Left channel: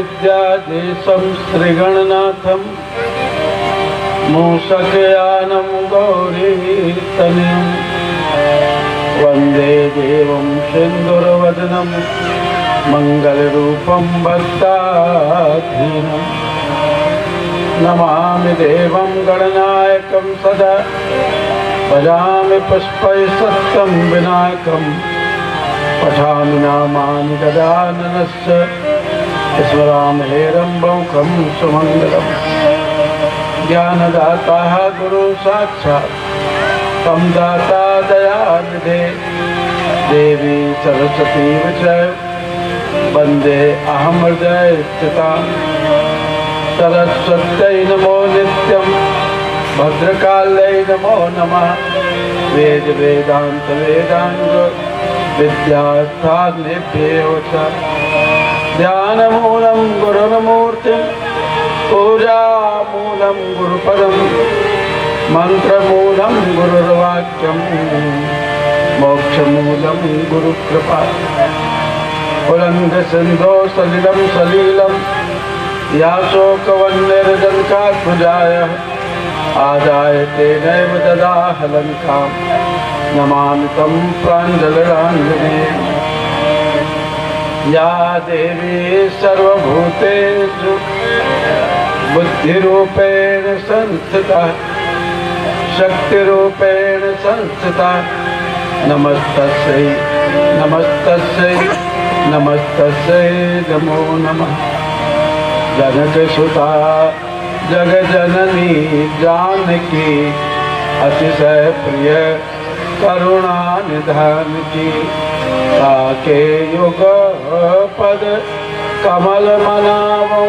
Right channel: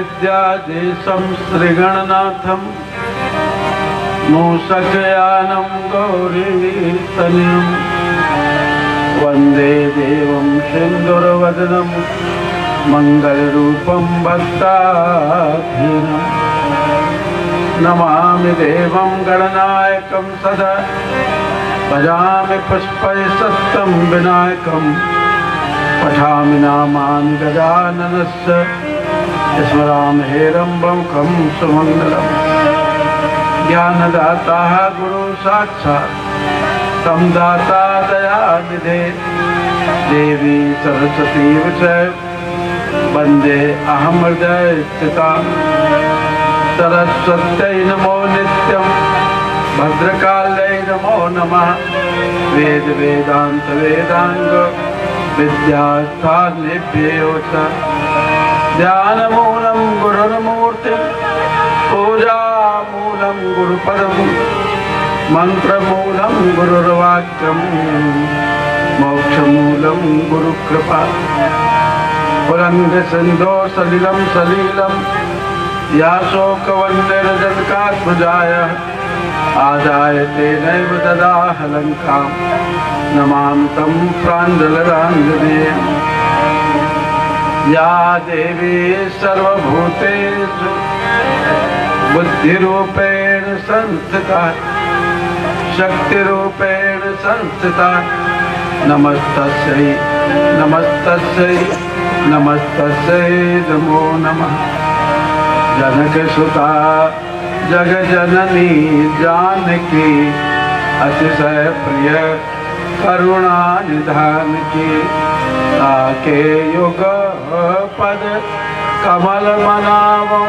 विद्याधीशं श्रीगणनाथं मूषकयानं गौरीतनयं वन्दे देवं सिन्दूरवदनं मङ्गलरूपं भक्ताधीनं नमामि देवं गणनायकं सदा भजामि पुष्पैः विनायकं पठामि नामानि गजाननस्य स्मरामि हेरम्बमुखं सुमङ्गलम् ज्ञानदाता गुरु साक्षात् तं दाता दयानिधे देवी सरस्वती विजय वन्दे अहं हृदये स्थितां सरस्वत्यै नमो नित्यं भद्रकाल्यै नमो नमः वेद वेदांत वेदांग विद्यास्थानेभ्यो च ध्यानमूलं गुरुर्मूर्तिं पूजामूलं गुरुपदं मन्त्रमूलं गुरुर्वाक्यं मोक्षमूलं गुरुकृपा पुरन्दरसिन्धो सलिलं सलीलं याशोकवन्यरजनकात्मजाय आदाय तेनैव ददाह लङ्कां नमामि तं प्राञ्जलिराञ्जनेयं या देवी सर्वभूतेषु बुद्धिरूपेण संस्थिता शक्तिरूपेण संस्थिता नमस्तस्यै नमस्तस्यै नमस्तस्यै नमो नमः जनकसुता जगजननी जानकी अतिशय प्रिय करुणा निधान की ताके युग पद कमल मनावो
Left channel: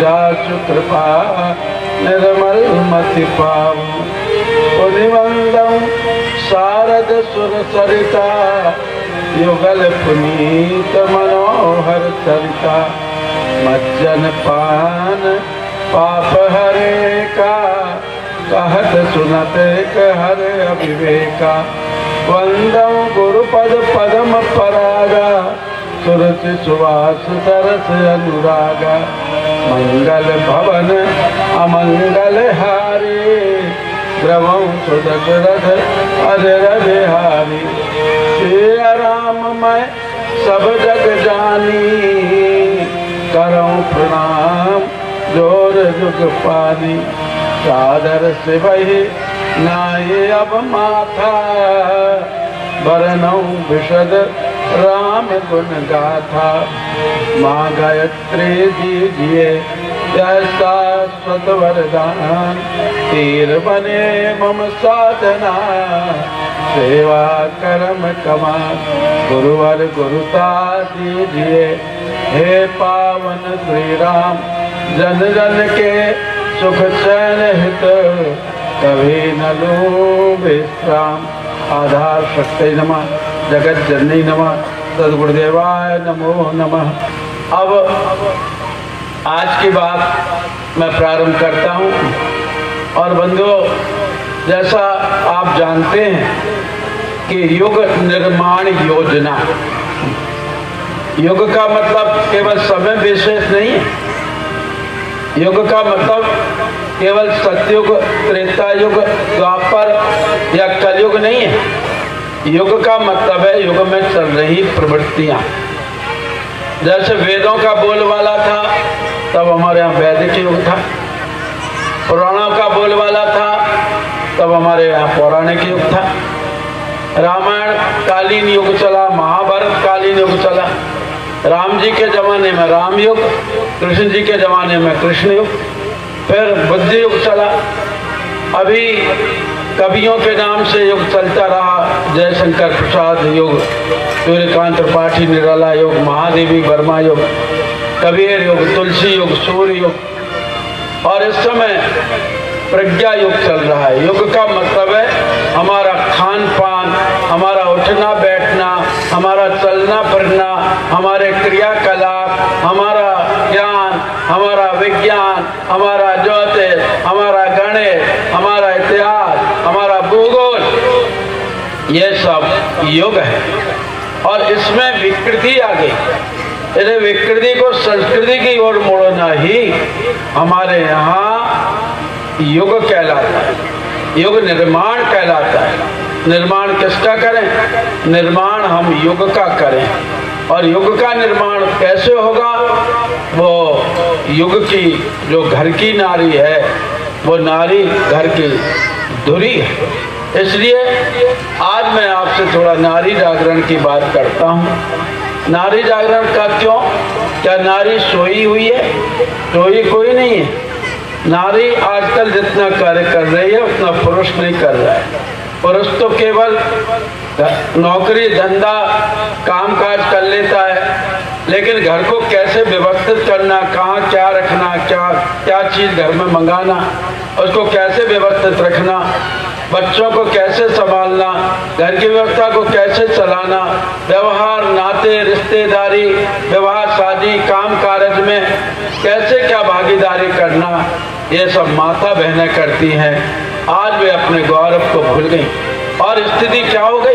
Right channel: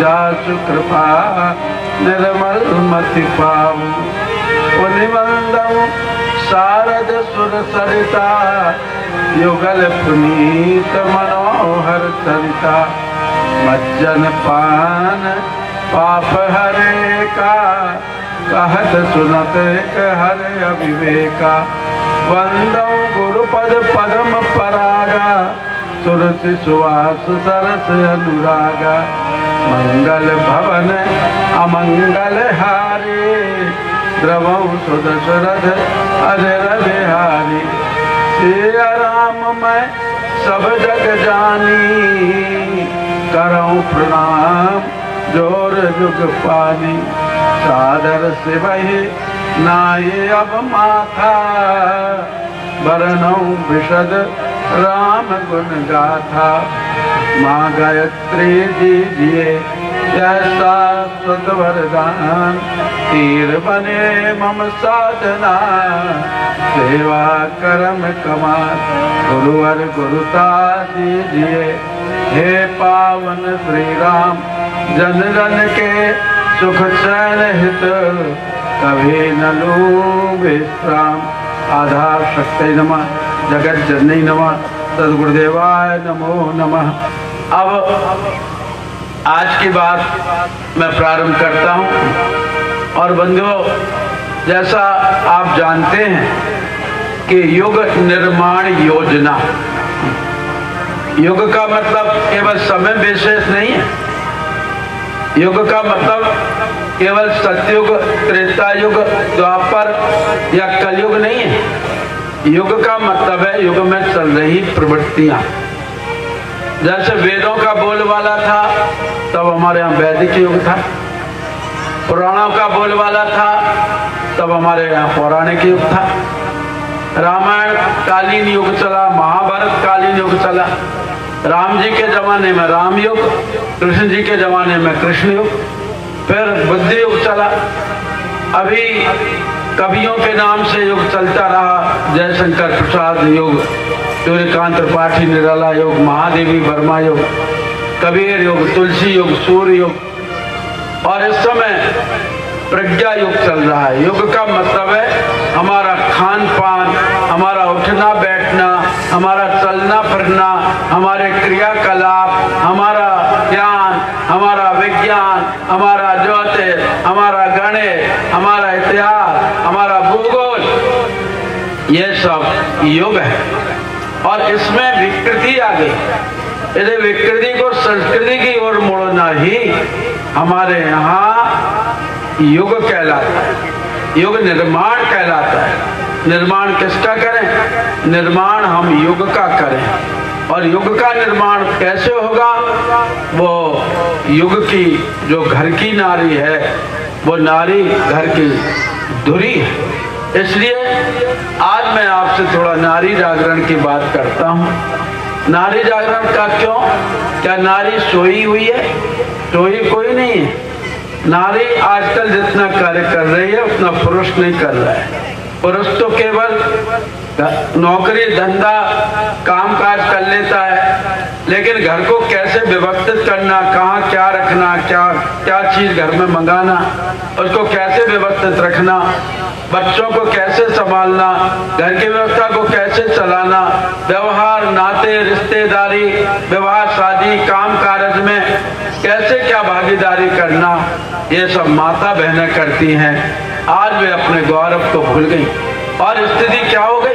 जासु कृपा निर्मल मति पाऊं पुनिवंदन शारद सुर सरिता युगल पुनीत मनोहर सरिता मज्जन पान पाप हरे का कहत सुनत हरे अविवेका वंदन गुरुपद पदम परागा सुरसि सुवास सरस अनुरागा मंगल भवन अमंगल हारी द्रवं सुदशरथ अजर बिहारी सिया राम मैं सब जग जानी करऊं प्रणाम जोर जुग पानी सादर से वही नाये अब माथा बरनऊं विशद राम गुण गाथा माँ गायत्री दीजिए ऐसा स्वत वरदान तीर बने मम साधना सेवा करम कमान गुरुवर गुरुता दीजिए हे पावन श्री राम जन जन के सुख चैन हित कभी न लो विश्राम आधार शक्ति नमः जगत जननी नमः सद्गुरुदेवाय नमो नमः। अब आज की बात मैं प्रारंभ करता हूँ और बंधुओं जैसा आप जानते हैं कि युग निर्माण योजना, युग का मतलब केवल समय विशेष नहीं है, युग का मतलब केवल सतयुग त्रेता युग द्वापर या कलयुग नहीं है। युग का मतलब है युग में चल रही प्रवृत्तियां। जैसे वेदों का बोलबाला था तब हमारे यहाँ वैदिक युग था, पुराणों का बोलबाला था तब हमारे यहाँ पौराणिक युग था, रामायण कालीन युग चला, महाभारत कालीन युग चला, राम जी के जमाने में राम युग, कृष्ण जी के जमाने में कृष्ण युग, फिर बुद्ध युग चला, अभी कवियों के नाम से युग चलता रहा, जयशंकर प्रसाद युग, सूर्यकांत त्रिपाठी निराला युग, महादेवी वर्मा युग, कबीर युग, तुलसी युग, सूर्य युग, और इस समय प्रज्ञा युग चल रहा है। युग का मतलब है हमारा खान पान, हमारा उठना बैठना, हमारा चलना फिरना, हमारे क्रियाकलाप, हमारा ज्ञान, हमारा विज्ञान, हमारा ज्योतिष, हमारा गणित, हमारा इतिहास, हमारा भूगोल, ये सब युग है। और इसमें विकृति आ गई। इसे विकृति को संस्कृति की ओर मोड़ना ही हमारे यहाँ युग कहलाता है, युग निर्माण कहलाता है। निर्माण किसका करें? निर्माण हम युग का करें। और युग का निर्माण कैसे होगा? वो युग की जो घर की नारी है, वो नारी घर की धुरी है। इसलिए आज मैं आपसे थोड़ा नारी जागरण की बात करता हूँ। नारी जागरण का क्यों? क्या नारी सोई हुई है? सोई कोई नहीं है। नारी आजकल जितना कार्य कर रही है उतना पुरुष नहीं कर रहा है। पुरुष तो केवल नौकरी धंधा काम काज कर लेता है, लेकिन घर को कैसे व्यवस्थित करना, कहाँ क्या रखना, क्या चीज घर में मंगाना, उसको कैसे व्यवस्थित रखना, बच्चों को कैसे संभालना, घर की व्यवस्था को कैसे चलाना, व्यवहार नाते रिश्तेदारी विवाह शादी काम काज में कैसे क्या भागीदारी करना, ये सब माता बहनें करती हैं। आज वे अपने गौरव को भूल गई और स्थिति क्या हो गई?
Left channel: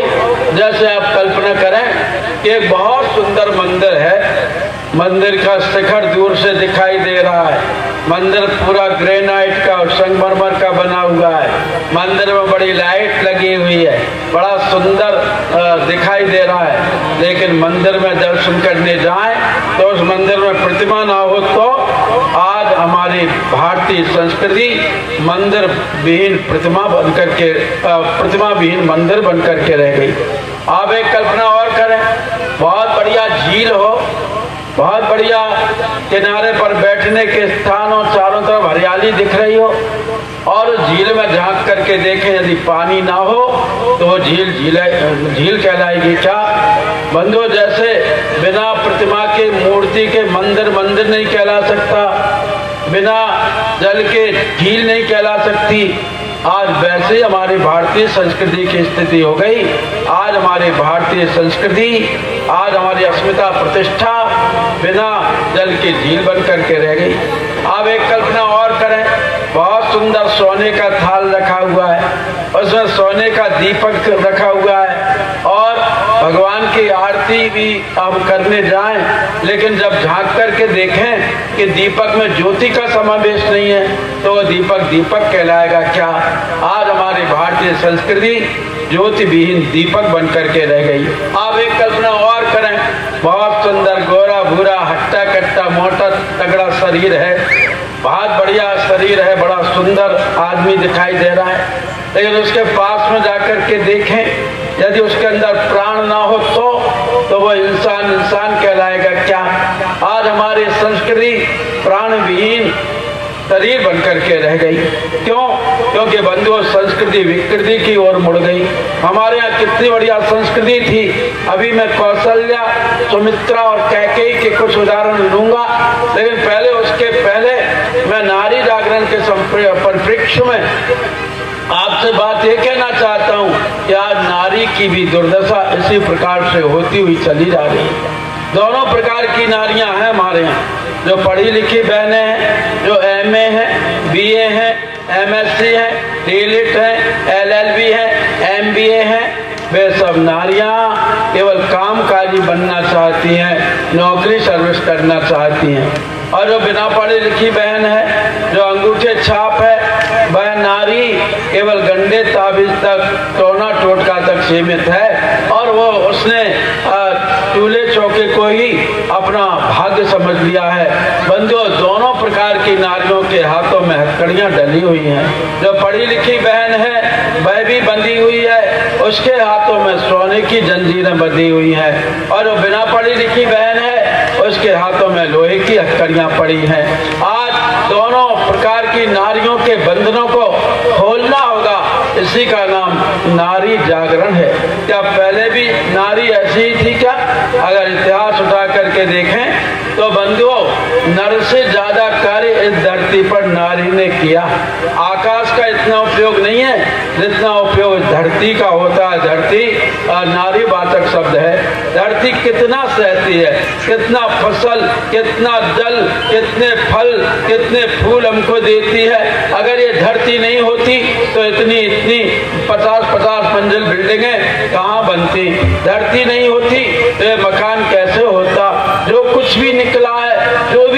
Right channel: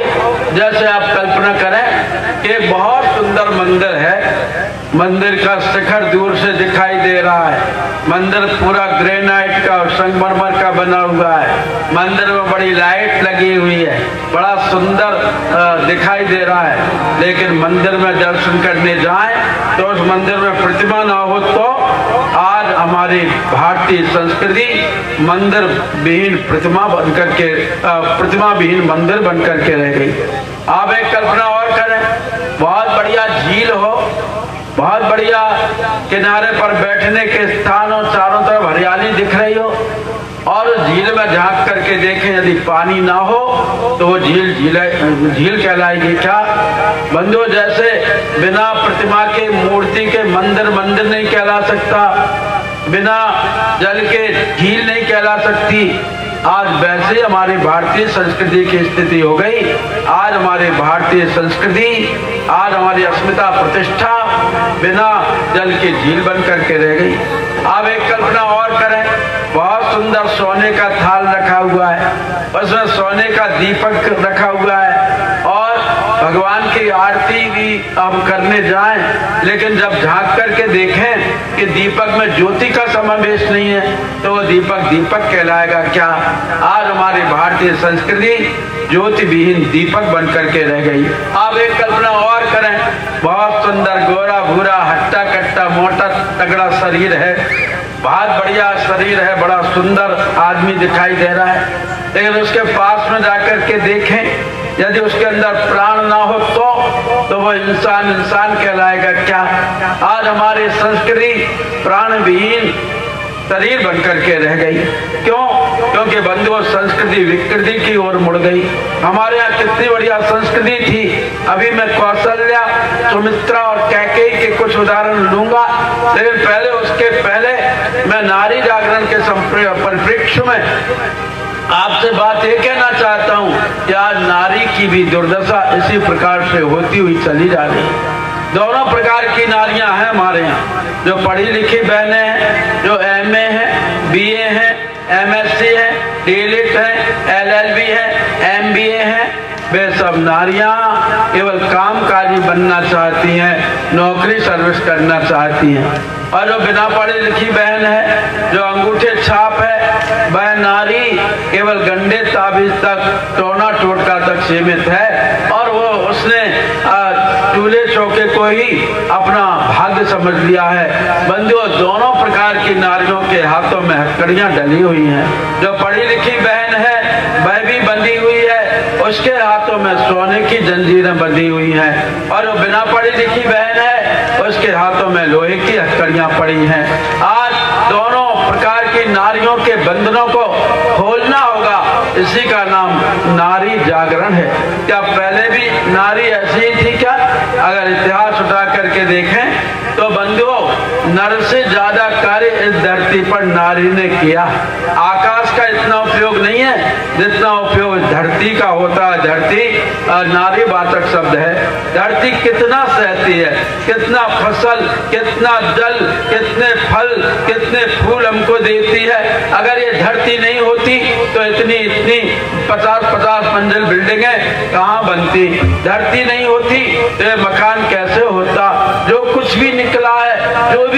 जैसे आप कल्पना करें कि एक बहुत सुंदर मंदिर है, मंदिर का शिखर दूर से दिखाई दे रहा है, मंदिर पूरा ग्रेनाइट का और संगमरमर का बना हुआ है, मंदिर में बड़ी लाइट लगी हुई है, बड़ा सुंदर दिखाई दे रहा है, लेकिन मंदिर में दर्शन करने जाएं तो उस मंदिर में प्रतिमा ना हो तो आज हमारी भारतीय संस्कृति मंदिर विहीन प्रतिमा बनकर के प्रतिमा विहीन मंदिर बनकर के रह गई। आप एक कल्पना और करें, बहुत बढ़िया झील हो, बहुत बढ़िया किनारे पर बैठने के स्थान हो, चारों तरफ हरियाली दिख रही हो, और उस झील में झांक करके देखें यदि पानी ना हो तो वो झील कहलाएगी क्या? बंधुओं, जैसे बिना प्रतिमा के मूर्ति के मंदिर नहीं कहला सकता, बिना जल के झील नहीं कहला सकती, आज वैसे हमारी भारतीय संस्कृति की स्थिति हो गई। आज हमारी भारतीय संस्कृति, आज हमारी अस्मिता प्रतिष्ठा बिना जल की झील बन करके रह गई। आप एक कल्पना और करें, बहुत सुंदर सोने का थाल रखा हुआ है, उसमें सोने का दीपक रखा हुआ है और भगवान की आरती भी हम करने जाएं, लेकिन जब झांक करके देखें कि दीपक में ज्योति का समावेश नहीं है तो वो दीपक कहलाएगा क्या? आज हमारी भारतीय संस्कृति ज्योति विहीन दीपक बन करके रह गई। आप एक कल्पना और करें, बहुत सुंदर गोरा भूरा हट्टा कट्टा मोटा तगड़ा शरीर है, बहुत बढ़िया शरीर है, बड़ा सुंदर आदमी दिखाई दे रहा है, लेकिन उसके पास में जाकर के देखें यदि उसके अंदर प्राण ना हो तो वह इंसान कहलाएगा क्या? आज हमारी संस्कृति प्राण विहीन शरीर बनकर के रह गई। क्यों? क्योंकि बंधुओं संस्कृति विकृति की ओर मुड़ गई। हमारे यहाँ कितनी बढ़िया संस्कृति थी। अभी मैं कौशल्या, सुमित्रा और कैकेयी के कुछ उदाहरण लूंगा, लेकिन उसके पहले मैं नारी जागरण के परिप्रेक्ष्य में आपसे बात ये कहना चाहता हूँ कि आज नारी की भी दुर्दशा इसी प्रकार से होती हुई चली जा रही है। दोनों प्रकार की नारियां हैं हमारे यहाँ, जो पढ़ी लिखी बहनें हैं, जो MA है, BA है, MSc है, DLIT है, LLB है, MBA है, वे सब नारियां केवल कामकाजी बनना चाहती हैं, नौकरी सर्विस करना चाहती हैं। और जो बिना पढ़ी लिखी बहन है, जो अंगूठे छाप है, वह नारी केवल गंडे ताबीज तक, टोना टोटका तक सीमित है और वो उसने चूल्हे चौके को ही अपना भाग्य समझ लिया है। बंधुओं, दोनों प्रकार की नारियों के हाथों में हथकड़ियां डली हुई हैं। जो पढ़ी लिखी बहन है वह भी बंधी हुई है, उसके हाथों में सोने की जंजीरें बंधी हुई हैं, और जो बिना पढ़ी लिखी बहन है उसके हाथों में लोहे की हथकड़ियां पड़ी हैं। आज दोनों प्रकार की नारियों के बंधनों को खोलना होगा, इसी का नाम नारी जागरण है। क्या पहले भी नारी ऐसी ही थी क्या? अगर इतिहास उठा करके देखें तो बंधुओं, नर से ज्यादा कार्य इस धरती पर नारी ने किया। आकाश का इतना उपयोग नहीं है जितना उपयोग धरती का होता है। धरती नारी वाचक शब्द है। धरती कितना सहती है, कितना फसल, कितना जल, कितने फल, कितने फूल हमको देती है। अगर ये धरती नहीं होती तो इतनी 50-50 मंजिल बिल्डिंगें कहाँ बनती? धरती नहीं होती तो ये मकान कैसे होता? जो कुछ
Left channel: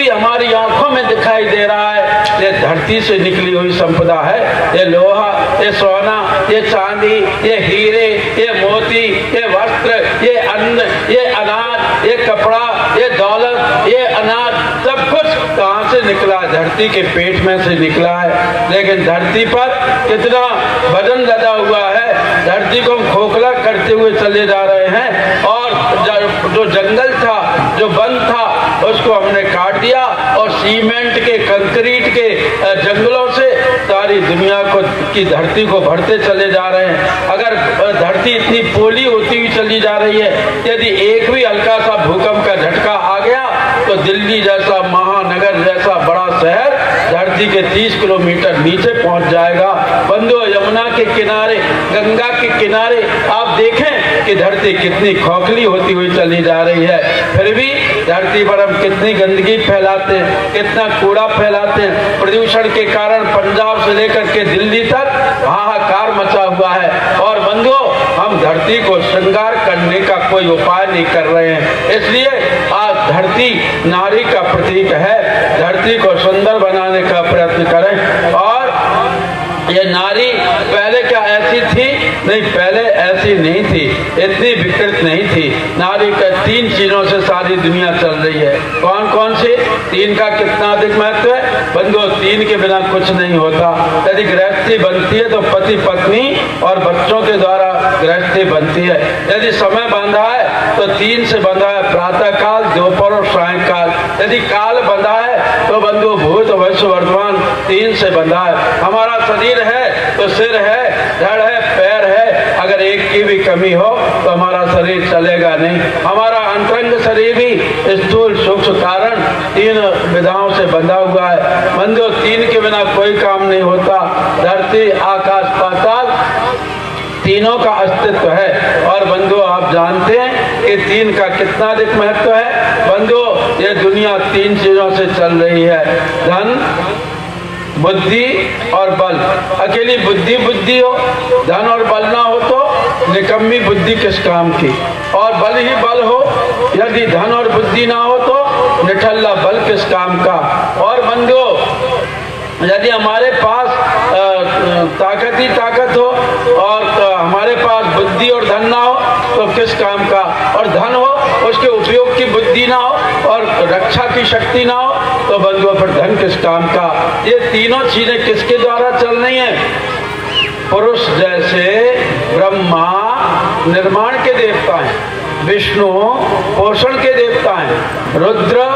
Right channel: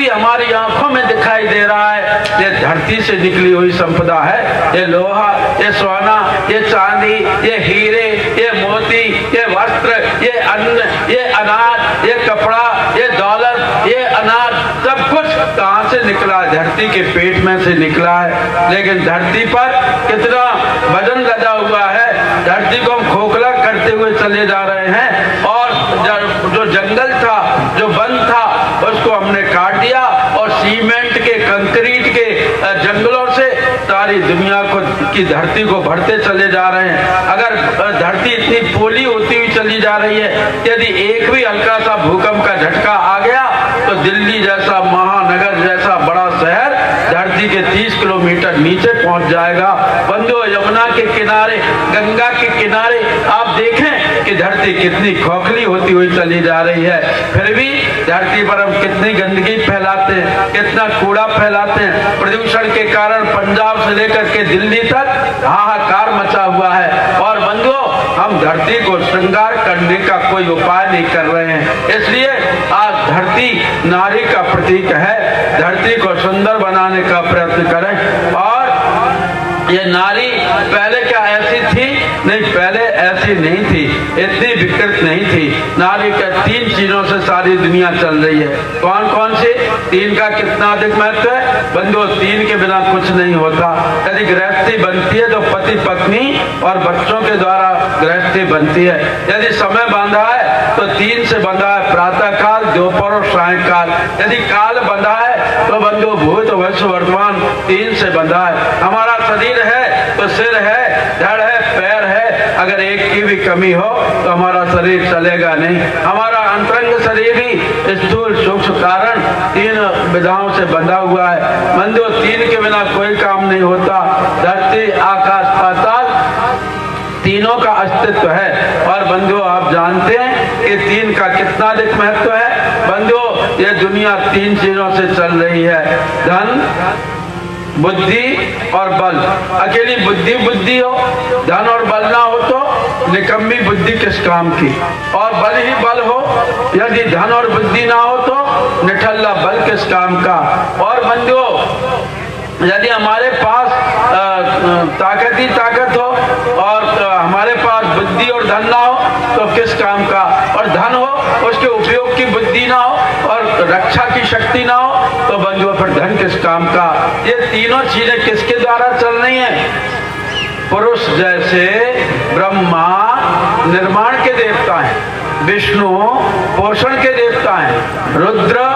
भी हमारी आंखों में दिखाई दे रहा है, ये धरती से निकली हुई संपदा है। ये लोहा, ये सोना, ये चांदी, ये हीरे, ये मोती, ये वस्त्र, ये अन्न, ये अनाज, ये कपड़ा, ये दौलत, ये अनाज, सब कुछ कहाँ से निकला? धरती के पेट में से निकला है। लेकिन धरती पर कितना वजन लदा हुआ है, धरती को हम खोखला करते हुए चले जा रहे हैं। और जो जंगल था, जो वन था, उसको हमने काट दिया और सीमेंट के, कंक्रीट के जंगलों से सारी दुनिया को की धरती को भरते चले जा रहे हैं। अगर धरती इतनी पोली होती हुई चली जा रही है, यदि एक भी हल्का सा भूकंप का झटका आ गया तो दिल्ली जैसा महानगर जैसा बड़ा शहर धरती के 30 किलोमीटर नीचे पहुंच जाएगा। बंधुओं, यमुना के किनारे, गंगा के किनारे आप देखें कि धरती कितनी खोखली होती हुई चली जा रही है। फिर भी धरती पर हम कितनी गंदगी फैलाते हैं, कितना कूड़ा फैलाते हैं। प्रदूषण के कारण पंजाब से लेकर के दिल्ली तक हाहाकार मचा हुआ है। और बंधुओं, हम धरती को श्रृंगार करने का कोई उपाय नहीं कर रहे हैं। इसलिए आज धरती नारी का प्रतीक है। धरती को सुंदर बनाने का प्रयत्न करें। और ये नारी पहले क्या ऐसी थी? नहीं, पहले ऐसी नहीं थी, इतनी विकृत नहीं थी। नारी का 3 चीजों से सारी दुनिया चल रही है। कौन कौन सी? 3 का कितना अधिक महत्व है बंधुओं? 3 के बिना कुछ नहीं होता। यदि गृहस्थी बनती है तो पति पत्नी और बच्चों के द्वारा गृहस्थी बनती है। यदि समय बांधा है तो 3 से बंधा है, प्रातः काल, दोपहर और सायंकाल। यदि काल बंधा है तो बंधु भूत भविष्य वर्तमान 3 से बंधा है। हमारा शरीर है तो सिर है, धड़ है, पैर है। अगर एक की भी कमी हो तो हमारा शरीर चलेगा नहीं। हमारा अंतरंग शरीर भी स्थूल सूक्ष्म कारण 3 विधाओं से बंधा हुआ है। बंधु, 3 के बिना कोई काम नहीं होता। धरती, आकाश, पाताल, तीनों का अस्तित्व है। और बंधुओं, आप जानते हैं कि 3 का कितना अधिक महत्व है। बंधुओं, ये दुनिया 3 चीजों से चल रही है, धन, बुद्धि और बल। अकेली बुद्धि हो, धन और बल ना हो तो निकम्मी बुद्धि किस काम की। और बल ही बल हो, यदि धन और बुद्धि ना हो तो निठल्ला बल किस काम का। और बंधुओं, यदि हमारे पास ताकत ही ताकत हो और हमारे पास बुद्धि और धन ना हो तो किस काम का। और धन हो, उसके उपयोग की बुद्धि ना हो और रक्षा की शक्ति ना हो तो बंधुओं फिर धन किस काम का। ये तीनों चीजें किसके द्वारा चल रही हैं? पुरुष जैसे ब्रह्मा निर्माण के देवता हैं, विष्णु पोषण के देवता हैं, रुद्र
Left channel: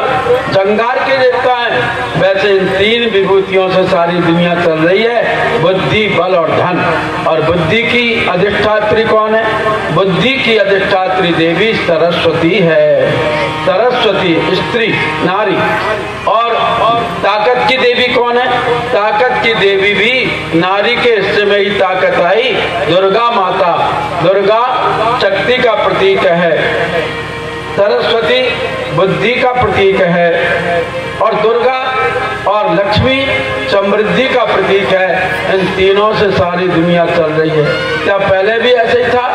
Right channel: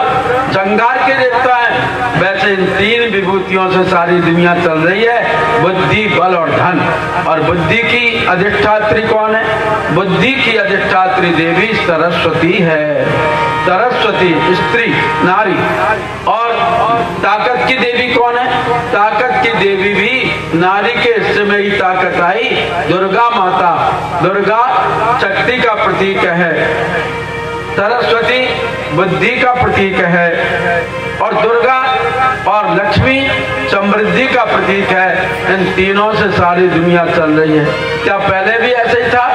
संहार के देवता हैं। वैसे इन 3 विभूतियों से सारी दुनिया चल रही है, बुद्धि, बल और धन। और बुद्धि की अधिष्ठात्री कौन है? बुद्धि की अधिष्ठात्री देवी सरस्वती है। सरस्वती स्त्री, नारी। और ताकत की देवी कौन है? ताकत की देवी भी नारी के हिस्से में ही ताकत आई, दुर्गा माता। दुर्गा शक्ति का प्रतीक है, सरस्वती बुद्धि का प्रतीक है और दुर्गा और लक्ष्मी समृद्धि का प्रतीक है। इन तीनों से सारी दुनिया चल रही है। क्या पहले भी ऐसे ही था?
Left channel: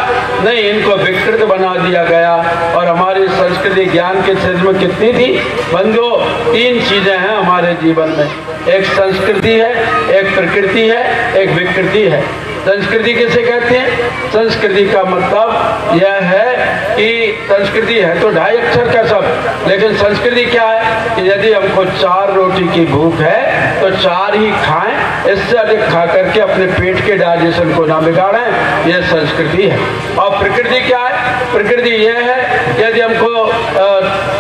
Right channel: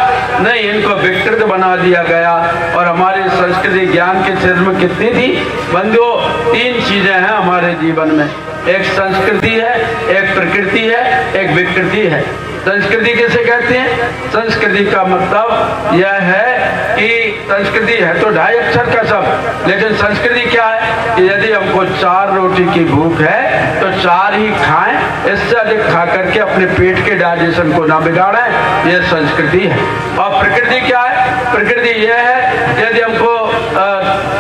नहीं, इनको विकृत बना दिया गया। और हमारी संस्कृति ज्ञान के क्षेत्र में कितनी थी बंधुओं? 3 चीजें हैं हमारे जीवन में, एक संस्कृति है, एक प्रकृति है, एक विकृति है। संस्कृति किसे कहते हैं? संस्कृति का मतलब यह है कि संस्कृति है तो 2.5 अक्षर का शब्द, लेकिन संस्कृति क्या है कि यदि हमको 4 रोटी की भूख है तो 4 ही खाएं, इससे अधिक खा करके अपने पेट के डाइजेशन को ना बिगाड़ें, ये संस्कृति है। और प्रकृति क्या है? प्रकृति यह है कि यदि हमको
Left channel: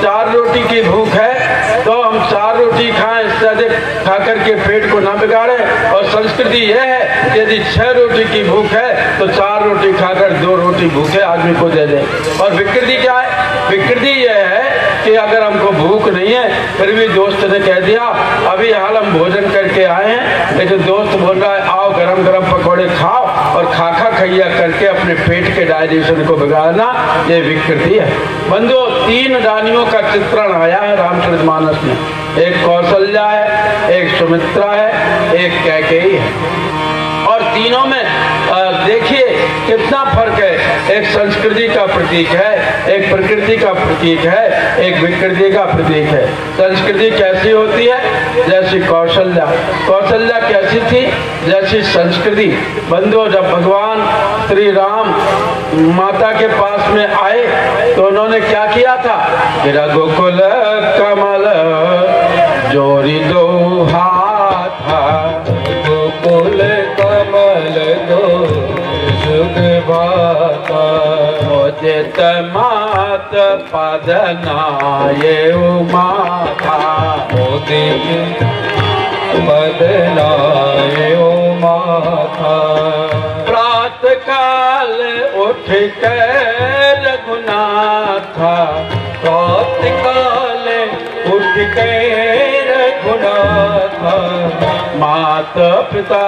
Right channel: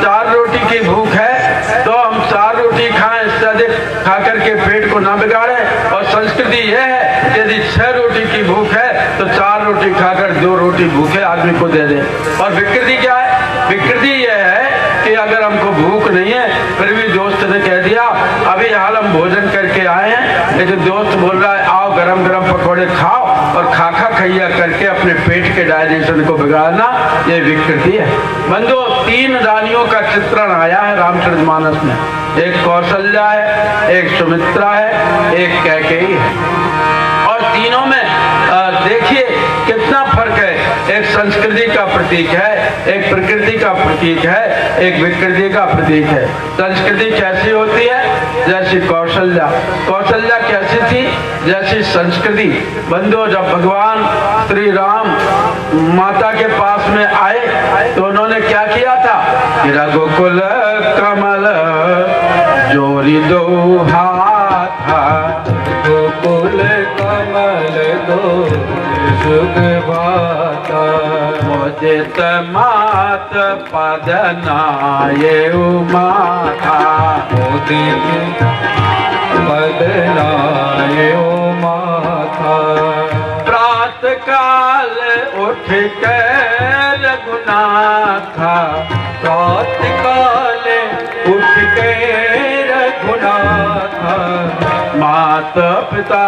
4 रोटी की भूख है तो हम 4 रोटी खाएं, इससे अधिक खा करके पेट को ना बिगाड़ें। और संस्कृति यह है कि यदि 6 रोटी की भूख है तो 4 रोटी खाकर 2 रोटी भूखे आदमी को दे दें। और विकृति क्या है? विकृति यह है कि अगर हमको भूख नहीं है फिर भी दोस्त ने कह दिया अभी हाल हम भोजन करके आए हैं, लेकिन दोस्त बोल रहा है आओ गरम गरम पकौड़े खाओ, और खाखा खैया करके अपने पेट के डाइजेशन को बिगाड़ना, ये विकृति है। बंधुओं, 3 रानियों का चित्रण आया है रामचरितमानस में। एक कौशल्या है, एक सुमित्रा है, एक कैकेयी है। और तीनों में देखिए कितना फर्क है। एक संस्कृति का प्रतीक है, एक प्रकृति का प्रतीक है, एक विकृति का प्रतीक है। संस्कृति कैसी होती है? जैसी कौशल्या। कौशल्या कैसी थी? जैसी संस्कृति। बंधुओं, जब भगवान श्री राम माता के पास में आए तो उन्होंने क्या किया था? रघुकुल कमल जोड़ी दो हाथ, गोकुल कमल दो सुख बाता, मोदित मात पद नाये माथा, मोदित पद नाये माथा। प्रातः काल उठ के रघुनाथा, प्रातः काल उठ के रघुनाथा, माता पिता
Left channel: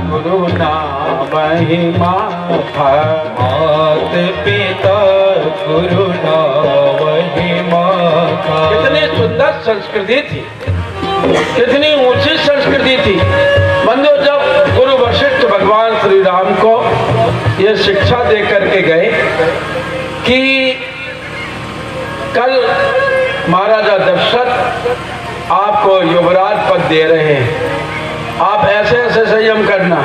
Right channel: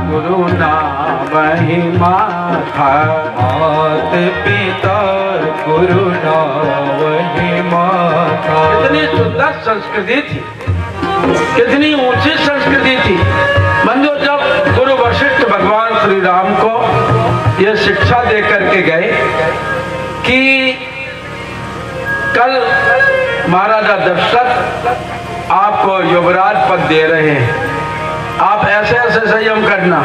गुरु नामहि माथा, मात पिता गुरु नामहि माथा। कितनी सुंदर संस्कृति थी, कितनी ऊंची संस्कृति थी। बंधुओं, जब गुरु वशिष्ठ भगवान श्री राम को ये शिक्षा दे करके गए कि कल महाराजा दशरथ आपको युवराज पद दे रहे हैं, आप ऐसे ऐसे संयम करना।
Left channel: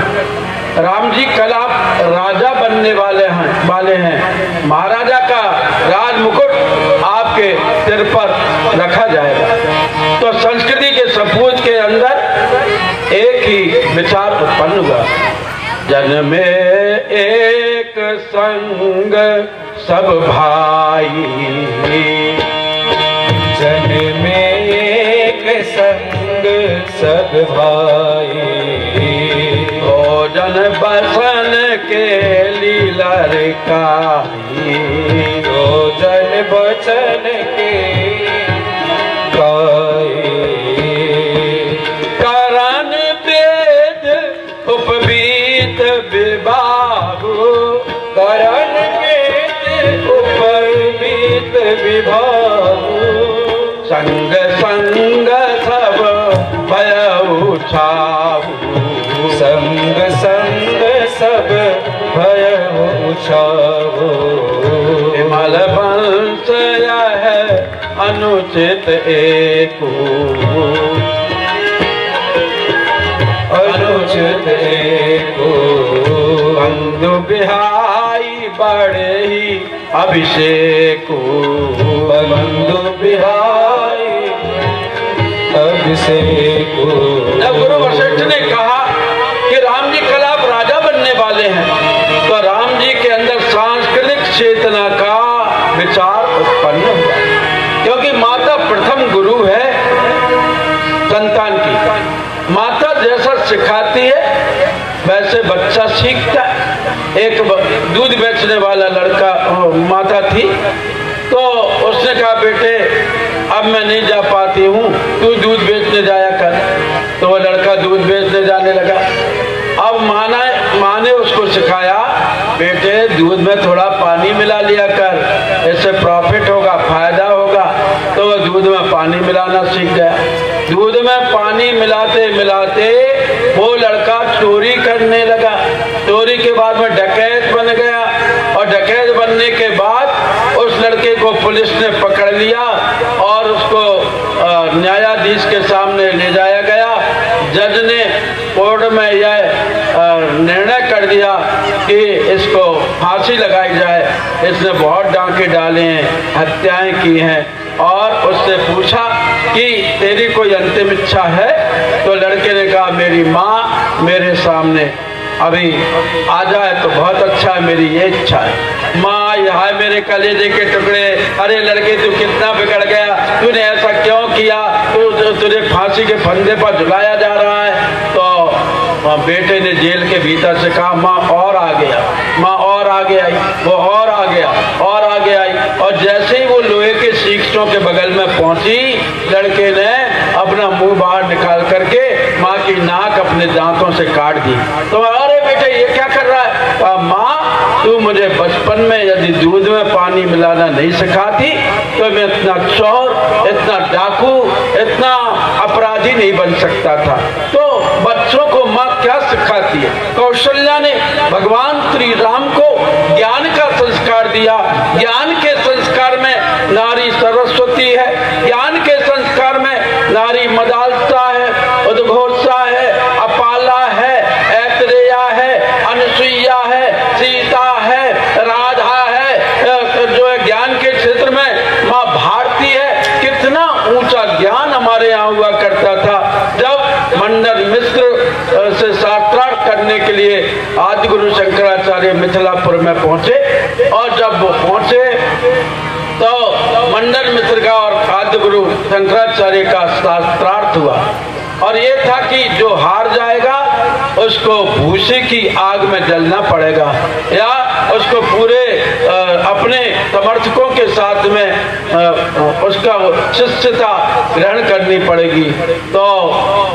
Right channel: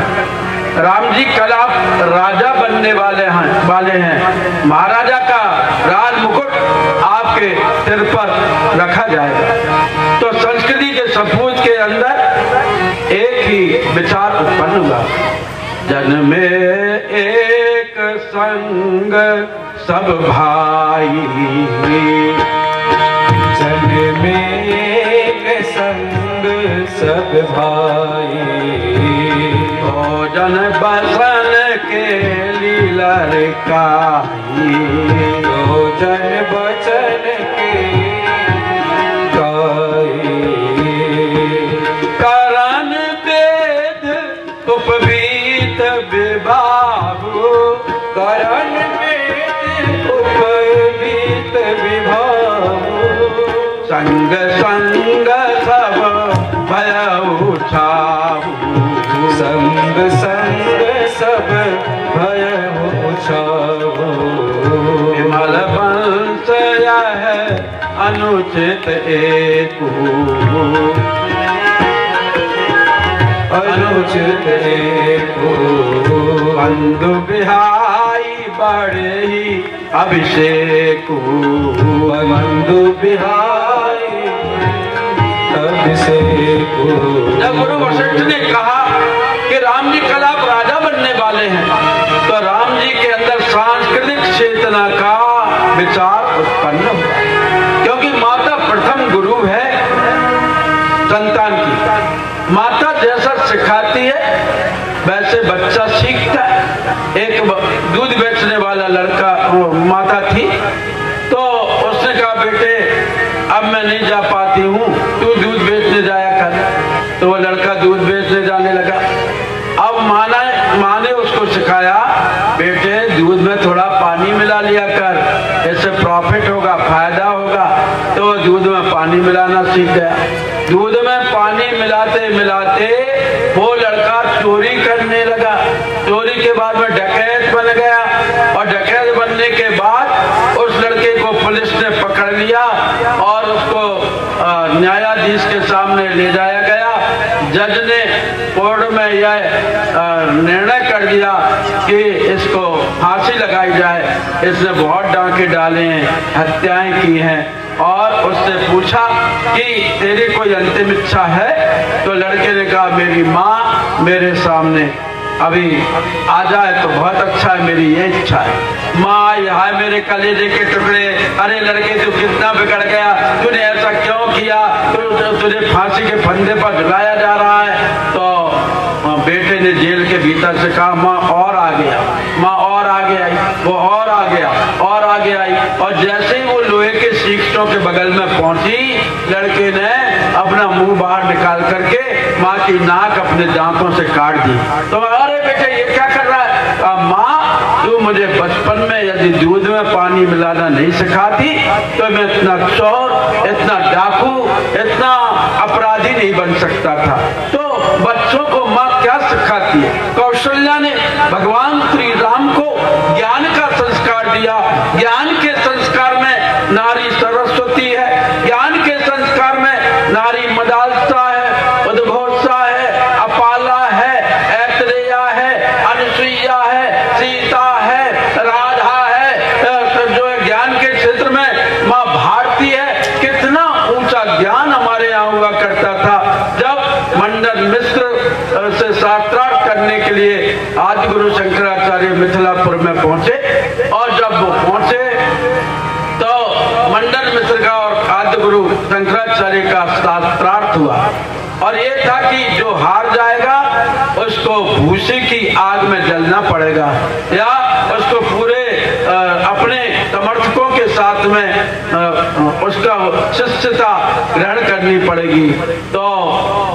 राम जी कल आप राजा बनने वाले हैं, महाराजा का राज मुकुट आपके सिर पर रखा जाएगा। तो संस्कृति के सपूत के अंदर एक ही विचार उत्पन्न हुआ, जन में एक संग सब भाई, जन में एक संग सब भाई, भोजन बसन के लीला काई, भोजन बचन के गाई, करण वेद उपवीत विभागु, करण वेद उपवीत विभागु, संग संग सब भयउ छाऊ, संग संग सब भयउ छाऊ। विमल वंश यह अनुचित एकु, अनुचित एको, बंधु बिहाई बड़े ही अभिषेकु, बंधु बिहाई अभिषेकु। जब गुरु वशिष्ठ ने कहा कि राम जी कल आप राजा बनने वाले हैं, तो राम जी के अंदर सांस्कृतिक चेतना का विचार उत्पन्न हुआ, क्योंकि माता प्रथम गुरु है संतान की। माता जैसा सिखाती है वैसे बच्चा सीखता है। एक दूध बेचने वाला लड़का माता थी, तो उसने कहा बेटे अब मैं नहीं जा पाती हूँ, तू दूध बेचने जाया कर। तो वो लड़का दूध बेचने जाने लगा। अब माँ ने उसको सिखाया, बेटे दूध में थोड़ा पानी मिला लिया कर, इससे प्रॉफिट होगा, फायदा होगा। तो वो दूध में पानी मिलाना सीख गया। दूध में पानी मिलाते मिलाते वो लड़का चोरी करने लगा। चोरी के बाद में डकैत बन गया, और डकैत बनने के बाद उस लड़के को पुलिस ने पकड़ लिया और उसको न्यायाधीश के सामने ले जाया गया। जज ने कोर्ट में यह निर्णय कर दिया कि इसको फांसी लगाई जाए, इसने बहुत डांके डाले हैं, हत्याएं की हैं। और उससे पूछा कि तेरी कोई अंतिम इच्छा है? तो लड़के ने कहा मेरी माँ मेरे सामने अभी आ जाए तो बहुत अच्छा है, मेरी ये इच्छा है। माँ यह है मेरे कलेजे के टुकड़े, अरे लड़के तू कितना बिगड़ गया, तूने ऐसा क्यों किया, तुझे फांसी के फंदे पर झुलाया जा रहा है। तो बेटे ने जेल के भीतर से कहा माँ और आ गया, माँ और आगे आई, वो और आ गया और आगे आई। और जैसे ही वो लोहे के सीखों के बगल में पहुंची, लड़के ने अपना मुंह बाहर निकाल करके माँ की नाक अपने दांतों से काट दी। तो अरे बेटे ये क्या कर रहा है? माँ तू मुझे बचपन में यदि दूध में पानी मिलाना नहीं सिखाती तो मैं इतना चोर, इतना डाकू, इतना अपराधी नहीं बन सकता था। तो बच्चों को माँ क्या सिखाती जाती है। कौशल्या ने भगवान श्री राम को ज्ञान का संस्कार दिया। ज्ञान के संस्कार में नारी सरस्वती है, ज्ञान के संस्कार में नारी मदालसा है, उद्घोषा है, अपाला है, ऐतरेया है, अनुसुईया है, सीता है, राधा है, जो है ज्ञान के क्षेत्र में माँ भारती है। कितना ऊंचा ज्ञान हमारे यहाँ हुआ करता था। जब मंडन मिश्र से साक्षात करने के लिए आदि गुरु शंकराचार्य मिथिलापुर में पहुंचे, और जब वो पहुंचे तो मंडन मिश्र का और आदि गुरु शंकराचार्य का शास्त्रार्थ हुआ, और ये था कि जो हार जाएगा उसको भूसे की आग में जलना पड़ेगा, या उसको पूरे अपने समर्थकों के साथ में उसका शिष्यता ग्रहण करनी पड़ेगी। तो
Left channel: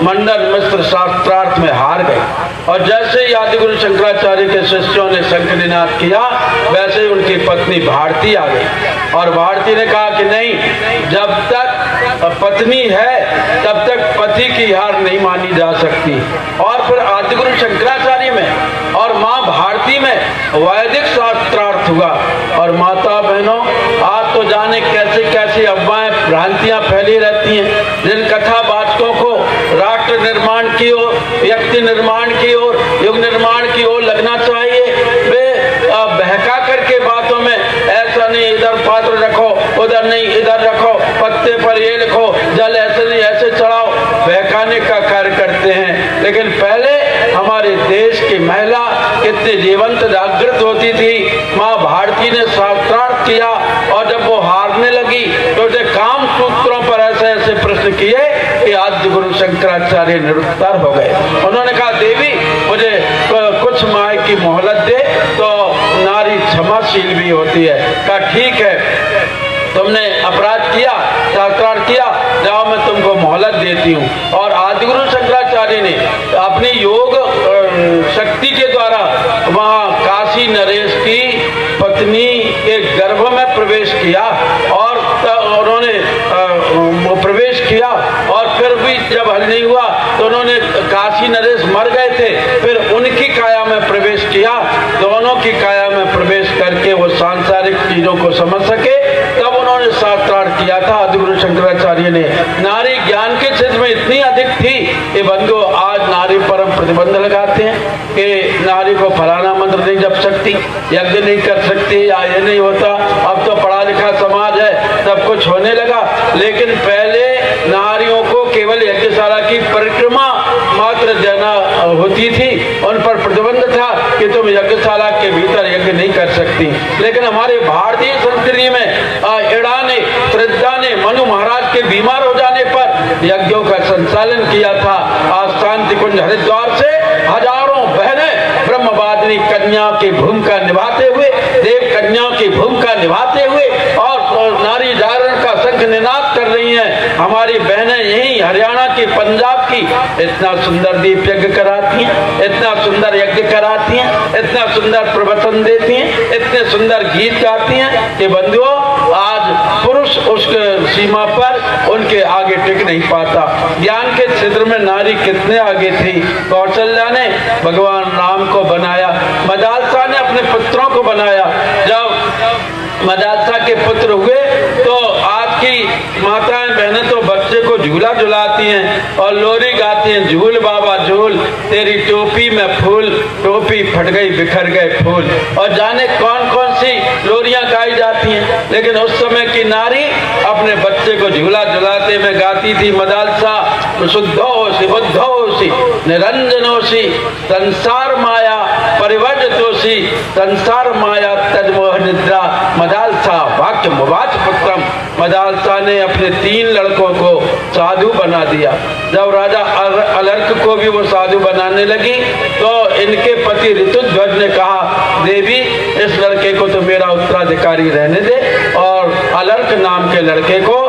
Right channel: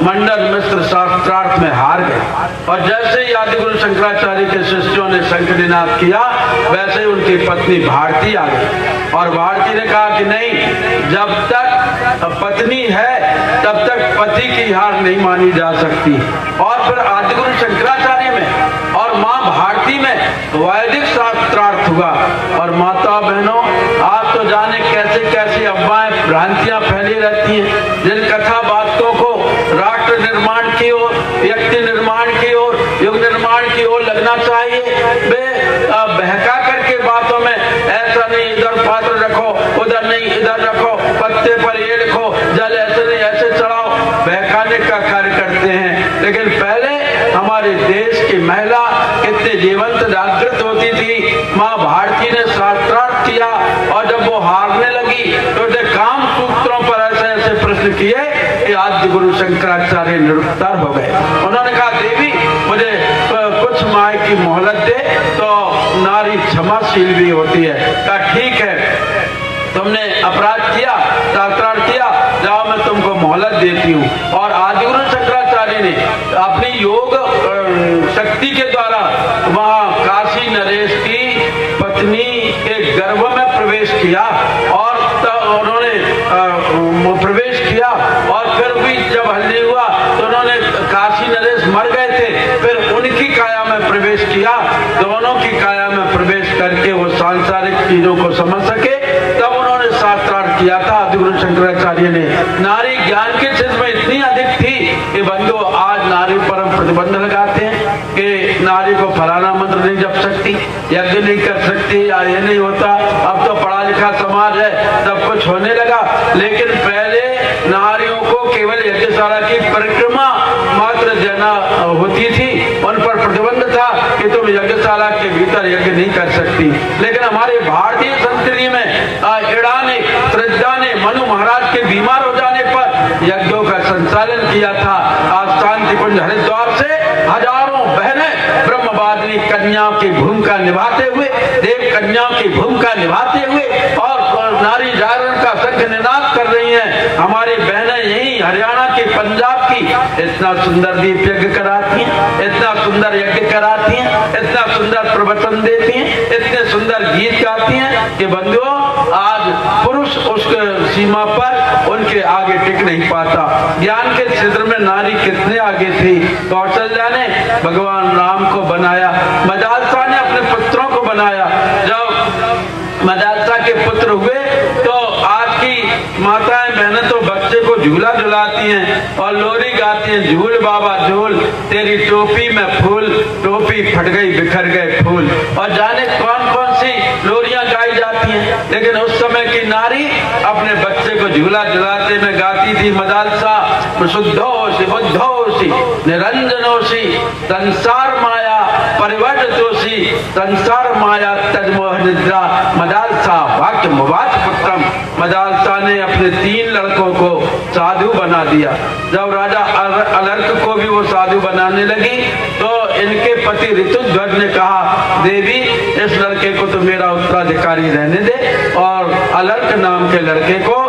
मंडन मिश्र शास्त्रार्थ में हार गए, और जैसे ही आदि गुरु शंकराचार्य के शिष्यों ने शंखनिनाद किया, वैसे ही उनकी पत्नी भारती आ गई, और भारती ने कहा कि नहीं, जब तक पत्नी है तब तक पति की हार नहीं मानी जा सकती। और फिर आदि गुरु शंकराचार्य में और माँ भारती में वैदिक शास्त्रार्थ हुआ। और माता बहनों, आज तो जाने कैसे कैसे अफवाहें भ्रांतियां फैली रहती हैं, जिन कथा बातों को राष्ट्र निर्माण की ओर, व्यक्ति निर्माण की ओर, युग निर्माण की ओर लगना चाहिए, वे बहका करके बातों में ऐसा नहीं इधर पात्र रखो, उधर नहीं इधर रखो, पत्ते पर ये लिखो, जल ऐसे नहीं ऐसे चढ़ाओ, बहकाने का कार्य करते हैं। लेकिन पहले हमारे देश की महिला कितने जीवंत जागृत होती थी। माँ भारती ने शास्त्रार्थ किया, और जब वो हारने लगी तो उसे काम सूत्रों पर ऐसे ऐसे प्रश्न किए कि आदि गुरु शंकराचार्य निरुत्तर हो गए। उन्होंने कहा, देवी मुझे कुछ माह की मोहलत दे। तो नारी क्षमाशील भी होती है। कहा, ठीक है, तुमने अपराध किया, शास्त्रार्थ किया, जाओ मैं तुमको मोहलत देती हूँ। और आदि गुरु शंकराचार्य ने अपनी योग शक्ति के द्वारा वहाँ काशी नरेश की पत्नी के गर्भ में प्रवेश किया, और उन्होंने प्रवेश किया, और फिर भी जब हल नहीं हुआ तो उन्होंने, काशी नरेश मर गए थे, फिर उनकी काया में प्रवेश किया। दोनों की काया में प्रवेश करके वो सांसारिक चीजों को समझ सके, तब उन्होंने शास्त्रार्थ किया था आदि गुरु शंकराचार्य ने। नारी ज्ञान के क्षेत्र में इतनी अधिक थी कि बंधु आज नारी पर प्रतिबंध लगाते हैं कि नारी को फलाना मंत्र नहीं जप सकती, यज्ञ नहीं कर सकती, या ये नहीं होता। अब तो पढ़ा लिखा समाज है, सब कुछ होने लगा। लेकिन पहले नारियों को केवल यज्ञशाला की परिक्रमा मात्र देना होती थी, उन पर प्रतिबंध था कि तुम यज्ञशाला के भीतर यज्ञ नहीं कर सकती। लेकिन हमारे भारतीय संस्कृति में इड़ा ने, त्रिज्या ने मनु महाराज के बीमार हो जाने पर यज्ञों का संचालन किया था। आज शांति कुंज हरिद्वार से हजारों बहनें ब्रह्मवादिनी कन्याओं की भूमिका निभाते हुए, देव कन्याओं की भूमिका निभाते हुए, और नारी जागरण का शंख निनाद कर रही हैं। हमारी बहनें यही हरियाणा की, पंजाब की इतना सुंदर दीप यज्ञ कराती हैं, इतना सुंदर यज्ञ कराती हैं, इतना सुंदर प्रवचन देती हैं, इतने सुंदर गीत गाती हैं कि बंधुओं, आज पुरुष उस सीमा पर उनके आगे टिक नहीं पाता। ज्ञान के क्षेत्र में नारी कितने आगे थी। कौशल्या ने भगवान राम को बनाया, मदालसा ने अपने पुत्रों को बनाया। जब मदालसा के पुत्र हुए तो आज की माताएं बहनें तो बच्चे को झूला झुलाती हैं और लोरी गाती हैं, झूल बाबा झूल, तेरी टोपी में फूल, टोपी फट गई बिखर गए फूल, और जाने कौन कौन सी लोरियां गाई जाती हैं। लेकिन उस समय की नारी अपने बच्चे को झूला झुलाते में गाती थी, मदालसा शुद्धोषि बुद्धोषि निरंजनोषि संसार माया परिवर्तोषि संसार माया तजमोह निद्रा मदालसा वाक्य मुवाच पुत्रम। मदालसा ने अपने 3 लड़कों को साधु बना दिया। जब राजा अलर्क को भी वो साधु बनाने लगी तो इनके पति ऋतुध्वज ने कहा, देवी इस लड़के को तो मेरा उत्तराधिकारी रहने दे। और अलर्क नाम के लड़के को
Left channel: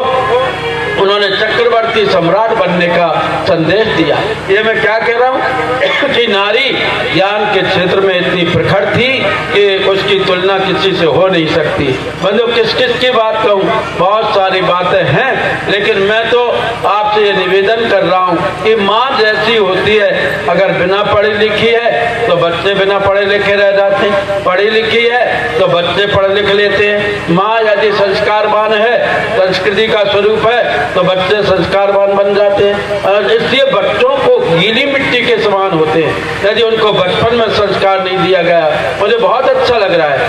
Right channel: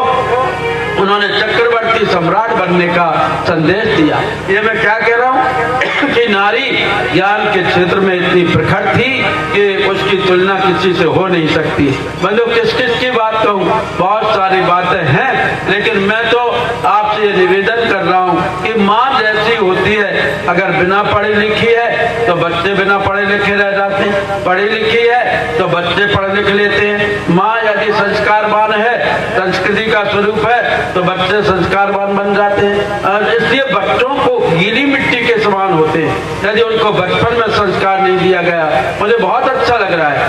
उन्होंने चक्रवर्ती सम्राट बनने का संदेश दिया। ये मैं क्या कह रहा हूँ कि नारी ज्ञान के क्षेत्र में इतनी प्रखर थी कि उसकी तुलना किसी से हो नहीं सकती। मतलब किस किस की बात कहूँ, बहुत सारी बातें हैं, लेकिन मैं तो आपसे ये निवेदन कर रहा हूँ कि माँ जैसी होती है अगर बिना पढ़ी लिखी है तो बच्चे बिना पढ़े लिखे रह जाते हैं, पढ़ी लिखी है तो बच्चे पढ़ लिख लेते हैं। माँ यदि संस्कारवान है, संस्कृति का स्वरूप है, तो बच्चे संस्कारवान बन जाते हैं। इसलिए बच्चों को गीली मिट्टी के समान होते हैं यदि उनको बचपन में संस्कार नहीं दिया गया। मुझे बहुत अच्छा लग रहा है,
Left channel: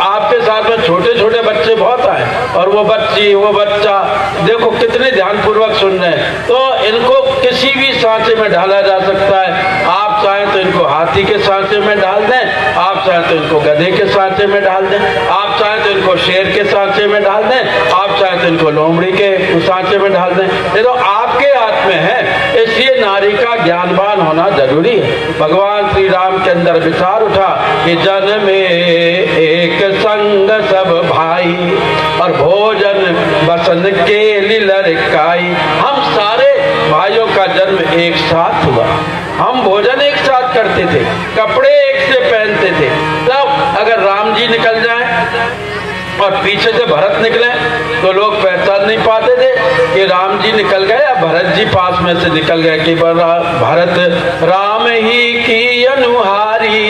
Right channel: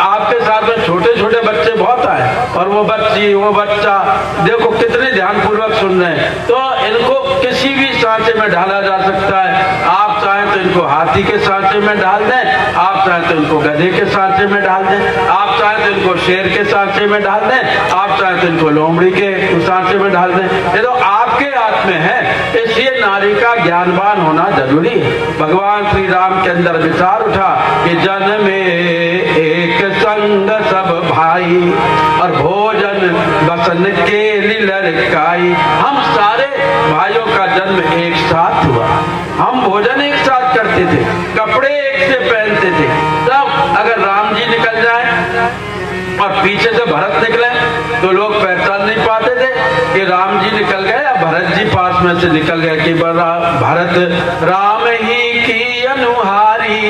आपके साथ में छोटे छोटे बच्चे बहुत आए और वो बच्ची वो बच्चा देखो कितने ध्यानपूर्वक सुन रहे हैं। तो इनको किसी भी सांचे में ढाला जा सकता है। आप चाहें तो इनको हाथी के सांचे में डाल दें, आप चाहें तो इनको गधे के सांचे में डाल दें, आप चाहें तो इनको शेर के सांचे में डाल दें, आप चाहें तो इनको लोमड़ी के सांचे में डाल दें। ये तो आपके हाथ में है। इसलिए नारी का ज्ञानवान होना जरूरी है। भगवान श्री राम के अंदर विचार उठा कि जन में एक संग सब भाई और भोजन बसन के लड़काई। हम सारे भाइयों का जन्म एक साथ हुआ, हम भोजन एक साथ करते थे, कपड़े एक से पहनते थे। तब अगर राम जी निकल जाएं और पीछे से भरत निकले तो लोग पहचान नहीं पाते थे कि राम जी निकल गए या भरत जी पास में से निकल गए कि भरत राम ही की अनुहारी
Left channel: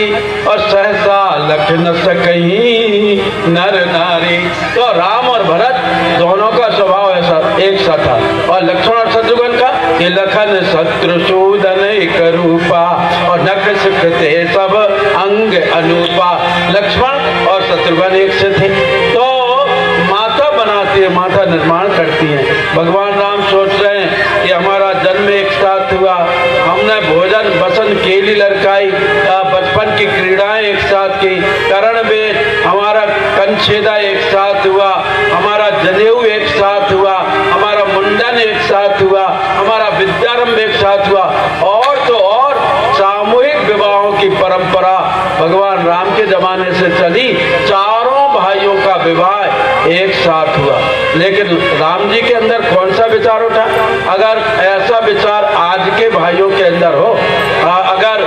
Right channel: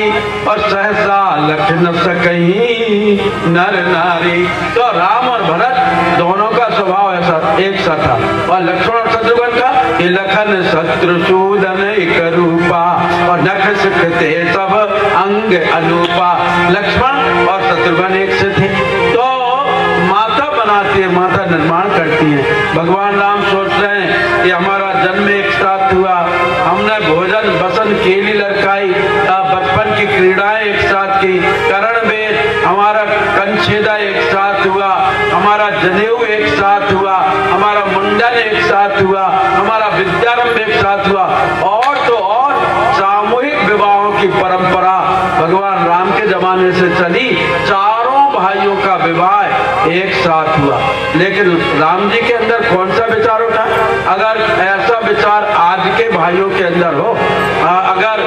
और सहसा लख न सकहीं नर नारी। तो राम और भरत दोनों का स्वभाव ऐसा एक सा था। और लक्ष्मण और शत्रुघ्न का कि लखन शत्रुसूदन एक रूपा और नख सुखते तब अंग अनूपा। लक्ष्मण और शत्रुघ्न एक से थे। तो माता बनाती है, माता निर्माण करती है। भगवान राम सोच रहे हैं कि हमारा जन्म एक साथ हुआ, हमने भोजन बसन केली लड़काई, बचपन की क्रीड़ाएं एक साथ की, करण में हमारा कंछेदा एक साथ हुआ, हमारा जनेऊ एक साथ हुआ, हमारा मुंडन एक साथ हुआ, हमारा विद्यारंभ एक साथ हुआ। और तो और सामूहिक विवाहों की परंपरा भगवान राम के जमाने से चली। चारों भाइयों का विवाह एक साथ हुआ। लेकिन राम जी के अंदर कौन सा विचार उठा? अगर ऐसा विचार आज के भाइयों के अंदर हो, अगर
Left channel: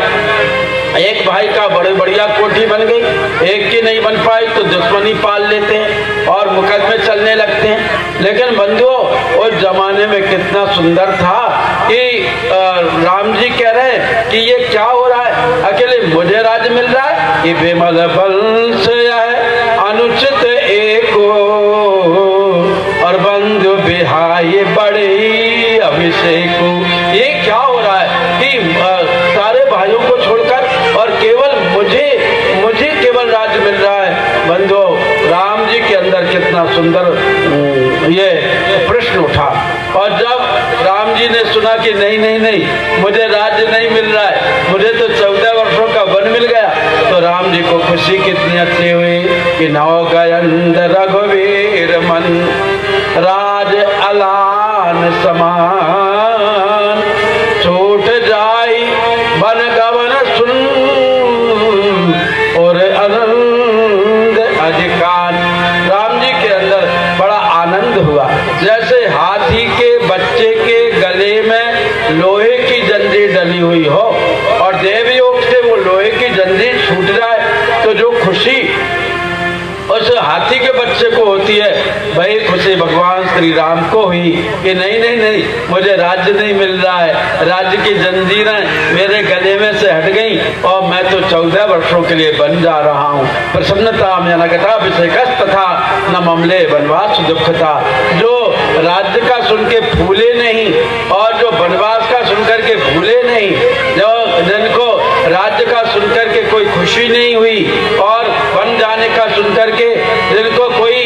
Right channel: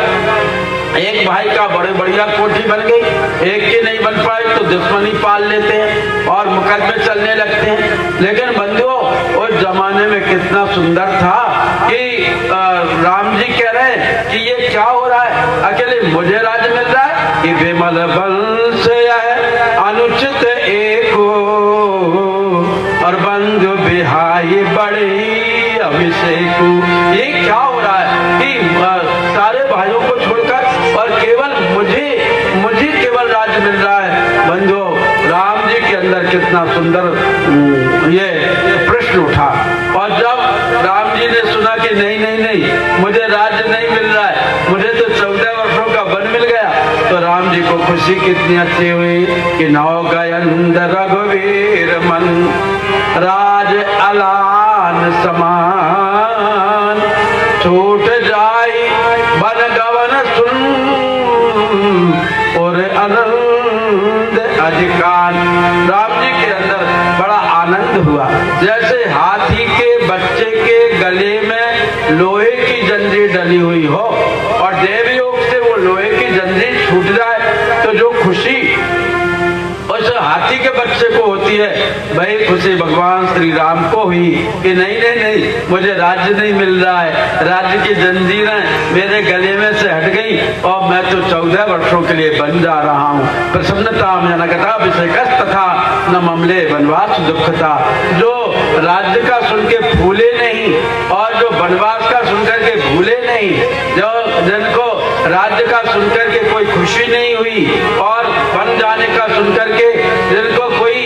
एक भाई का बड़े बढ़िया कोठी बन गई, एक की नहीं बन पाई तो दुश्मनी पाल लेते हैं और मुकदमे चलने लगते हैं। लेकिन बंधुओं, उस जमाने में कितना सुंदर था कि राम जी कह रहे हैं कि ये क्या हो रहा है, अकेले मुझे राज मिल रहा है, ये बेमल बंश है अनुचित एको और बंधु बिहाई बड़ी अभिषेक। ये क्या हो रहा है कि सारे भाइयों को छोड़कर और केवल मुझे केवल राज मिल रहा है। बंधुओं, राम जी के अंदर कितना सुंदर ये प्रश्न उठा। और जब राम जी ने सुना कि नहीं नहीं नहीं मुझे राज्य नहीं मिल रहा है, मुझे तो 14 वर्षों का वन मिल गया, तो राम जी को खुशी कितनी अच्छी हुई कि नौ गयंद रघुवीर मन राज अलान समान छूट जाई वन गवन सुन और आनंद अधिकार। राम जी के अंदर बड़ा आनंद हुआ, जैसे हाथी के बच्चे के गले में लोहे की जंजीर डली हुई हो और देवयोग से वो लोहे की जंजीर छूट जाए तो जो खुशी उस हाथी के बच्चे को होती है, वही खुशी भगवान श्री राम को हुई कि नहीं नहीं नहीं मुझे राज्य नहीं मिल रहा है, राज्य की जंजीरें मेरे गले में से हट गई और मैं तो 14 वर्षों के लिए बन जा रहा हूँ। प्रसन्नता में अभिषेक तथा न ममले वनवास दुखता। जो राज्य का सुन के फूले नहीं और जो वनवास का सुनकर के भूले नहीं, जो जिनको राज्य का सुनकर के कोई खुशी नहीं हुई और बन जाने का सुनकर के जिनको कोई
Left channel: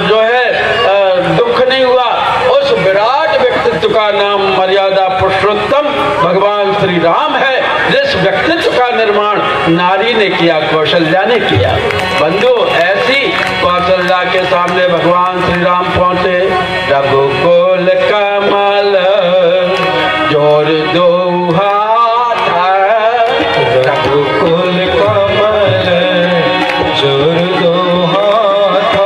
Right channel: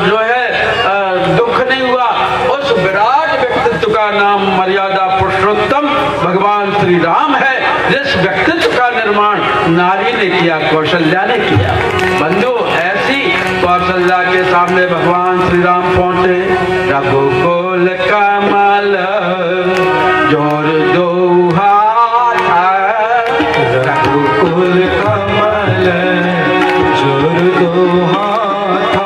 जो है दुख नहीं हुआ, उस विराट व्यक्तित्व का नाम मर्यादा पुरुषोत्तम भगवान श्री राम है। जिस व्यक्तित्व का निर्माण नारी ने किया, कौशल्या ने किया। बंधु, ऐसी कौशल्या के सामने भगवान श्री राम पहुंचे। रघुकुल कमल जोर दो हाथ, रघुकुल कमल जोर दो हाथ,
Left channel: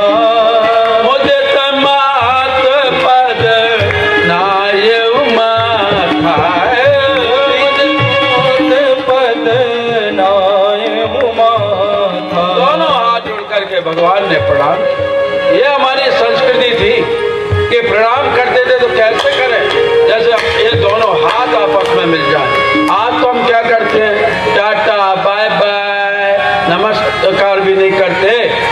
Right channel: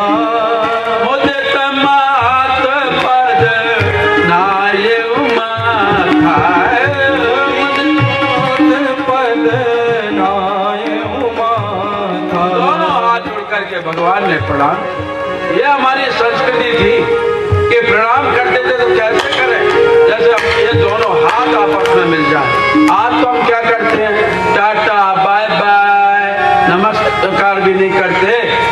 मुझे तमात पद नायु माथा, पद नायु माथा। दोनों हाथ जोड़ करके भगवान ने प्रणाम। ये हमारी संस्कृति थी कि प्रणाम करते थे तो कैसे करें, जैसे ये दोनों हाथ आपस में में मिल जाए। आज तो हम क्या करते हैं, टाटा बाय बाय, नमस्कार भी नहीं करते,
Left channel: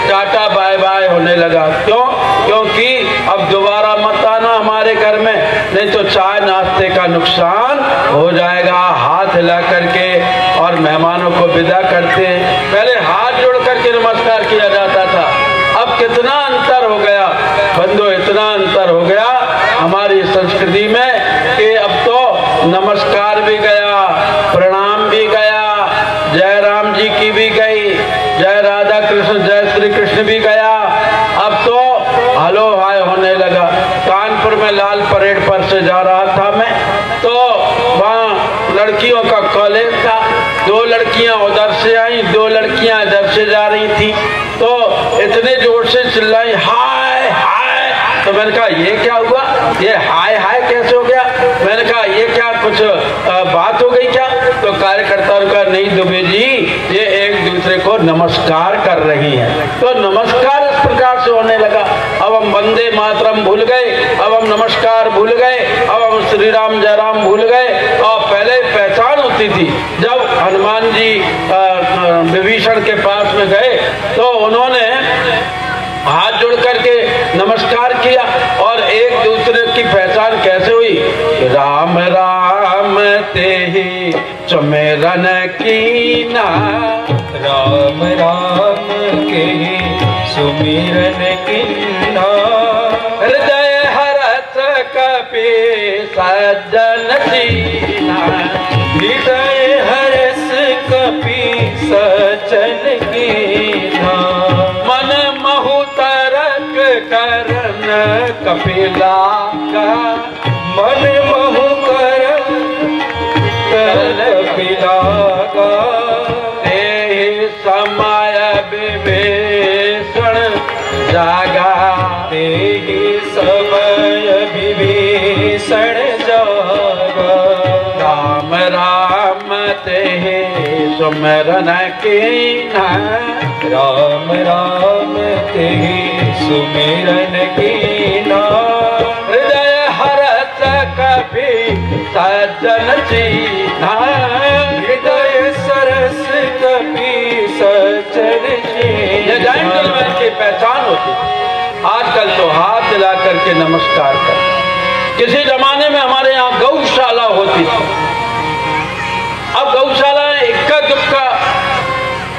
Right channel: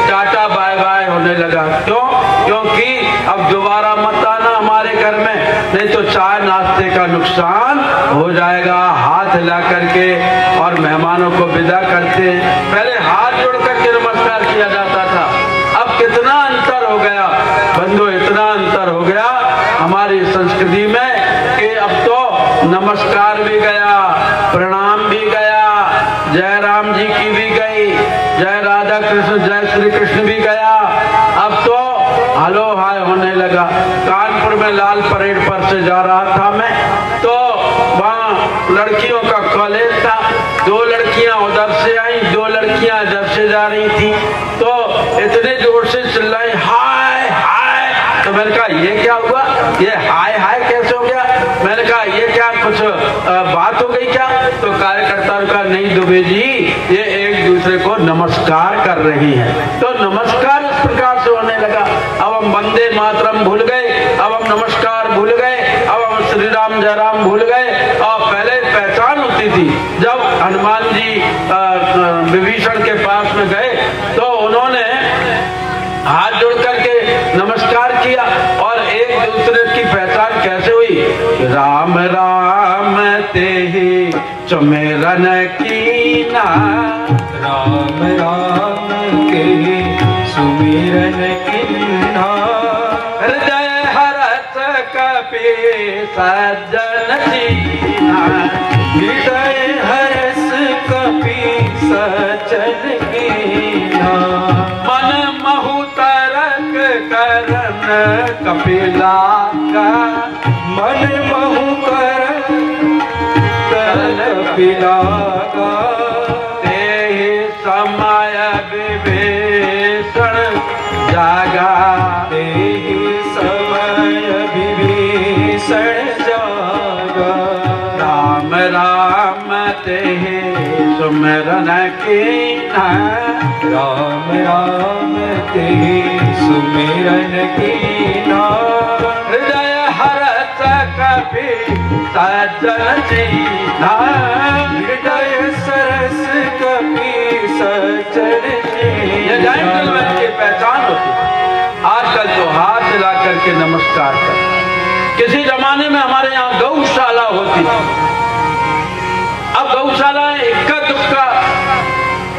टाटा बाय बाय होने लगा। क्यों? क्योंकि अब दोबारा मत आना हमारे घर में, नहीं तो चाय नाश्ते का नुकसान हो जाएगा। हाथ हिला करके और मेहमानों को विदा करते हैं। पहले हाथ जोड़ करके नमस्कार किया जाता था, अब कितना अंतर हो गया बंधु, इतना अंतर हो गया हमारी संस्कृति में कि अब तो नमस्कार भी गया, प्रणाम भी गया, जय राम जी की भी गई, जय राधा कृष्ण जय श्री कृष्ण भी गया। अब तो हेलो हाय होने लगा। कानपुर में लाल परेड पर से जा रहा था मैं, तो वहाँ लड़कियों का कॉलेज था, 2 लड़कियां उधर से आई, 2 लड़कियां इधर से जा रही थी, तो इतने जोर से चिल्लाई हाय हाय। तो मैंने कहा ये क्या हुआ, ये हाय हाय कैसे हो गया? मैंने कहा ये क्या कुछ बात हो गई क्या? तो कार्यकर्ताओं का नहीं दुबे जी, ये एक दूसरे को नमस्कार कर रही है। तो नमस्कार इस प्रकार से होने लगा। अब हम वंदे मातरम भूल गए, अब हम नमस्कार भूल गए, अब हम श्री राम जय राम भूल गए। और पहले पहचान होती थी, जब हनुमान जी विभीषण के पास में गए तो उन्होंने हाथ जोड़ करके नमस्कार किया, और एक दूसरे की पहचान कैसे हुई? राम राम तेहि सुमिरन कीना, राम राम के सुमिरन कीना, हृदय हरत कपि सज्जन दीना, हृदय हरस कपि सज्जन कीना, मन महु तरक करन कपिला का, मन महु करन कपिला का, ते समय विभीषण जागा, ते समय विभीषण जागा, राम राम तेहि सुमिरन कीना, राम राम तेहि सुमिरन कीना, हृदय हरत कपि सज्जन दीना, हृदय सरस कपि सज्जन ये दीना। जेंटलमैन की पहचान होती है। आजकल तो हाथ हिला करके नमस्कार कर। किसी जमाने में हमारे यहाँ गौशाला होती थी, अब गौशाला इक्का दुक्का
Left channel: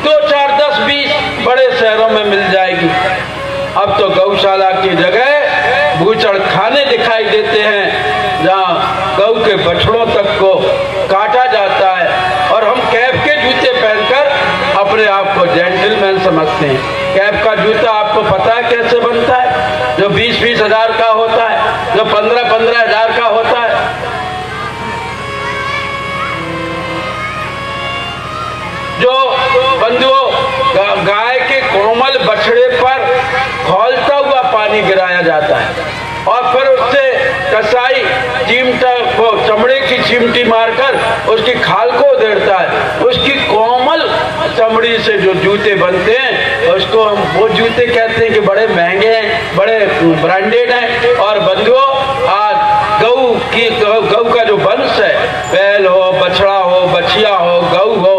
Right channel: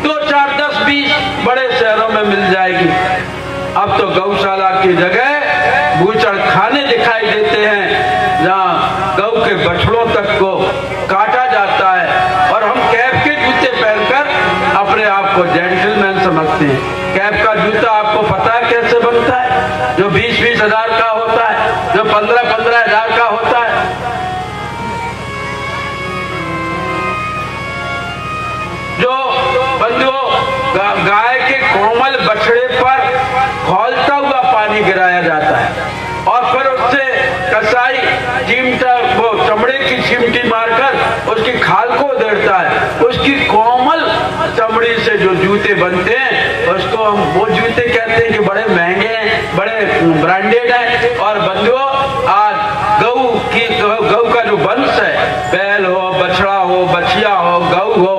2, 4, 10, 20 बड़े शहरों में मिल जाएगी। अब तो गौशाला की जगह बूचड़ खाने दिखाई देते हैं, जहाँ गौ के बछड़ों तक को काटा जाता है, और हम कैप के जूते पहनकर अपने आप को जेंटलमैन समझते हैं। कैप का जूता आपको पता है कैसे बनता है? जो 20-20 हजार का होता है, जो 15-15 हजार का होता है। जो बंधुओं गाय के कोमल बछड़े पर खौलता हुआ पानी गिराया जाता है, और फिर उससे कसाई चिमटा वो चमड़े की चिमटी मारकर उसकी खाल को उधेड़ता है। उसकी कोमल चमड़ी से जो जूते बनते हैं उसको हम वो जूते कहते हैं कि बड़े महंगे हैं, बड़े ब्रांडेड हैं। और बंधुओं आज गौ का जो वंश है, बैल हो, बछड़ा हो, बछिया हो, गौ हो,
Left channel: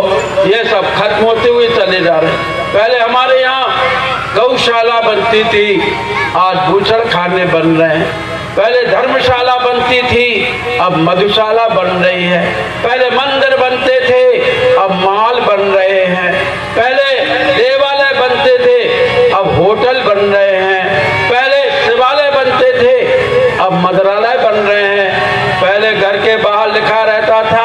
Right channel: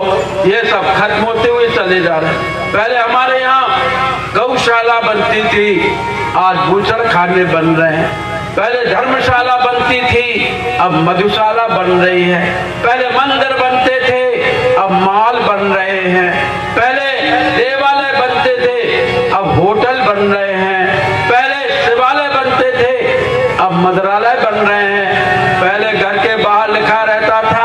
ये सब खत्म होते हुए चले जा रहे हैं। पहले हमारे यहाँ गौशाला बनती थी, आज बूचड़ खाने बन रहे हैं। पहले धर्मशाला बनती थी, अब मधुशाला बन रही है। पहले मंदिर बनते थे, अब मॉल बन रहे हैं। पहले देवालय बनते थे, अब होटल बन रहे हैं। पहले शिवालय बनते थे, अब मंदिरालय बन रहे हैं। पहले घर के बाहर लिखा रहता था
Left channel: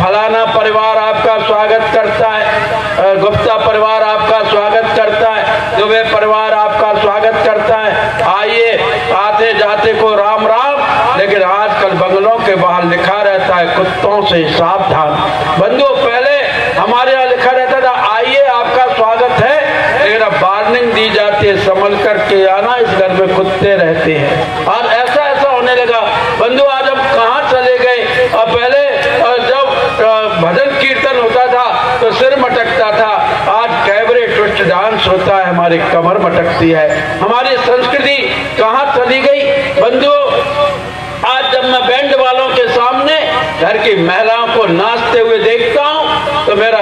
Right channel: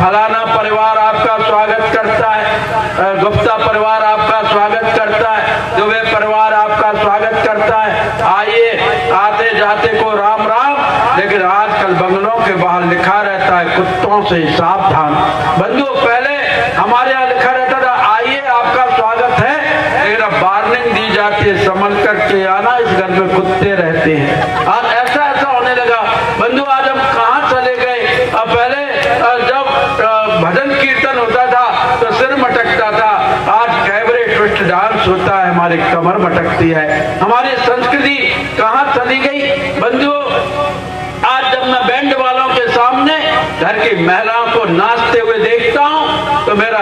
फलाना परिवार आपका स्वागत करता है, गुप्ता परिवार आपका स्वागत करता है, दुबे परिवार आपका स्वागत करता है, आइए, आते जाते को राम राम। लेकिन आजकल बंगलों के बाहर लिखा रहता है कुत्तों से सावधान। बंधुओं पहले हमारे यहाँ लिखा रहता था आइए आपका स्वागत है, लेकिन अब वार्निंग दी जाती है संभल करके आना, इस घर में कुत्ते रहते हैं। आज ऐसा होने लगा। बंधु आज हम कहाँ चले गए? अब पहले जब भजन कीर्तन होता था तो सिर मटकता था, आज कैबरे ट्विस्ट डांस होता है, हमारी कमर मटकती है। हमारी संस्कृति कहाँ चली गई? बंधु आज जब मैं बैंड वालों के सामने घर की महिलाओं को नाचते हुए देखता हूँ तो मेरा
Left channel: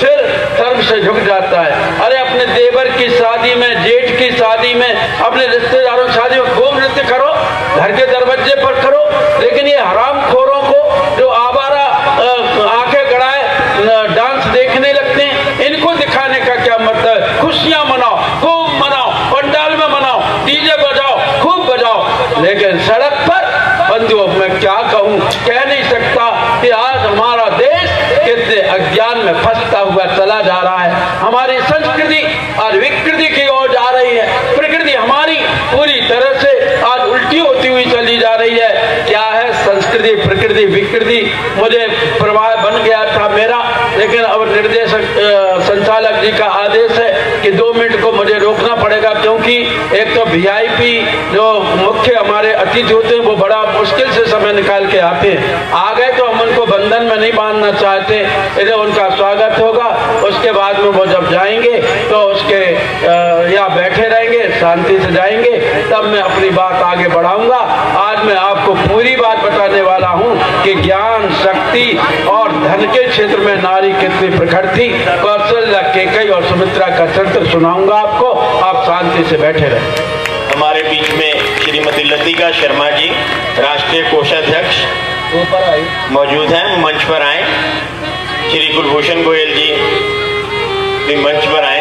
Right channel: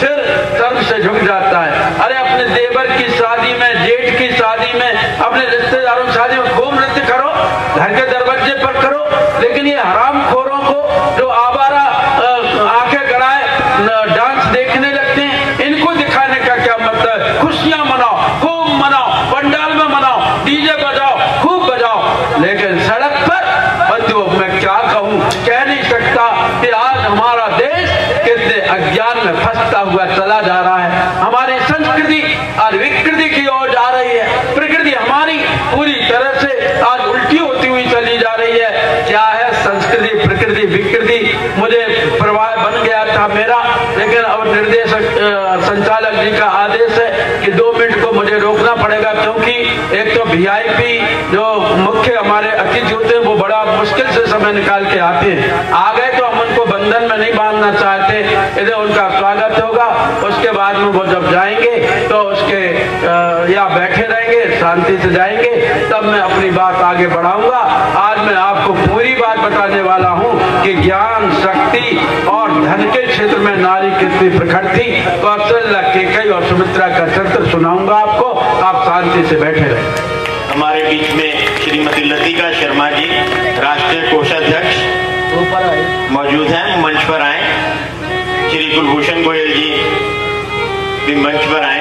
सिर सर्व से झुक जाता है। अरे अपने देवर की शादी में, जेठ की शादी में, अपने रिश्तेदारों की शादी में खूब नृत्य करो, घर के दरवाजे पर करो, लेकिन ये हरामखोरों को जो आवारा आंखें गड़ाए डांस देखने लगते हैं, इनको दिखाने का क्या मतलब है? खुशियां मनाओ, खूब मनाओ, पंडाल में मनाओ, डीजे बजाओ, खूब बजाओ, लेकिन सड़क पर बंधुओं मैं क्या कहूँ, कह नहीं सकता कि आज हमारा देश कितने अज्ञान में फंसता हुआ चला जा रहा है। हमारी संस्कृति और विकृति की ओर जा रही है। प्रकृति हमारी पूरी तरह से आज उल्टी होती हुई चली जा रही है। क्या है संस्कृति, प्रकृति, विकृति? मुझे प्रवाह बन गया था मेरा, लेकिन अब निर्देशक संचालक जी का आदेश है कि 2 मिनट को मुझे रोकना पड़ेगा, क्योंकि एक तो वीआईपी जो मुख्य हमारे अतिथि होते हैं वो बड़ा मुश्किल से समय निकाल के आते हैं। आ गए तो हम उनको बंधन में नहीं बांधना चाहते, इधर उनका स्वागत होगा, उसके बाद में वो जब जाएंगे तो उसके या बैठे रहेंगे, शांति से जाएंगे, तब मैं अपनी बात आगे बढ़ाऊंगा। आज मैं आपको पूरी बात बताने वाला हूँ कि ज्ञान, शक्ति और धन के क्षेत्र में नारी कितनी प्रखर थी। कौशल्या, केकई और सुमित्रा का चरित्र सुनाऊंगा आपको, आप शांति से बैठे रहें। हमारे बीच में श्रीमती लतिका शर्मा जी, राष्ट्रीय कोषाध्यक्ष मौजूद हैं, मंच पर आए। श्री कुलभूषण गोयल जी भी मंच पर आए।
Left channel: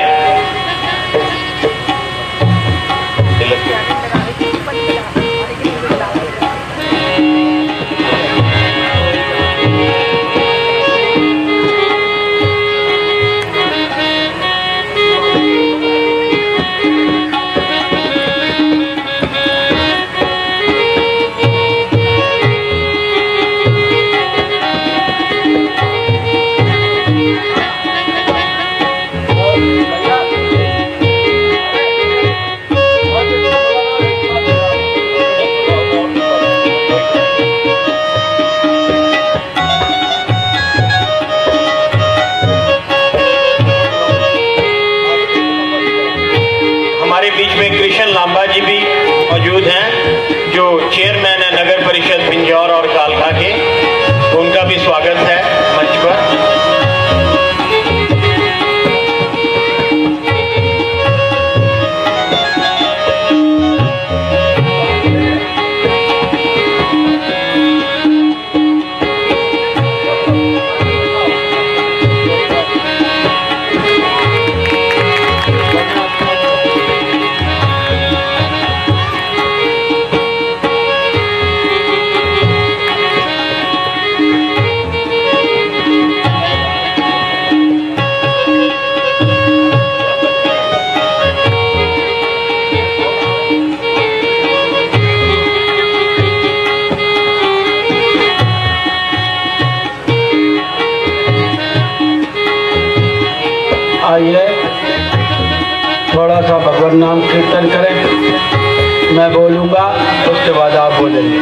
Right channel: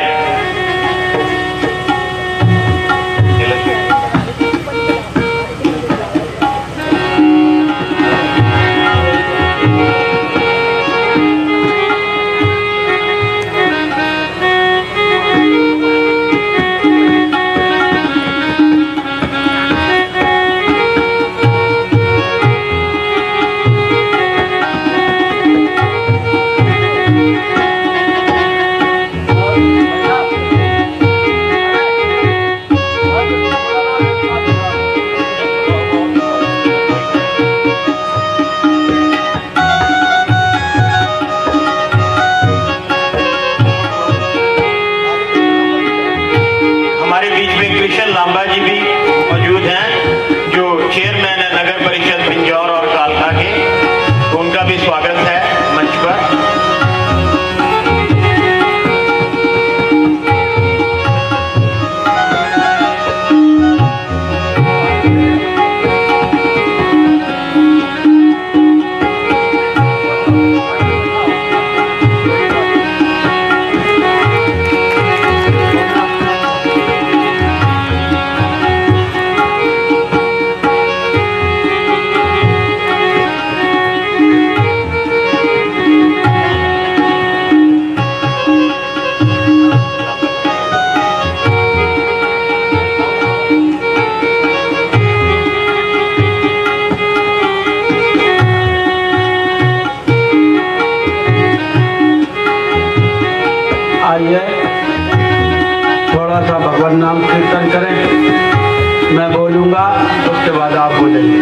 थोड़ा सा भगवान नाम कीर्तन करें, मैं बोलूंगा उसके बाद आप बोलेंगे।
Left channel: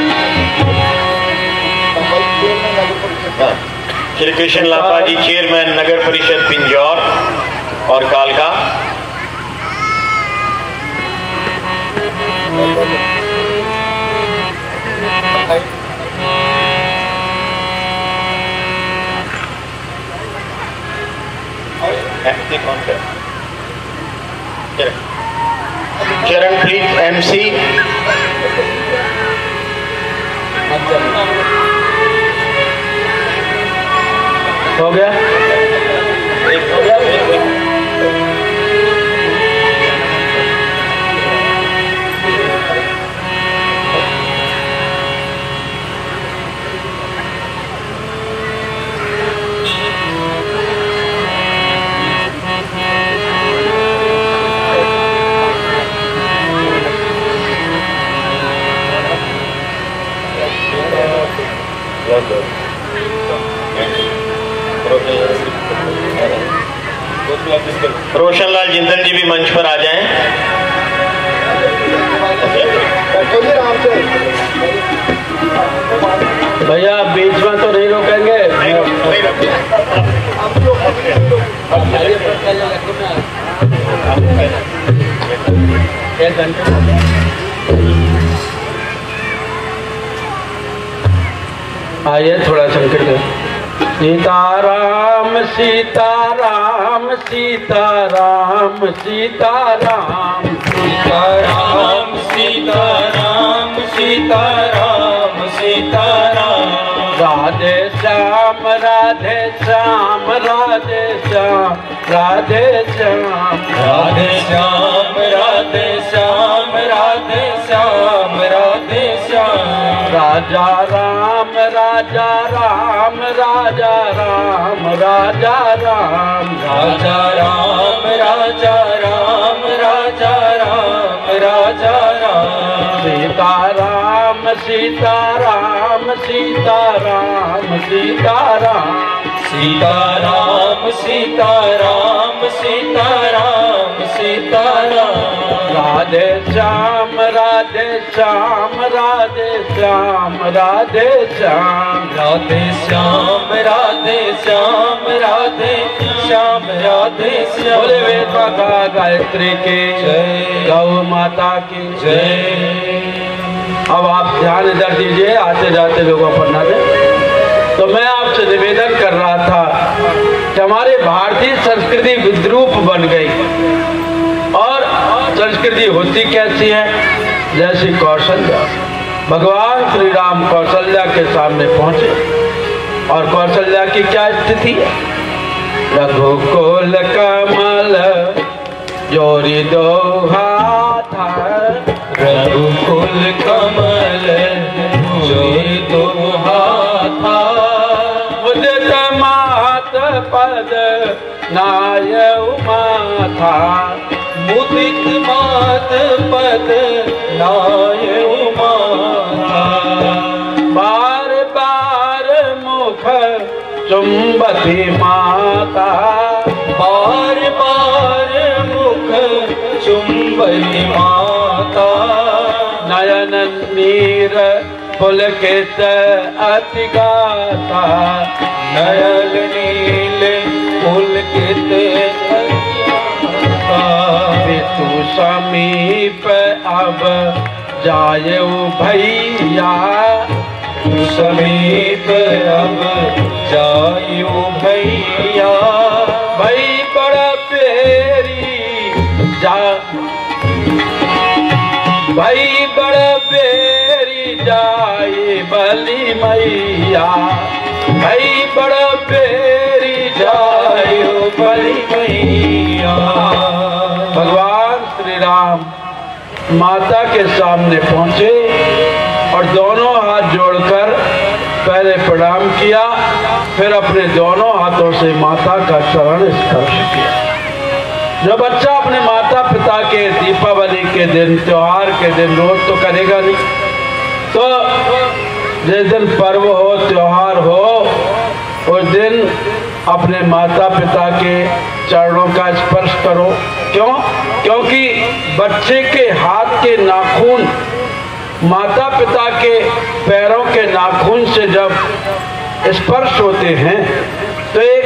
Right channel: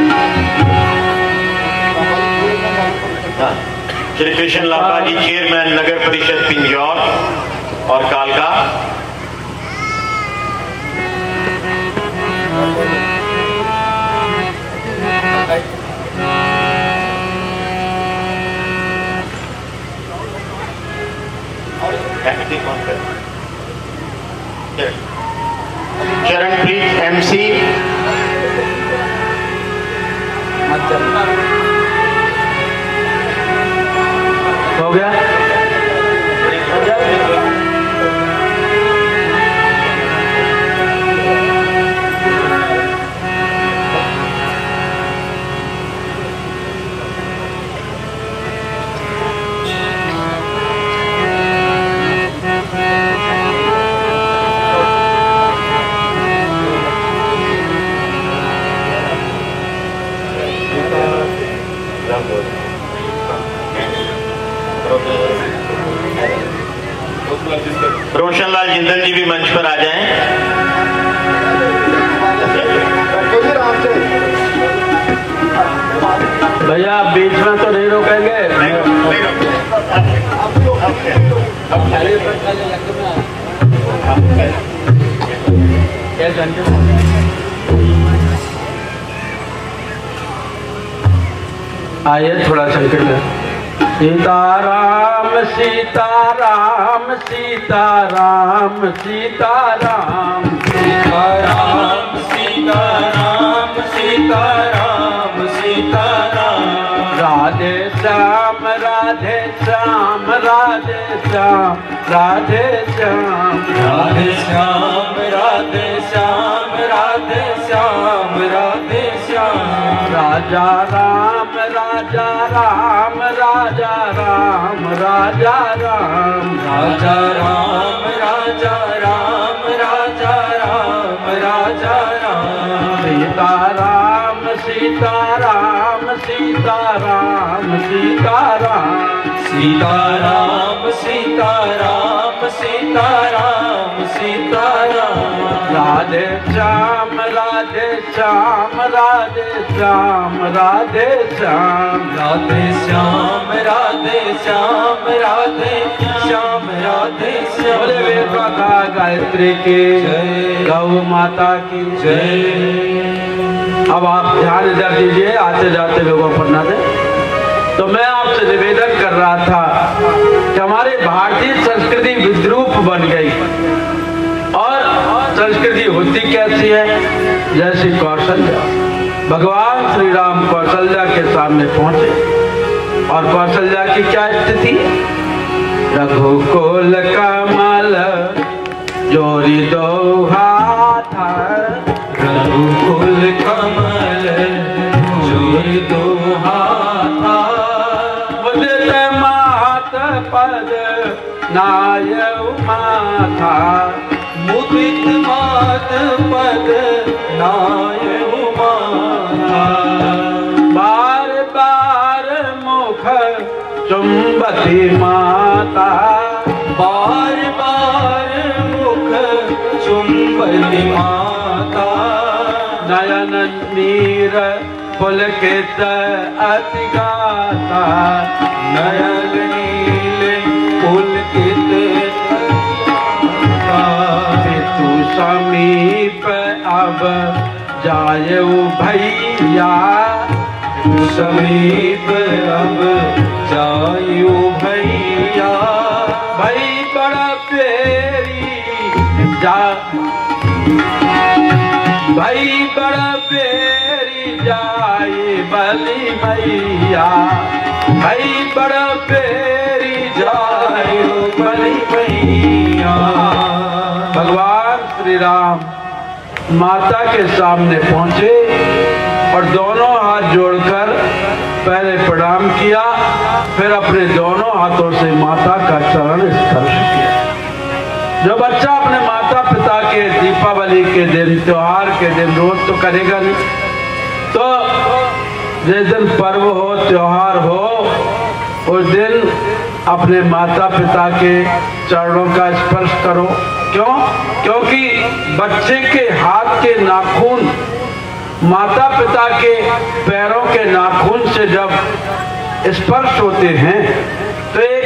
श्री कृष्ण लांबा जी, चेयरमैन नगर परिषद पिंजौर और कालका। चरणप्रीत MC, हो गया? रोशनलाल जिंदल जी भी मंच पर आ जाएं। भैया बीच में तो नहीं रोकेंगे। आइए थोड़ा संकट है। सीताराम सीताराम सीताराम सीताराम सीताराम सीताराम सीताराम सीताराम राधे श्याम राधे श्याम राधे श्याम राधे श्याम राधे श्याम राधे श्याम राधे श्याम राधे श्याम राजा राम राजा राम राजा राम राजा राम राजा राम राजा राम राजा राम राजा राम सीताराम सीताराम सीताराम सीताराम सीताराम सीताराम सीताराम सीताराम राधे श्याम राधे श्याम राधे श्याम राधे श्याम राधे श्याम राधे श्याम राधे श्याम राधे श्याम बोले वेद का गायत्री की जय। गौ माता की जय। अब आप ध्यान इधर दीजिए, आते जाते लोगों पर ना जाए। तो मैं आपसे निवेदन कर रहा था कि हमारे भारतीय संस्कृति विद्रूप बन गई और संस्कृति होती कैसी है? जैसे कौशल्या, भगवान श्री राम कौशल्या के सामने पहुंचे और कौशल्या की क्या स्थिति है? रघुकुल कमल जोरी दो हाथ, रघुकुल कमल जोरी दो हाथ, उदित मात पद नायउ माथा, मुदित मात पद नायउ माथा, बार बार मुख चुंबती माता, बार बार मुख चुंबती माता, नयन नीर पुलकित अति गाता, नयन नील पुलकित तू समीप अब जायु भैया, समीप अब जायु भैया, भई बड़ बेरी जा, भई बड़ बेरी जाए बलि मैया, भई बड़ बेरी जाए बलि मैया। भगवान श्री राम माता के सामने पहुंचे और दोनों हाथ जोड़कर पहले प्रणाम किया, फिर अपने दोनों हाथों से माता का चरण स्पर्श किया। जो बच्चा अपने माता पिता के दीपावली के दिन, त्योहार के दिन रोज तो करेगा नहीं, तो जिस दिन पर्व हो, त्योहार हो, उस दिन अपने माता पिता के चरणों का स्पर्श करो। क्यों? क्योंकि बच्चे के हाथ के नाखून माता पिता के पैरों के नाखून से जब स्पर्श होते हैं तो एक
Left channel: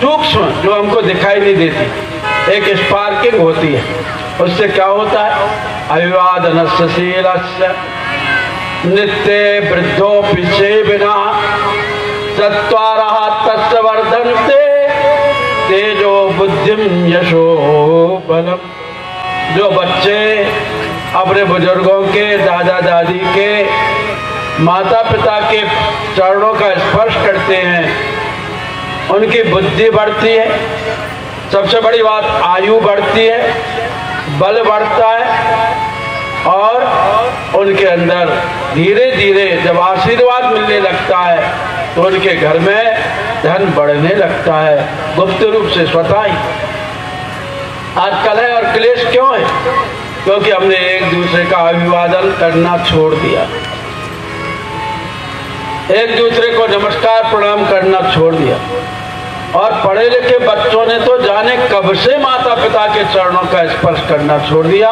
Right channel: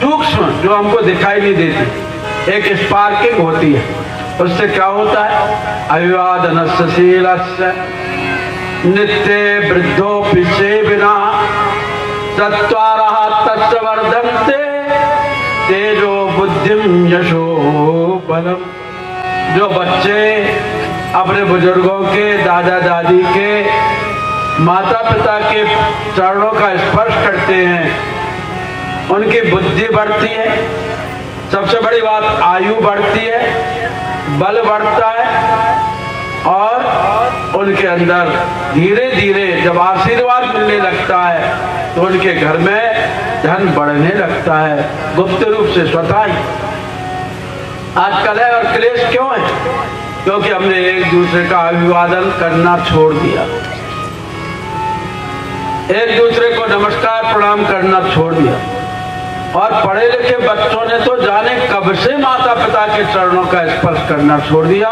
सूक्ष्म, जो हमको दिखाई नहीं देती, एक स्पार्किंग होती है। उससे क्या होता है? अभिवादनस्य शीलस्य नित्य वृद्धोपि सेविना चत्वारः तस्य वर्धन्ते तेजो बुद्धिम यशो बलम। जो बच्चे अपने बुजुर्गों के, दादा दादी के, माता पिता के चरणों का स्पर्श करते हैं, उनकी बुद्धि बढ़ती है, सबसे बड़ी बात आयु बढ़ती है, बल बढ़ता है और उनके अंदर धीरे धीरे जब आशीर्वाद मिलने लगता है तो उनके घर में धन बढ़ने लगता है, गुप्त रूप से स्वतः ही। आज कलह और क्लेश क्यों है? क्योंकि हमने एक दूसरे का अभिवादन करना छोड़ दिया, एक दूसरे को नमस्कार प्रणाम करना छोड़ दिया। और पढ़े लिखे बच्चों ने तो जाने कब से माता पिता के चरणों का स्पर्श करना छोड़ दिया।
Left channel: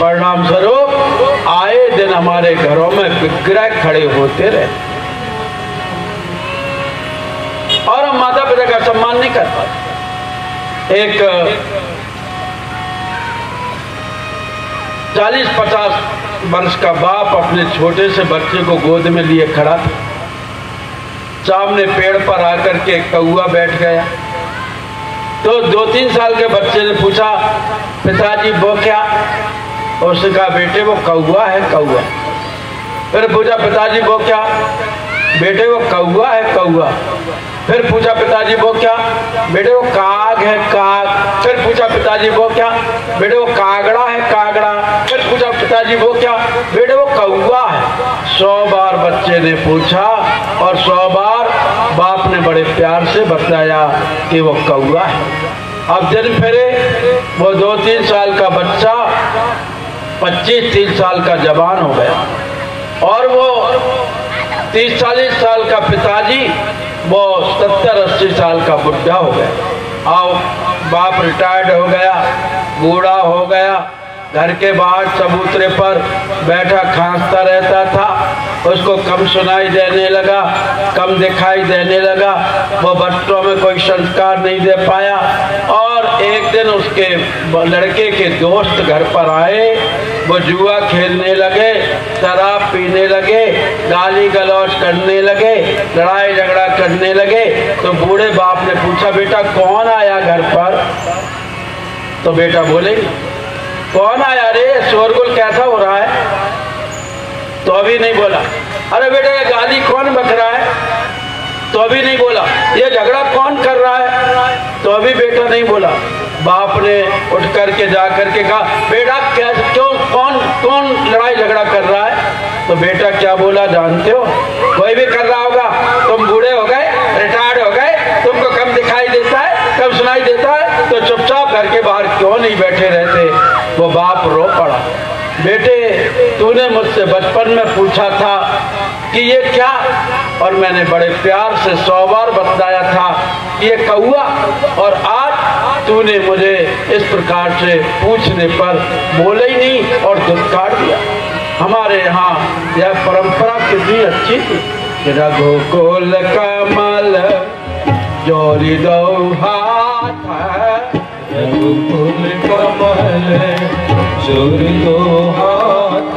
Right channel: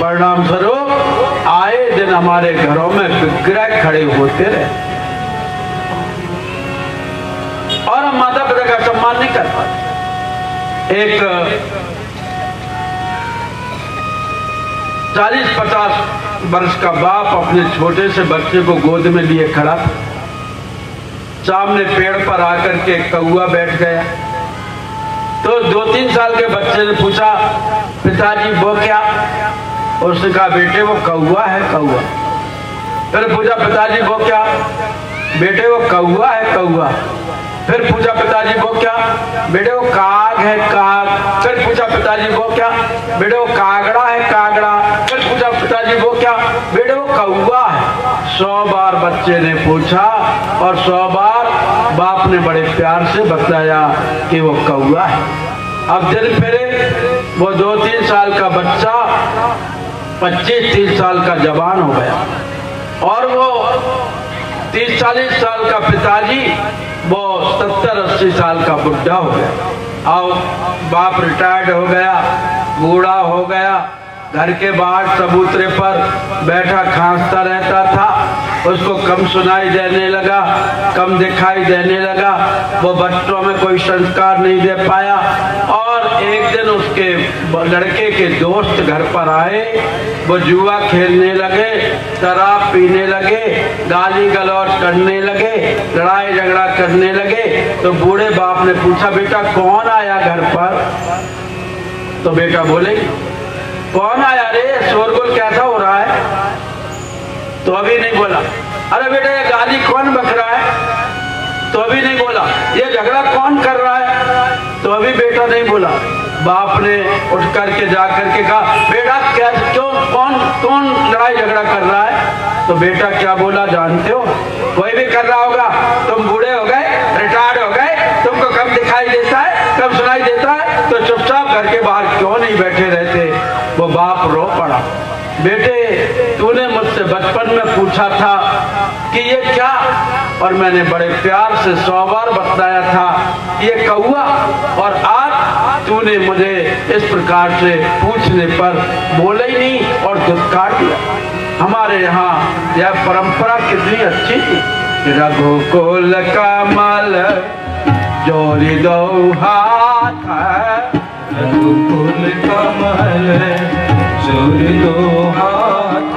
परिणाम स्वरूप आए दिन हमारे घरों में विग्रह खड़े होते रहे और हम माता पिता का सम्मान नहीं कर पाते। एक 40-50 वर्ष का बाप अपने छोटे से बच्चे को गोद में लिए खड़ा था सामने पेड़ पर आकर के कौआ बैठ गया। तो 2-3 साल के बच्चे ने पूछा, पिताजी वो क्या? उसने कहा, बेटे वो कौआ है, कौआ। फिर पूछा, पिताजी वो क्या? बेटे वो कौआ है, कौआ। फिर पूछा, पिताजी वो क्या? बेटे वो काग है, काग। फिर पूछा, पिताजी वो क्या? बेटे वो कागड़ा है, कागड़ा। फिर पूछा, पिताजी वो क्या? बेटे वो कौआ है। 100 बार बच्चे ने पूछा और 100 बार बाप ने बड़े प्यार से बताया कि वो कौआ है। अब दिन फिरे, वो 2-3 साल का बच्चा 25-30 साल का जवान हो गया और वो 30-40 साल का पिताजी वो 70-80 साल का बुढ़ा हो गया। और बाप रिटायर्ड हो गया, बूढ़ा हो गया, घर के बाहर चबूतरे पर बैठा खांसता रहता था। उसको कम सुनाई देने लगा, कम दिखाई देने लगा, वो बच्चों में कोई संस्कार नहीं दे पाया। और एक दिन उसके लड़के के दोस्त घर पर आए, वो जुआ खेलने लगे, शराब पीने लगे, गाली गलौज करने लगे, लड़ाई झगड़ा करने लगे। तो बूढ़े बाप ने पूछा, बेटा कौन आया घर पर? तो बेटा बोले, कौन आया रे? शोरगुल कैसा हो रहा है? तो अभी नहीं बोला। अरे बेटा ये गाली कौन बक रहा है? तो अभी नहीं बोला। ये झगड़ा कौन कर रहा है? तो अभी बेटा नहीं बोला। बाप ने उठ करके जा करके कहा, बेटा क्या, क्यों, कौन लड़ाई झगड़ा कर रहा है? तो बेटा क्या बोला जानते हो? कोई भी कर रहा होगा, तुम बूढ़े हो गए, रिटायर्ड हो गए, तुमको कम दिखाई देता है, कम सुनाई देता है, तो चुपचाप घर के बाहर क्यों नहीं बैठे रहते? वो बाप रो पड़ा। बेटे तूने मुझसे बचपन में पूछा था कि ये क्या, और मैंने बड़े प्यार से 100 बार बताया था ये कौआ, और आज तूने मुझे इस प्रकार से पूछने पर बोला ही नहीं और धुतकार दिया। हमारे यहाँ यह परंपरा कितनी अच्छी थी। रघुकुल कमल जोड़ी दो हाथ, रघुकुल कमल जोड़ी दो हाथ,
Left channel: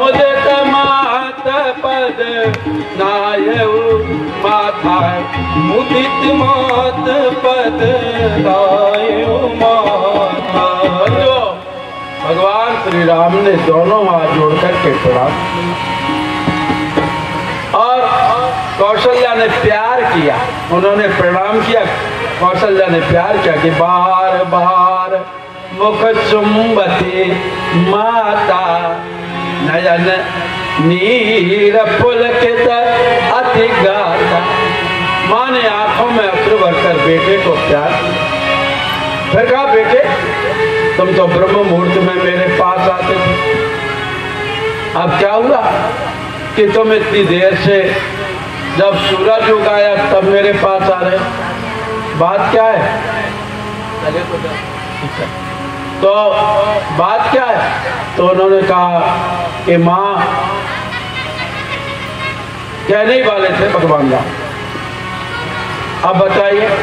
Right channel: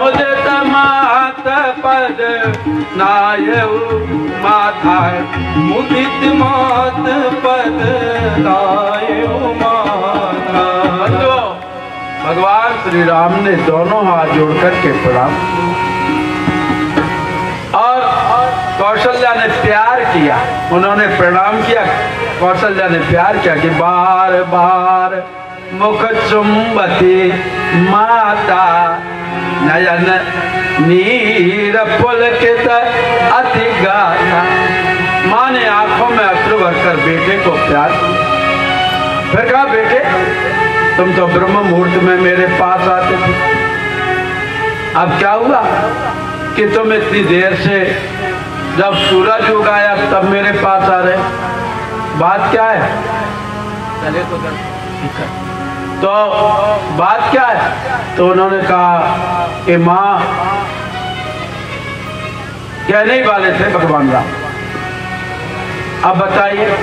मुझे तमात पद नायऊ माथा, मुदित मात पद नायऊ माथा। बच्चों, भगवान श्री राम ने दोनों हाथ जोड़कर के प्रणाम, और कौशल्या ने प्यार किया, उन्होंने प्रणाम किया। कौशल्या ने प्यार किया कि बार बार मुख चुंबती माता, नयन नीर पुलकित अति गाता। माँ ने आंखों में अश्रु भरकर बेटे को प्यार किया। फिर कहा, बेटे तुम तो ब्रह्म मुहूर्त में मेरे पास आते थे, अब क्या हुआ कि तुम इतनी देर से, जब सूरज उगाया तब मेरे पास आ रहे? बात क्या है? तो बात क्या है? तो उन्होंने कहा कि माँ कहने ही वाले थे भगवान राम। अब बताइए,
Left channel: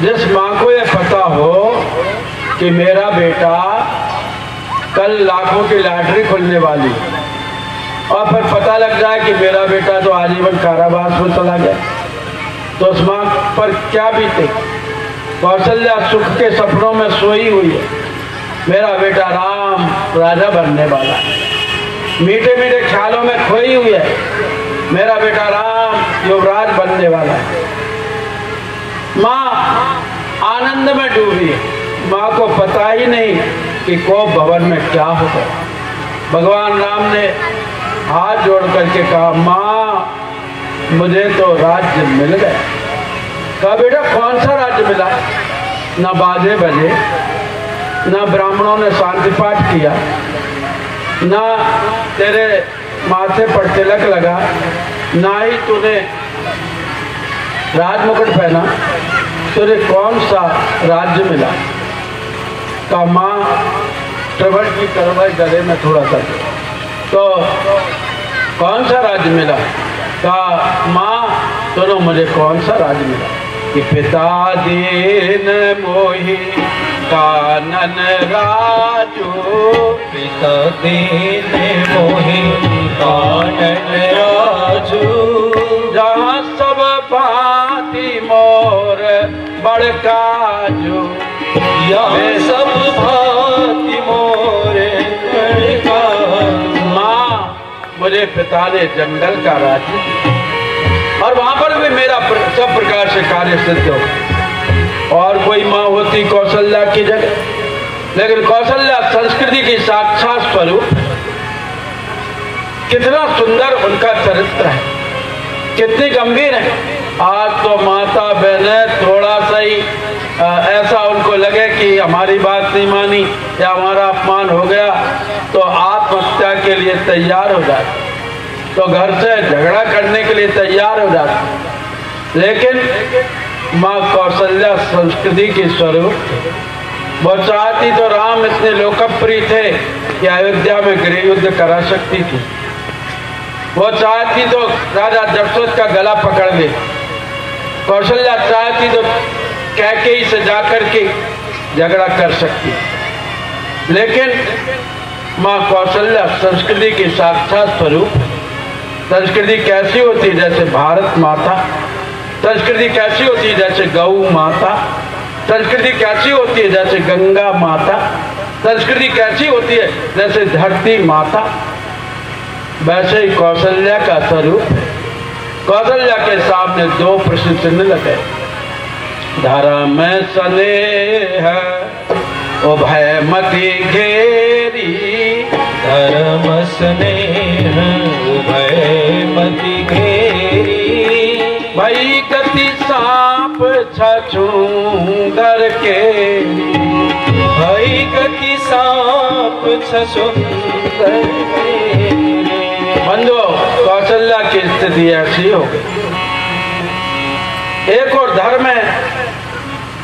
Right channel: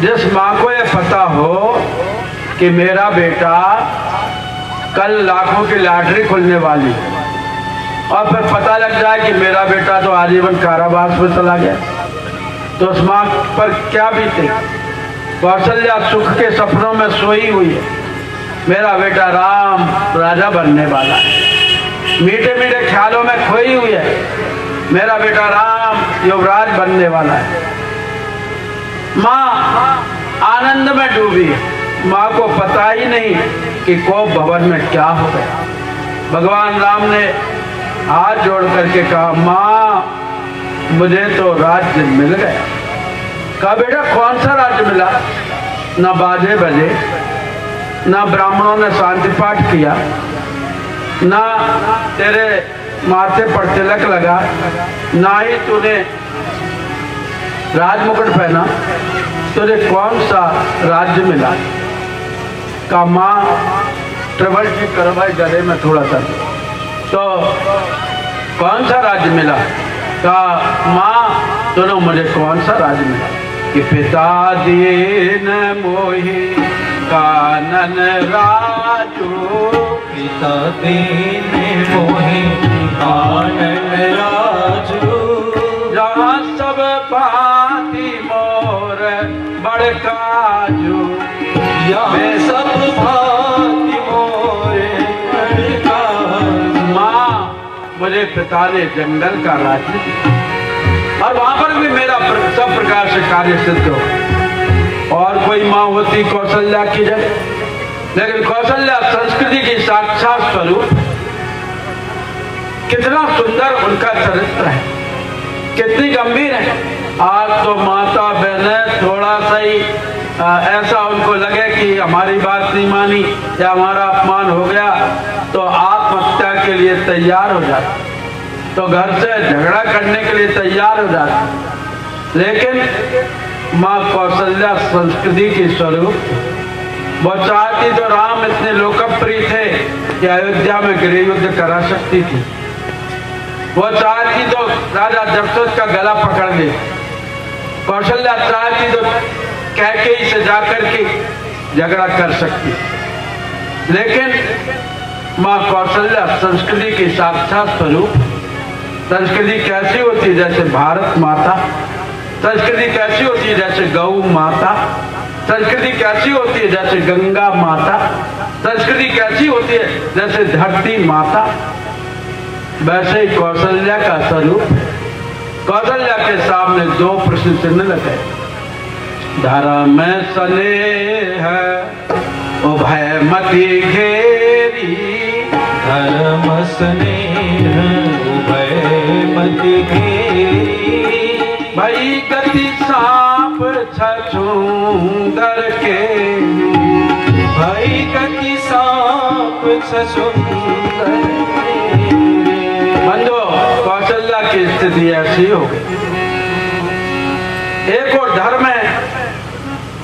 जिस माँ को यह पता हो कि मेरा बेटा कल लाखों की लॉटरी खुलने वाली, और फिर पता लग जाए कि मेरा बेटा तो आजीवन कारावास में चला गया, तो उस माँ पर क्या बीते? कौशल्या सुख के सपनों में सोई हुई है, मेरा बेटा राम राजा बनने वाला है, मीठे मीठे ख्यालों में खोई हुई है, मेरा बेटा राम युवराज बनने वाला है। माँ आनंद में डूबी, माँ को पता ही नहीं कि कोप भवन में क्या हो गया। भगवान राम ने हाथ जोड़ करके कहा, माँ मुझे तो राज्य मिल गया। कहा, बेटा कौन सा राज्य मिला? ना बाजे बजे, ना ब्राह्मणों ने शांति पाठ किया, ना तेरे माथे पर तिलक लगा, ना ही तूने राजमुकुट पहना, तुझे कौन सा राज्य मिला? का माँ ट्रबल की करवाई गले में थोड़ा सा, तो कौन सा राज्य मिला? का माँ दोनों मुझे कौन सा राज्य मिला? कि पिता दीन मोहि कानन राजू, पिता दीन मोहि कानन राजू, काजू यहाँ सब भांति मोरे काजू। माँ मुझे पिता ने जंगल का राज और वहां पर भी मेरा सब प्रकार से कार्य सिद्ध हो। और कोई माँ होती कौशल्या की जगह, लेकिन कौशल्या संस्कृति की साक्षात स्वरूप। कितना सुंदर उनका चरित्र है, कितनी गंभीर है। आज तो माता बहने थोड़ा सा ही ऐसा उनको लगे कि हमारी बात नहीं मानी या हमारा अपमान हो गया तो आत्महत्या के लिए तैयार हो जाए, तो घर से झगड़ा करने के लिए तैयार हो जाते। लेकिन माँ कौशल्या संस्कृति की स्वरूप। वो चाहती तो राम इतने लोकप्रिय थे कि अयोध्या में गृह युद्ध करा सकती थी। वो चाहती तो राजा दशरथ का गला पकड़ ले। कौशल्या चाहती तो कैकेयी से जाकर के झगड़ा कर सकती। लेकिन माँ कौशल्या संस्कृति की साक्षात स्वरूप। संस्कृति कैसी होती है? जैसे भारत माता। संस्कृति कैसी होती है? जैसे गौ माता। संस्कृति कैसी होती है? जैसे गंगा माता। संस्कृति कैसी होती है? जैसे धरती माता। वैसे ही कौशल्या का स्वरूप। कौशल्या के सामने दो प्रश्न चिन्ह लगे। धर्म स्नेह उभय मति घेरी। धर्म स्नेह उभय मति घेरी। भई गति सांप छछूंदर के। भई गति सांप छछूंदर के। बंधु कौशल्या की स्थिति ऐसी हो गई। एक और धर्म है,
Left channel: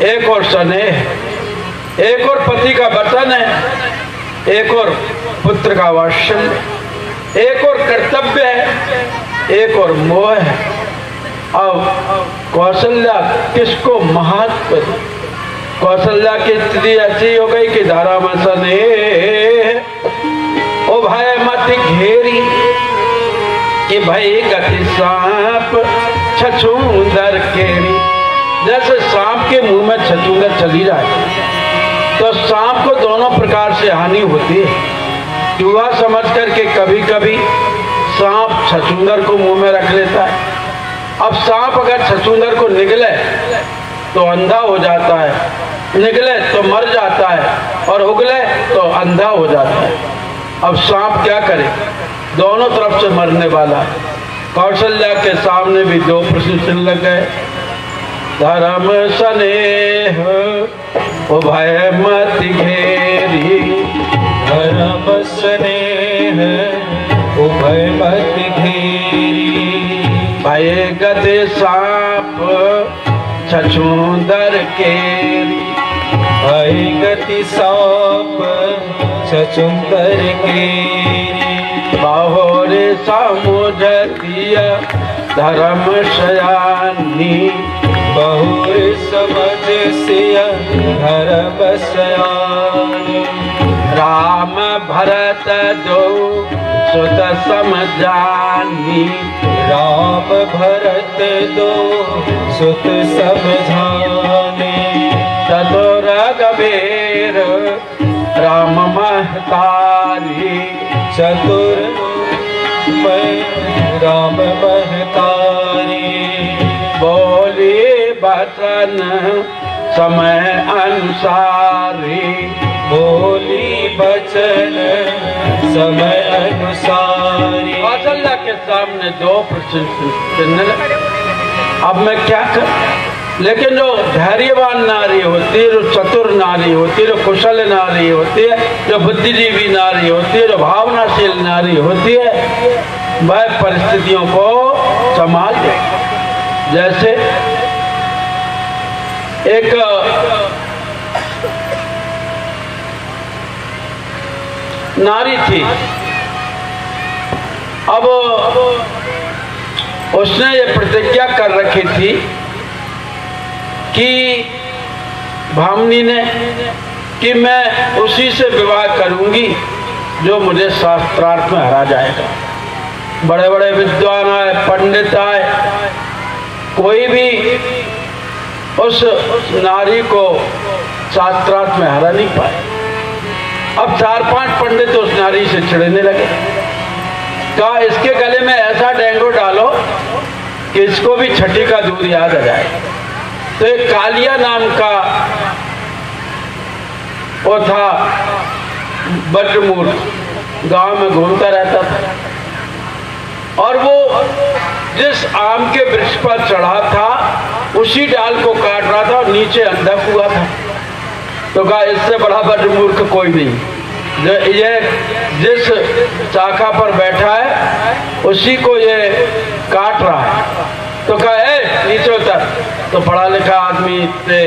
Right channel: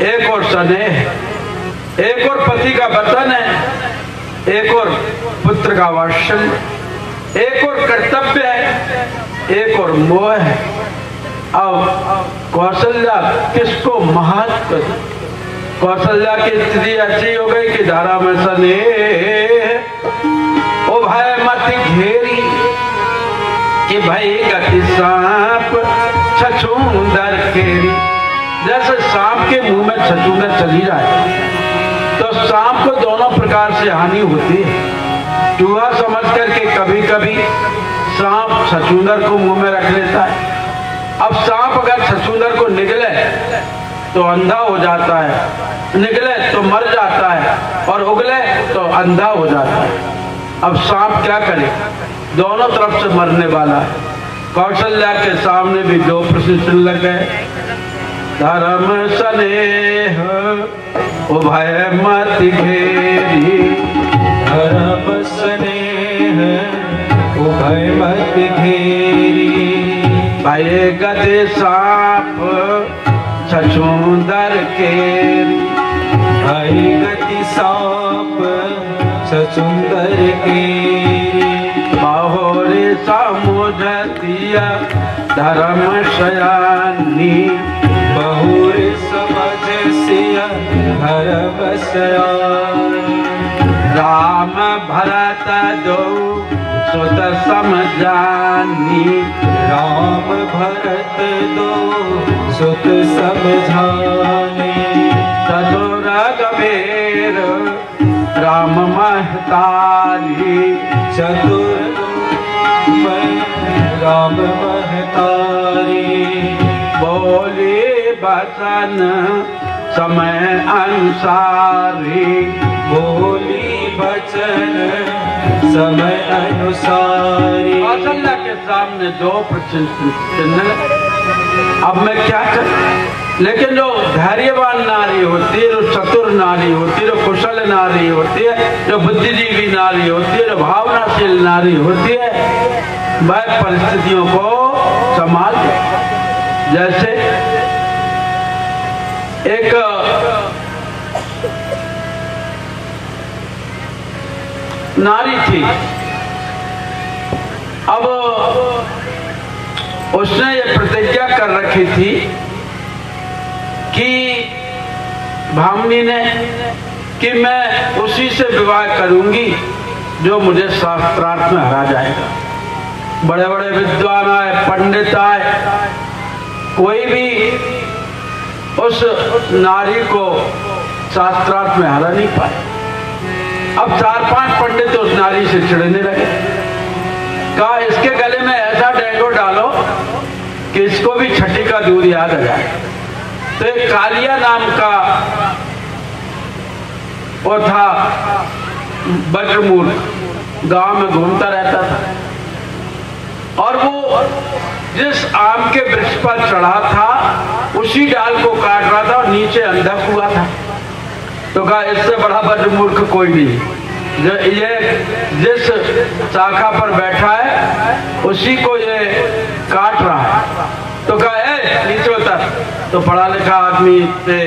एक और स्नेह, एक और पति का वचन है, एक और पुत्र का वात्सल्य, एक और कर्तव्य है, एक और मोह है। अब कौशल्या किसको महत्व? कौशल्या की स्थिति ऐसी हो गई कि धारा में स्नेह ओ भय मत घेरी कि भई गति सांप छछूंदर केरी। जैसे सांप के मुंह में छछूंदर चली जाए तो सांप को दोनों प्रकार से हानि होती है। चूहा समझ करके कभी कभी सांप छछूंदर को मुंह में रख लेता है। अब सांप अगर छछूंदर को निगले तो अंधा हो जाता है, निगले तो मर जाता है, और उगले तो अंधा हो जाता है। अब सांप क्या करे? दोनों तरफ से मरने वाला। कौशल्या के सामने भी दो प्रश्न चिन्ह लग गए। धर्म स्नेह उभय मति घेरी। धर्म स्नेह उभय मति घेरी। भय गति सांप छछूंदर केरी। भय गति सांप छछूंदर केरी। बाहोरे समुझतिया धर्म शयानी। बहुरे समझ सिया धर्म शयानी। राम भरत दो सुत समझानी। राम भरत दो सुत समझानी। चतुर गंभीर राम महतारी। चतुर राम महतारी। बोली बचन समय अनुसारी। बोली बचन समय अनुसारी। कौशल्या के सामने दो प्रश्न चिन्ह। अब मैं क्या कर? लेकिन जो धैर्यवान नारी होती है, जो चतुर नारी होती है, जो कुशल नारी होती है, जो बुद्धिजीवी नारी होती है, जो भावनाशील नारी होती है, वह परिस्थितियों को संभाल ले। जैसे एक नारी थी। अब उसने ये प्रतिज्ञा कर रखी थी कि भामिनी ने कि मैं उसी से विवाह करूंगी जो मुझे शास्त्रार्थ में हरा जाएगा। बड़े बड़े विद्वान आए, पंडित आए, कोई भी उस नारी को शास्त्रार्थ में हरा नहीं पाए। अब 4-5 पंडित उस नारी से चिढ़ने लगे। कहा इसके गले में ऐसा डेंगू डालो कि इसको भी छठी का दूध याद आ जाए। तो एक कालिया नाम का वो था बद्रमूर्ख, गांव में घूमता रहता था और वो जिस आम के वृक्ष पर चढ़ा था उसी डाल को काट रहा था और नीचे अंधक हुआ था। तो कहा इससे बड़ा बद्रमूर्ख कोई नहीं, ये जिस शाखा पर बैठा है उसी को ये काट रहा है। तो कहा नीचे उतर। तो पढ़ा लिखा आदमी से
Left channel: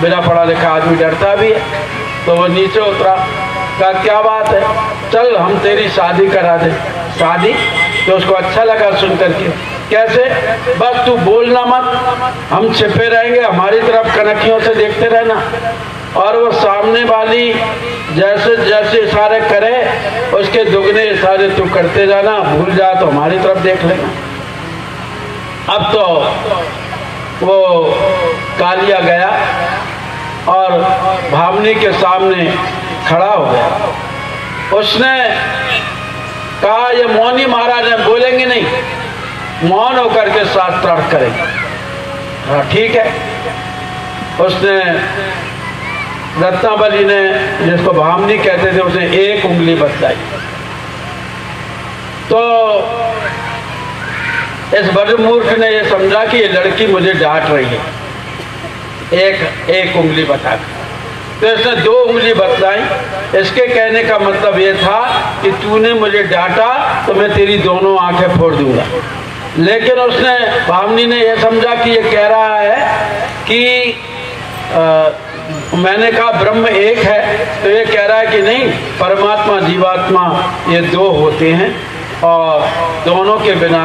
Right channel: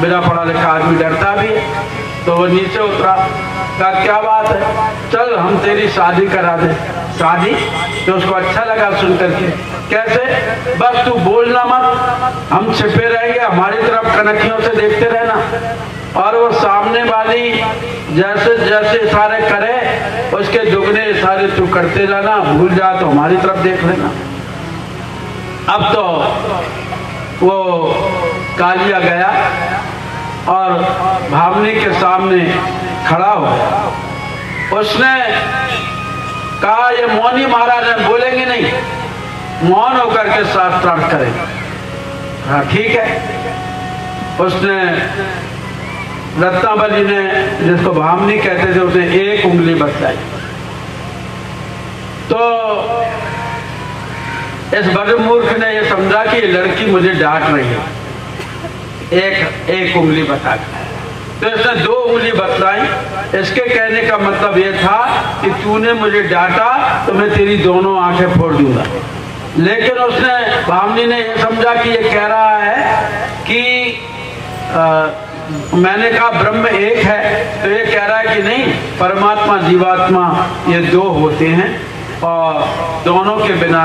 बिना पढ़ा लिखा आदमी डरता भी है, तो वो नीचे उतरा। कहा क्या बात है, चल हम तेरी शादी करा दे। शादी? तो उसको अच्छा लगा सुन करके। कैसे? बस तू बोलना मत, हम छिपे रहेंगे, हमारी तरफ कनखियों से देखते रहना और वो सामने वाली जैसे जैसे इशारे करे उसके दुगने इशारे तू करते जाना, भूल जा तो हमारी तरफ देख लेना। अब तो वो कालिया गया और भामनी के सामने खड़ा हो गया। उसने कहा ये मौनी महाराज है, बोलेंगे नहीं, मौन होकर के शास्त्रार्थ करेंगे। हाँ ठीक है। उसने रत्नावली ने, जिसको भामनी कहते थे, उसने एक उंगली बतलाई। तो इस बद्रमूर्ख ने यह समझा कि ये लड़की मुझे डांट रही है, एक उंगली बता दी। तो इसने 2 उंगली बतलाई। इसके कहने का मतलब ये था कि तूने मुझे डांटा तो मैं तेरी दोनों आंखें फोड़ दूंगा। लेकिन उसने, भामनी ने यह समझा कि ये कह रहा है कि मैंने कहा ब्रह्म एक है, तो ये कह रहा है कि नहीं, परमात्मा जीवात्मा ये 2 होते हैं और दोनों के बिना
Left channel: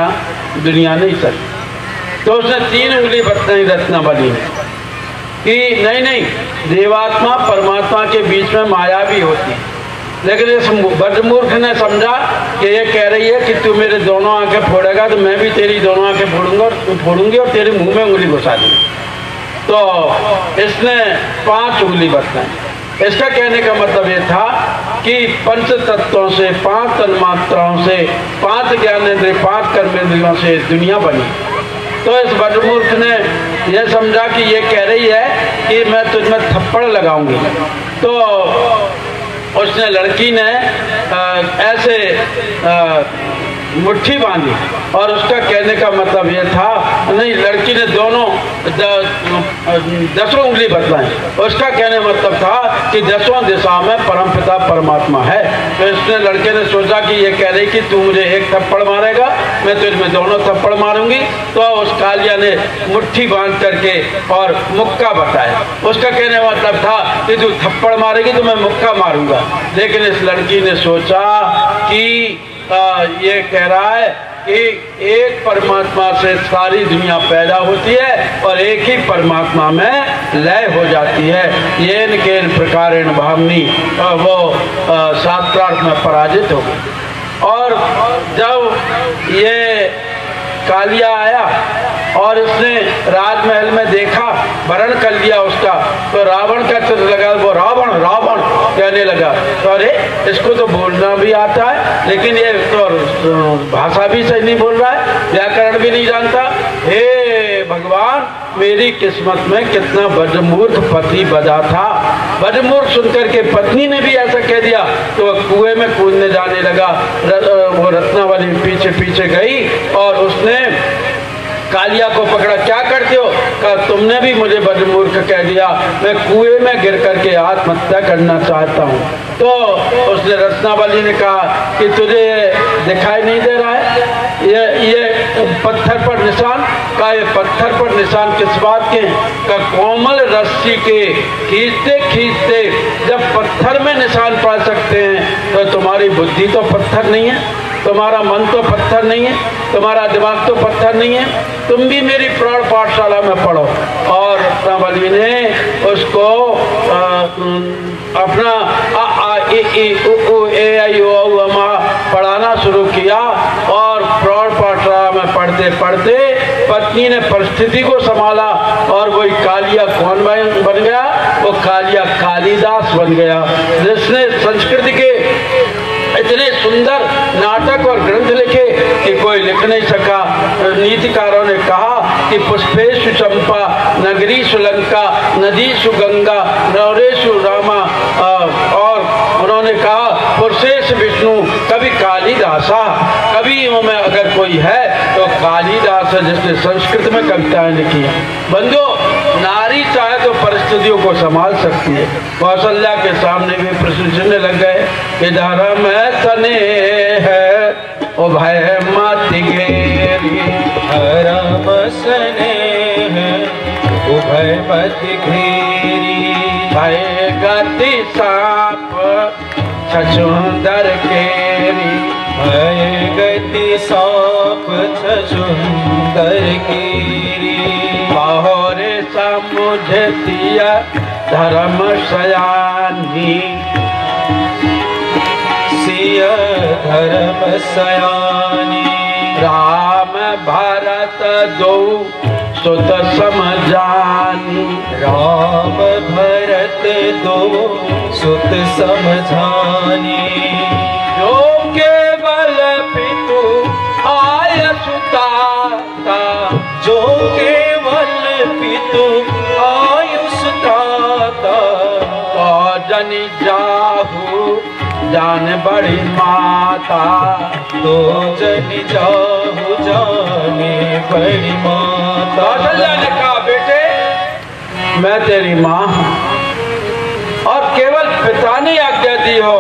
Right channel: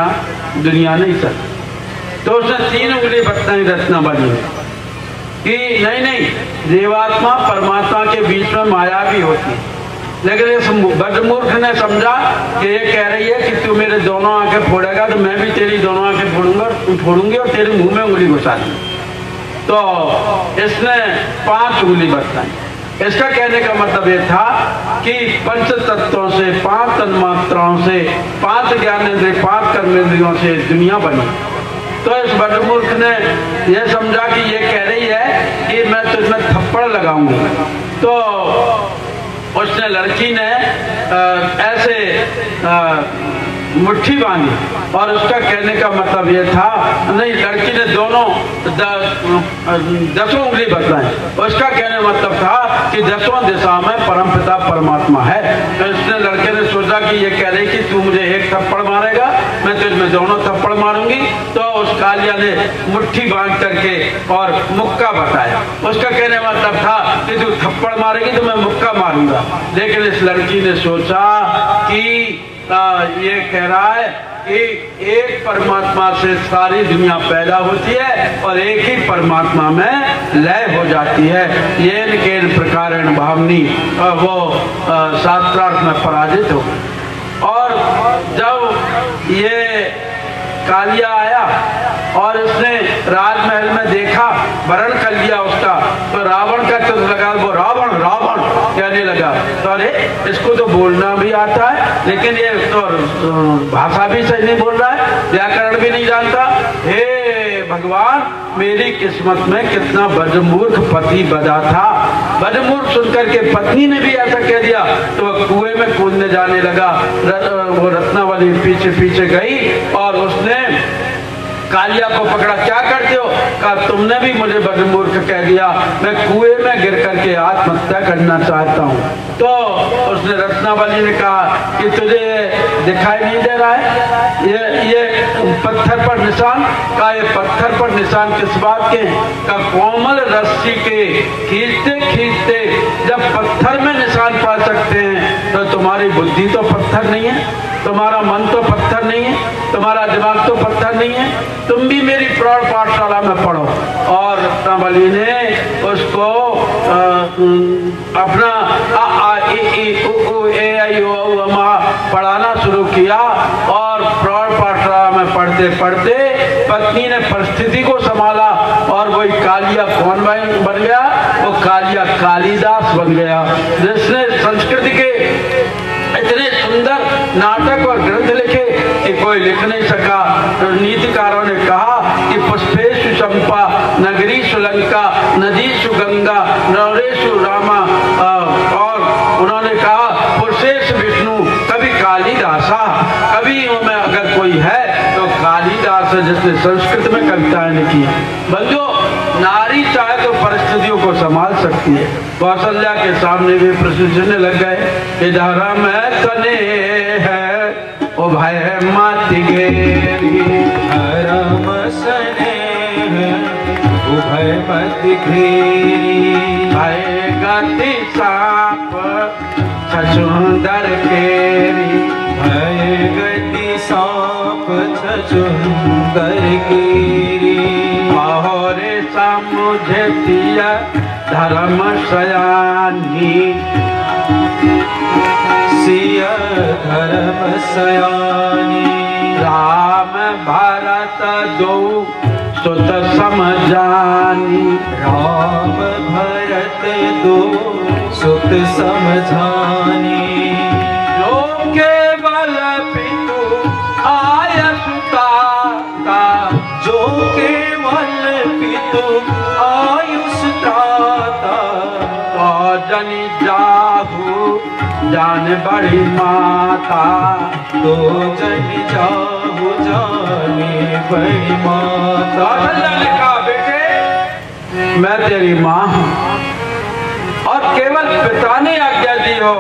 दुनिया नहीं चलती। तो उसने 3 उंगली बतलाई रत्नावली ने कि नहीं, जीवात्मा परमात्मा के बीच में माया भी होती है। लेकिन इस बद्रमूर्ख ने समझा कि ये कह रही है कि तू मेरे दोनों आंखें फोड़ेगा तो मैं भी तेरी दोनों आंखें फोड़ूंगा, तू फोड़ूंगी और तेरे मुंह में उंगली घुसा दूंगी। तो इसने 5 उंगली बतलाई। इसका कहने का मतलब ये था कि 5 तत्वों से, 5 तन्मात्राओं से, 5 ज्ञानेंद्रिय, 5 कर्मेंद्रियों से दुनिया बनी। तो इस बद्रमूर्ख ने यह समझा कि ये कह रही है कि मैं तुझमें थप्पड़ लगाऊंगी। तो उसने, लड़की ने ऐसे मुट्ठी बांधी और उसका कहने का मतलब ये था, नहीं, लड़की ने दोनों 10 उंगली बतलाई। उसका कहने का मतलब था कि 10 दिशा में परमपिता परमात्मा है। तो इसने, लड़के ने सोचा कि ये कह रही कि तू मुझे एक थप्पड़ मारेगा, मैं तुझमें दोनों थप्पड़ मारूंगी। तो उस कालिया ने मुट्ठी बांध करके और मुक्का बताया। उसका कहने का मतलब था कि तू थप्पड़ मारेगी तो मैं मुक्का मारूंगा। लेकिन इस लड़की ने सोचा कि ये कह रहा है कि एक परमात्मा से सारी दुनिया पैदा होती है और एक ही परमात्मा में लय हो जाती है। ये केन प्रकारेण भामनी वो शास्त्रार्थ में पराजित हो गई। और जब ये कालिया आया और उसने राजमहल में देखा, वरण कर लिया उसका, तो रावण का चित्र लगा, वो रावण रावण कहने लगा। तो अरे इसको तो बोलना भी आता है, लेकिन ये तो भाषा भी सही नहीं बोल रहा है, व्याकरण भी नहीं जानता। हे भगवान, मेरी किस्मत में कितना बदमूर्ख पति बदा था। बदमूर्ख सुनकर के पत्नी ने भी ऐसा कह दिया तो वह कुएं में कूदने जाने लगा। वो रत्नावली पीछे पीछे गई और उसने कालिया को पकड़ा। क्या करते हो? कहा तुमने भी मुझे बदमूर्ख कह दिया, मैं कुएं में गिर करके आत्महत्या करना चाहता हूँ। तो उसने, रत्नावली ने कहा कि तुझे दिखाई नहीं दे रहा है ये पत्थर पर निशान? का ये पत्थर पर निशान किस बात के? का कोमल रस्सी के खींचते खींचते जब पत्थर में निशान पड़ सकते हैं तो तुम्हारी बुद्धि तो पत्थर नहीं है, तुम्हारा मन तो पत्थर नहीं है, तुम्हारा दिमाग तो पत्थर नहीं है, तुम भी मेरी प्रौढ़ पाठशाला में पढ़ो। और रत्नावली ने उसको अपना पढ़ाना शुरू किया और प्रौढ़ पाठशाला में पढ़ते पढ़ते पत्नी ने परिस्थिति को संभाला और और वही कालिया कौन बन गया? वो कालिया कालिदास बन गया, जिसने संस्कृत के इतने सुंदर नाटक और ग्रंथ लिखे कि कोई लिख नहीं सका। नीतिकारों ने कहा कि पुष्पेषु चंपा नगरी सुलंका नदीषु गंगा नरेशु रामा, और उन्होंने कहा पुरुषेश विष्णु कभी कालिदासा, कभी में अगर कोई है तो कालिदास, जिसने संस्कृत में कविताएं लिखी। बंधुओं, नारी चाहे तो परिस्थितियों को संभाल सकती है। कौशल्या के सामने भी प्रश्न लग गए कि धर्म सने है ओ भय मत घेरी, धर्म सने है ओ भय मत घेरी, भय गति साप छछूंदर केरी, भय गति सांप छछूंदर केरी, बाहरे मुझे दिया धर्म सयानी, सिया धर्म सयानी, राम भरत दो सुत समझानी, राम भरत दो सुत समझानी, जो केवल पितु आय सुताता, जो केवल पितु आयुष दाता, और जनि जाहु जान बड़ी माता, तो जन जाहु जाने बड़ी माता। कौशल्या ने कहा बेटे मैं तेरी माँ हूँ, और केवल पिता ने आज्ञा दी हो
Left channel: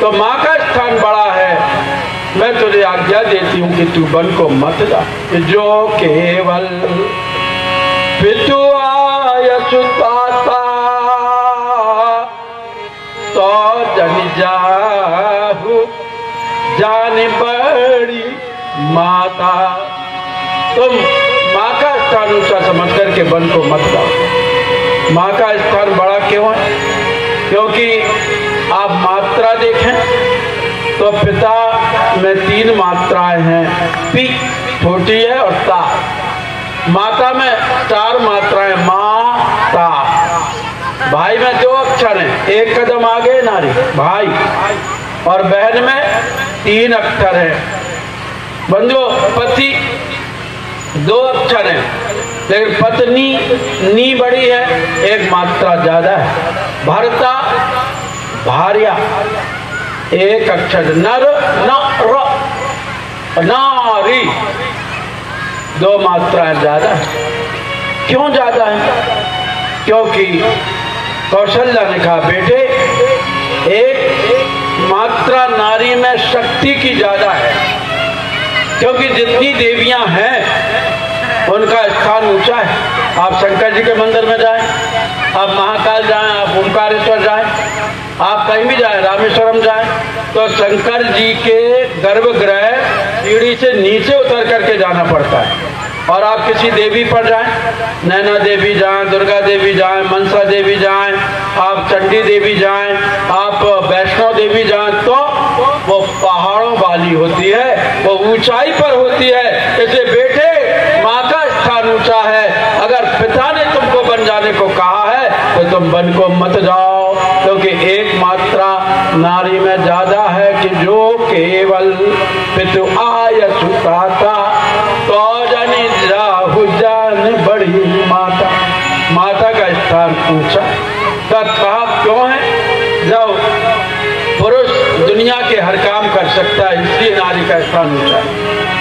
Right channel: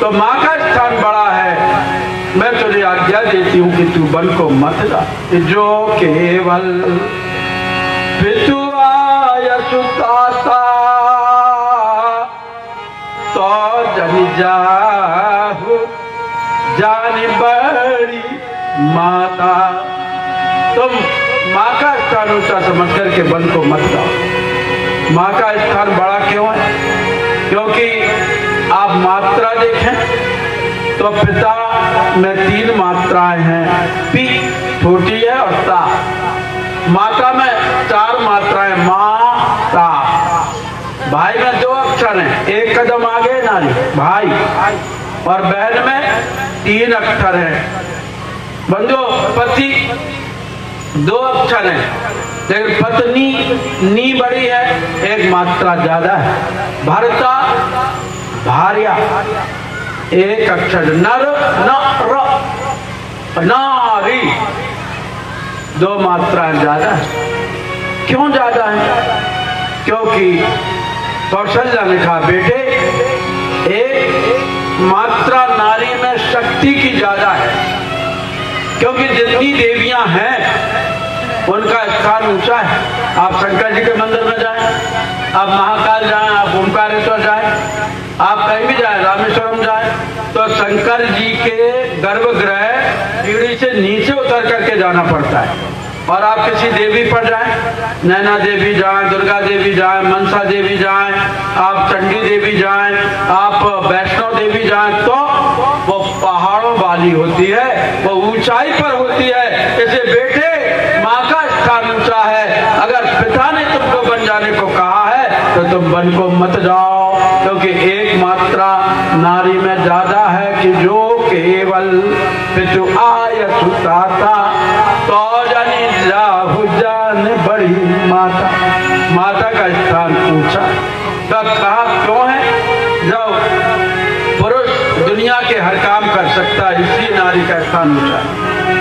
तो माँ का स्थान बड़ा है। मैं तुझे आज्ञा देती हूँ कि तू वन को मत जा, जो केवल पितु आय सुताता, तो जनि जाहु जान बड़ी माता। तुम माँ का स्थान ऊंचा समझ करके वन को मत जाओ। माँ का स्थान बड़ा क्यों है? क्योंकि आप मात्रा देखें तो पिता में 3 मात्राएं हैं, पी छोटी है और ता। माता में 4 मात्राएं, माँ ता। भाई में 2 अक्षर हैं, 1 कदम आगे नारी भाई, और बहन में 3 अक्षर हैं। बंधु पति 2 अक्षर हैं, लेकिन पत्नी नी बड़ी है, 1 मात्रा ज्यादा है। भरता भार्या 1 अक्षर, नर न नारी 2 मात्राएं ज्यादा है। क्यों ज्यादा है? क्योंकि कौशल्या ने कहा बेटे 1 मात्रा नारी में शक्ति की ज्यादा है, क्योंकि जितनी देवियां हैं उनका स्थान ऊंचा है। आप शंकर जी के मंदिर में जाएं, आप महाकाल जाएं, आप ओंकारेश्वर जाएं, आप कहीं भी जाएं, रामेश्वरम जाएं, तो शंकर जी के गर्भगृह सीढ़ी से नीचे उतर करके जाना पड़ता है। और आप किसी देवी पर जाएं, नैना देवी जाएं, दुर्गा देवी जाएं, मनसा देवी जाएं, आप चंडी देवी जाएं, आप वैष्णो देवी जाएं, तो वो पहाड़ों वाली होती है, वो ऊंचाई पर होती है। इसे बेटे माँ का स्थान ऊंचा है। अगर पिता ने तुमको बन जाने को कहा है तो तुम वन को मत जाओ, क्योंकि 1 मात्रा नारी में ज्यादा है कि जो केवल पितु आय सुताता, तो जनि जाहु जान बड़ी माता। माता का स्थान ऊंचा। तब कहा क्यों है? जब पुरुष दुनिया के हर काम कर सकता है, इसलिए नारी का स्थान ऊंचा।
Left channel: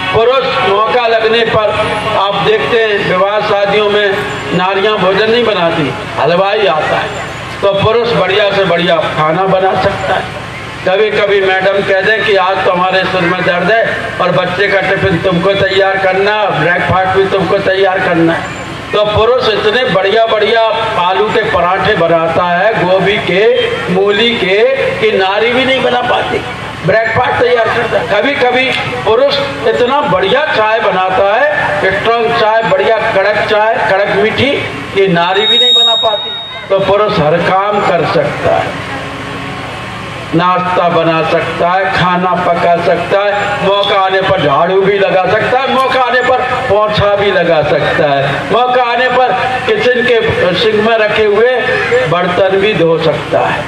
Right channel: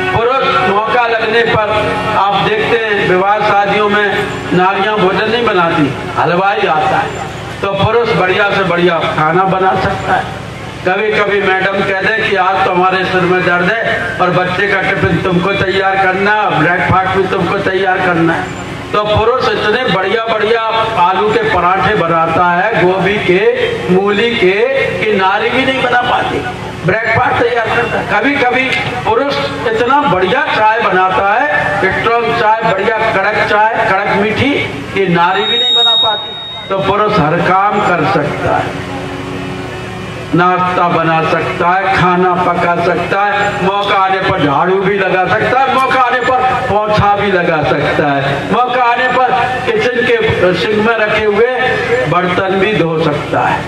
पुरुष मौका लगने पर आप देखते हैं विवाह शादियों में नारियां भोजन नहीं बनाती, हलवाई आता है तो पुरुष बढ़िया से बढ़िया खाना बना सकता है। कभी कभी मैडम कह दे कि आज तो हमारे सिर में दर्द है और बच्चे का टिफिन तुमको तैयार करना, ब्रेकफास्ट भी तुमको तैयार करना है, तो पुरुष इतने बढ़िया बढ़िया आलू के पराठे बनाता है, गोभी के, मूली के, कि नारी भी नहीं बना पाती, ब्रेकफास्ट तैयार करता है। कभी कभी पुरुष इतना बढ़िया चाय बनाता है, स्ट्रॉन्ग चाय, बढ़िया कड़क चाय, कड़क मीठी, कि नारी भी नहीं बना पाती। तो पुरुष हर काम कर सकता है, नाश्ता बना सकता है, खाना पका सकता है, मौका आने पर झाड़ू भी लगा सकता है, मौका आने पर पोछा भी लगा सकता है, मौका आने पर सिंक में रखे हुए बर्तन भी धो सकता है,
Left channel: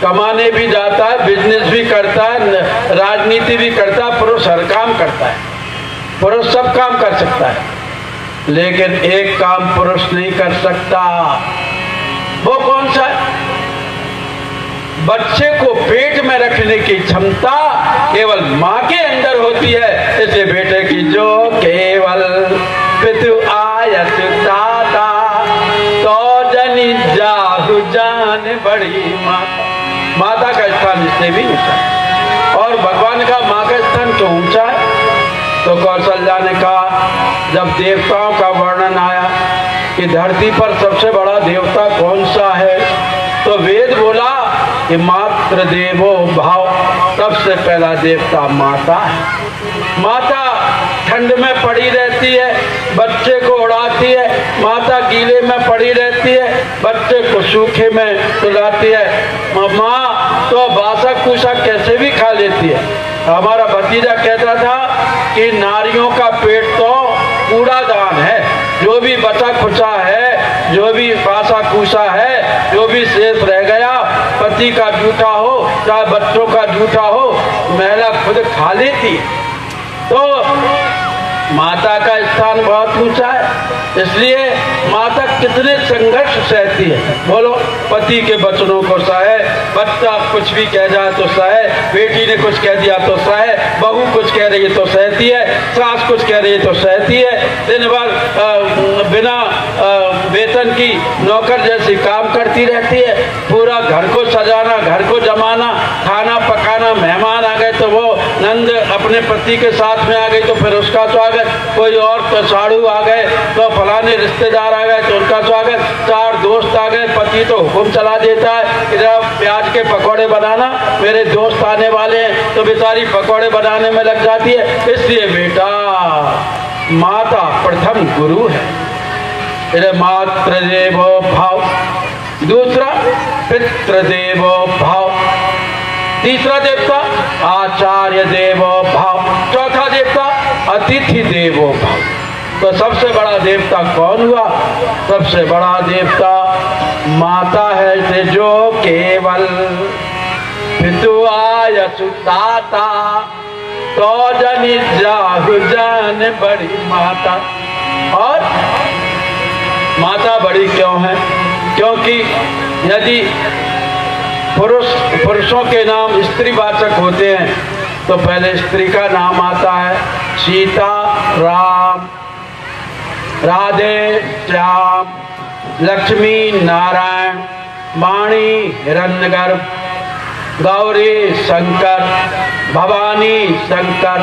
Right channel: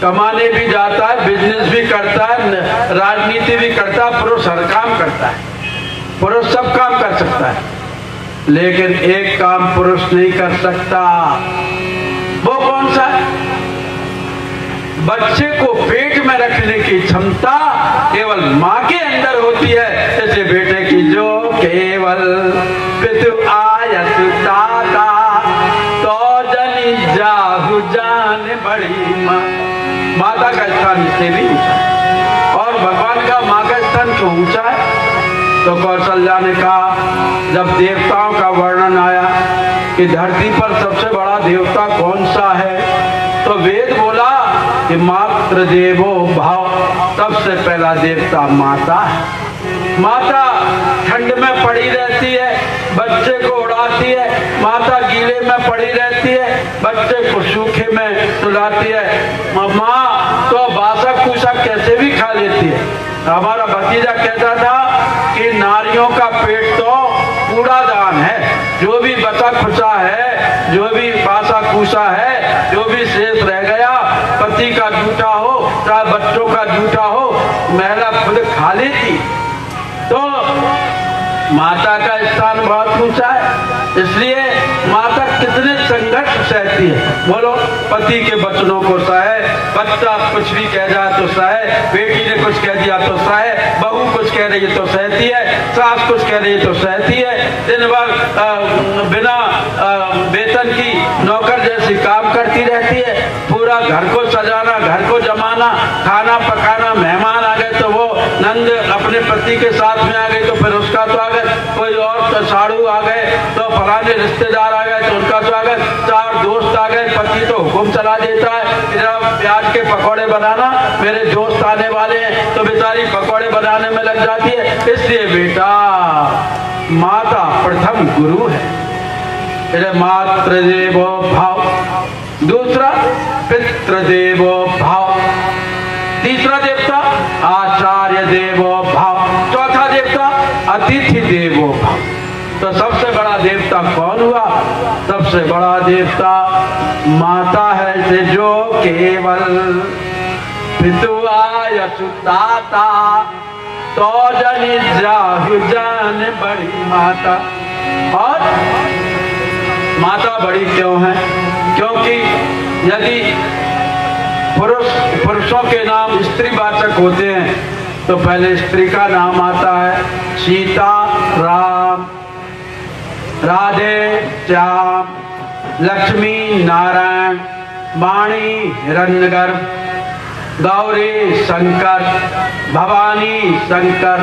कमाने भी जाता है, बिजनेस भी करता है, राजनीति भी करता है। पुरुष हर काम करता है, पुरुष सब काम कर सकता है, लेकिन एक काम पुरुष नहीं कर सकता। वो कौन सा? बच्चे को पेट में रखने की क्षमता केवल माँ के अंदर होती है। इसलिए बेटे की जो केवल पितु आयत दाता तो जनी जाहु जान बड़ी माता का स्थान इससे भी ऊंचा। और भगवान का माँ का स्थान क्यों ऊंचा है? तो कौशल्या ने कहा, जब देवताओं का वर्णन आया कि धरती पर सबसे बड़ा देवता कौन सा है, तो वेद बोला कि मातृ देवो भाव, सबसे पहला देवता माता है। माता ठंड में पड़ी रहती है, बच्चे को उड़ाती है। माता गीले में पड़ी रहती है, बच्चे को सूखे में सुलाती है। माँ तो बासा कुसा कैसे भी खा लेती है। हमारा भतीजा कहता था कि नारियों का पेट तो कूड़ादान है, जो भी बचा खुचा है, जो भी बासा कुसा है, जो भी शेष रह गया, पति का जूठा हो चाहे बच्चों का जूठा हो, महिला खुद खा लेती। तो माता का स्थान बहुत ऊंचा है। इसलिए माता कितने संघर्ष सहती है, बोलो। पति के वचनों को सहे, बच्चा कुछ भी कह जाए तो सहे, बेटी ने कुछ कह दिया तो सहे, बहू कुछ कह रही तो सहती है, सास कुछ कह रही तो सहती है। दिन भर बिना वेतन की नौकर जैसी काम करती रहती है। पूरा घर को सजाना, घर को जमाना, खाना पकाना, मेहमान आ गए तो वो नंद अपने पति के साथ में आ गए तो फिर उसका स्वागत, कोई और तो साड़ू आ गए तो फलाने रिश्तेदार आ गए तो उनका स्वागत, चार दोस्त आ गए, पति तो हुक्म चला देता है इधर प्याज के पकौड़े बनाना, मेरे दोस्त आने वाले हैं, तो बेचारी पकौड़े बनाने में लग जाती है। इसलिए बेटा माता प्रथम गुरु है, मातृदेवो भाव, दूसरा पितृदेवो भाव, तीसरा देवता आचार्य देवो भाव, चौथा देवता अतिथि देवो भाव। तो सबसे बड़ा देवता कौन हुआ? सबसे बड़ा देवता माता है, जो केवल पितु आयसु दाता तो जनि जाहु जान बड़ी माता। और माता बड़ी क्यों है? क्योंकि यदि पुरुषों के नाम स्त्रीवाचक होते हैं तो पहले स्त्री का नाम आता है, सीता, राम, राधे, श्याम, लक्ष्मी, नारायण, वाणी, हिरण्यगर्भ, गौरी, शंकर, भवानी, शंकर,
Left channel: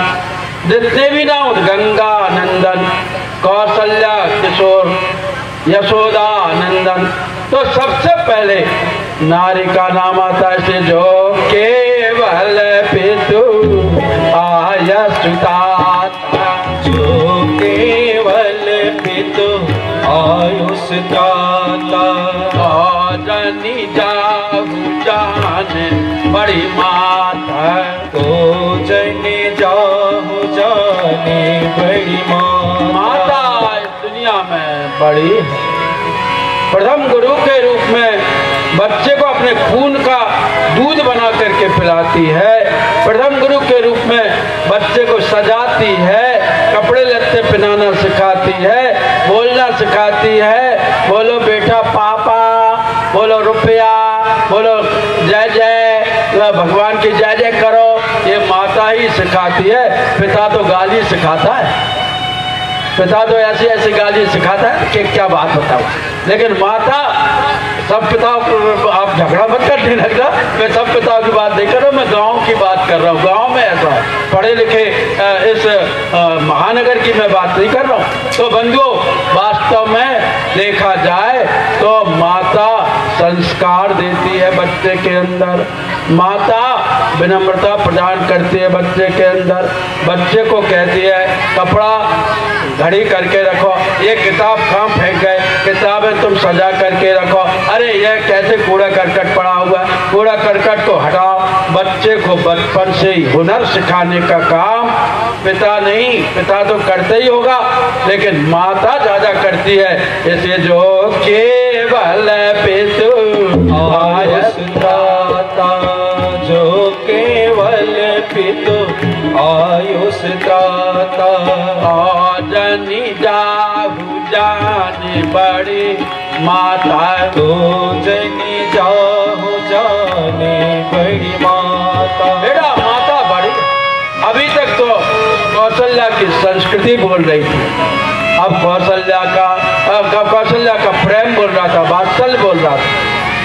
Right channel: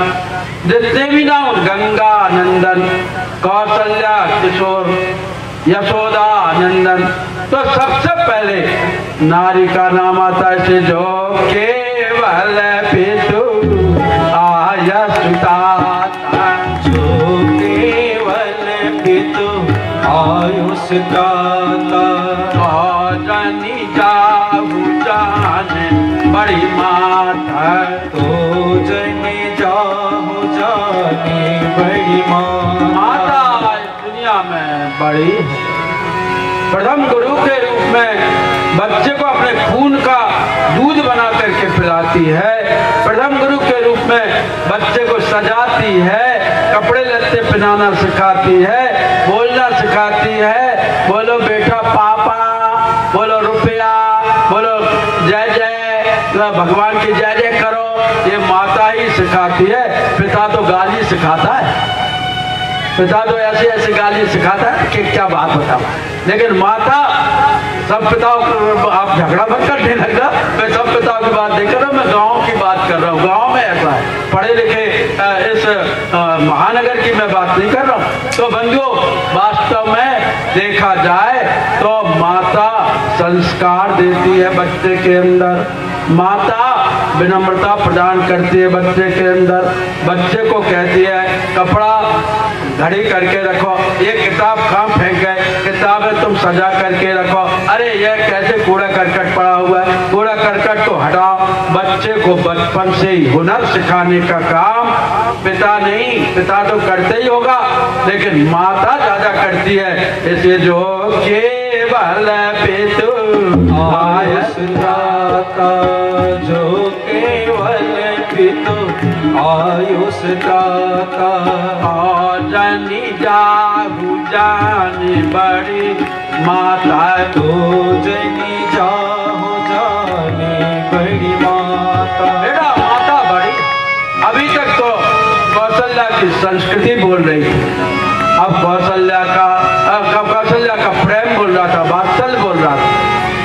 जितने भी नाम, गंगा नंदन, कौशल्या, किशोर, यशोदा, नंदन। तो सबसे पहले नारी का नाम आता है, जो केवल पितु आयसु दाता, जो केवल पितु आयुष दाता, जनि जाहु जाने बड़ी माता, तो जनि जाहु जाने बड़ी माता दुनिया में बड़ी है। प्रथम गुरु के रूप में बच्चे को अपने खून का दूध बना करके पिलाती है। प्रथम गुरु के रूप में बच्चे को सजाती है, कपड़े लत्ते पहनाना सिखाती है, बोलना सिखाती है। बोलो बेटा पापा, बोलो रुपया, बोलो जय जय, भगवान की जय जय करो, ये माता ही सिखाती है। पिता तो गाली सिखाता है, पिता तो ऐसी ऐसी गाली सिखाता है कि क्या बात बताओ। लेकिन माता, सब पिताओं को आप झगड़ा मत करने लगता, मैं सब पिताओं की बात नहीं कर रहा हूँ, मैं गाँव की बात कर रहा हूँ। गाँव में ऐसा है, पढ़े लिखे इस महानगर की मैं बात नहीं कर रहा हूँ। तो बंधुओं, वास्तव में देखा जाए तो माता संस्कार देती है बच्चे के अंदर, माता विनम्रता प्रदान करती है बच्चे के अंदर। बच्चे को कहती है कपड़ा घड़ी करके रखो, ये किताब कहाँ फेंक गए, किताबें तुम सजा करके रखो, अरे ये कैसे कूड़ा करकट पड़ा हुआ है, कूड़ा करकट को हटाओ। बच्चे को बचपन से ही हुनर सिखाने का काम पिता नहीं, पिता तो करते ही होगा, लेकिन माता ज्यादा करती है। इसलिए जो केवल पितु आयुष दाता, जो केवल पितु आयुष दाता, और जनी जाहु जानी बड़ी माता, तो जनी जाहु जाने बड़ी माता। बेटा माता बड़ी, अभी तक तो कौशल्या की संस्कृति बोल रही थी, अब कौशल्या का प्रेम बोल रहा था, वात्सल्य बोल रहा था।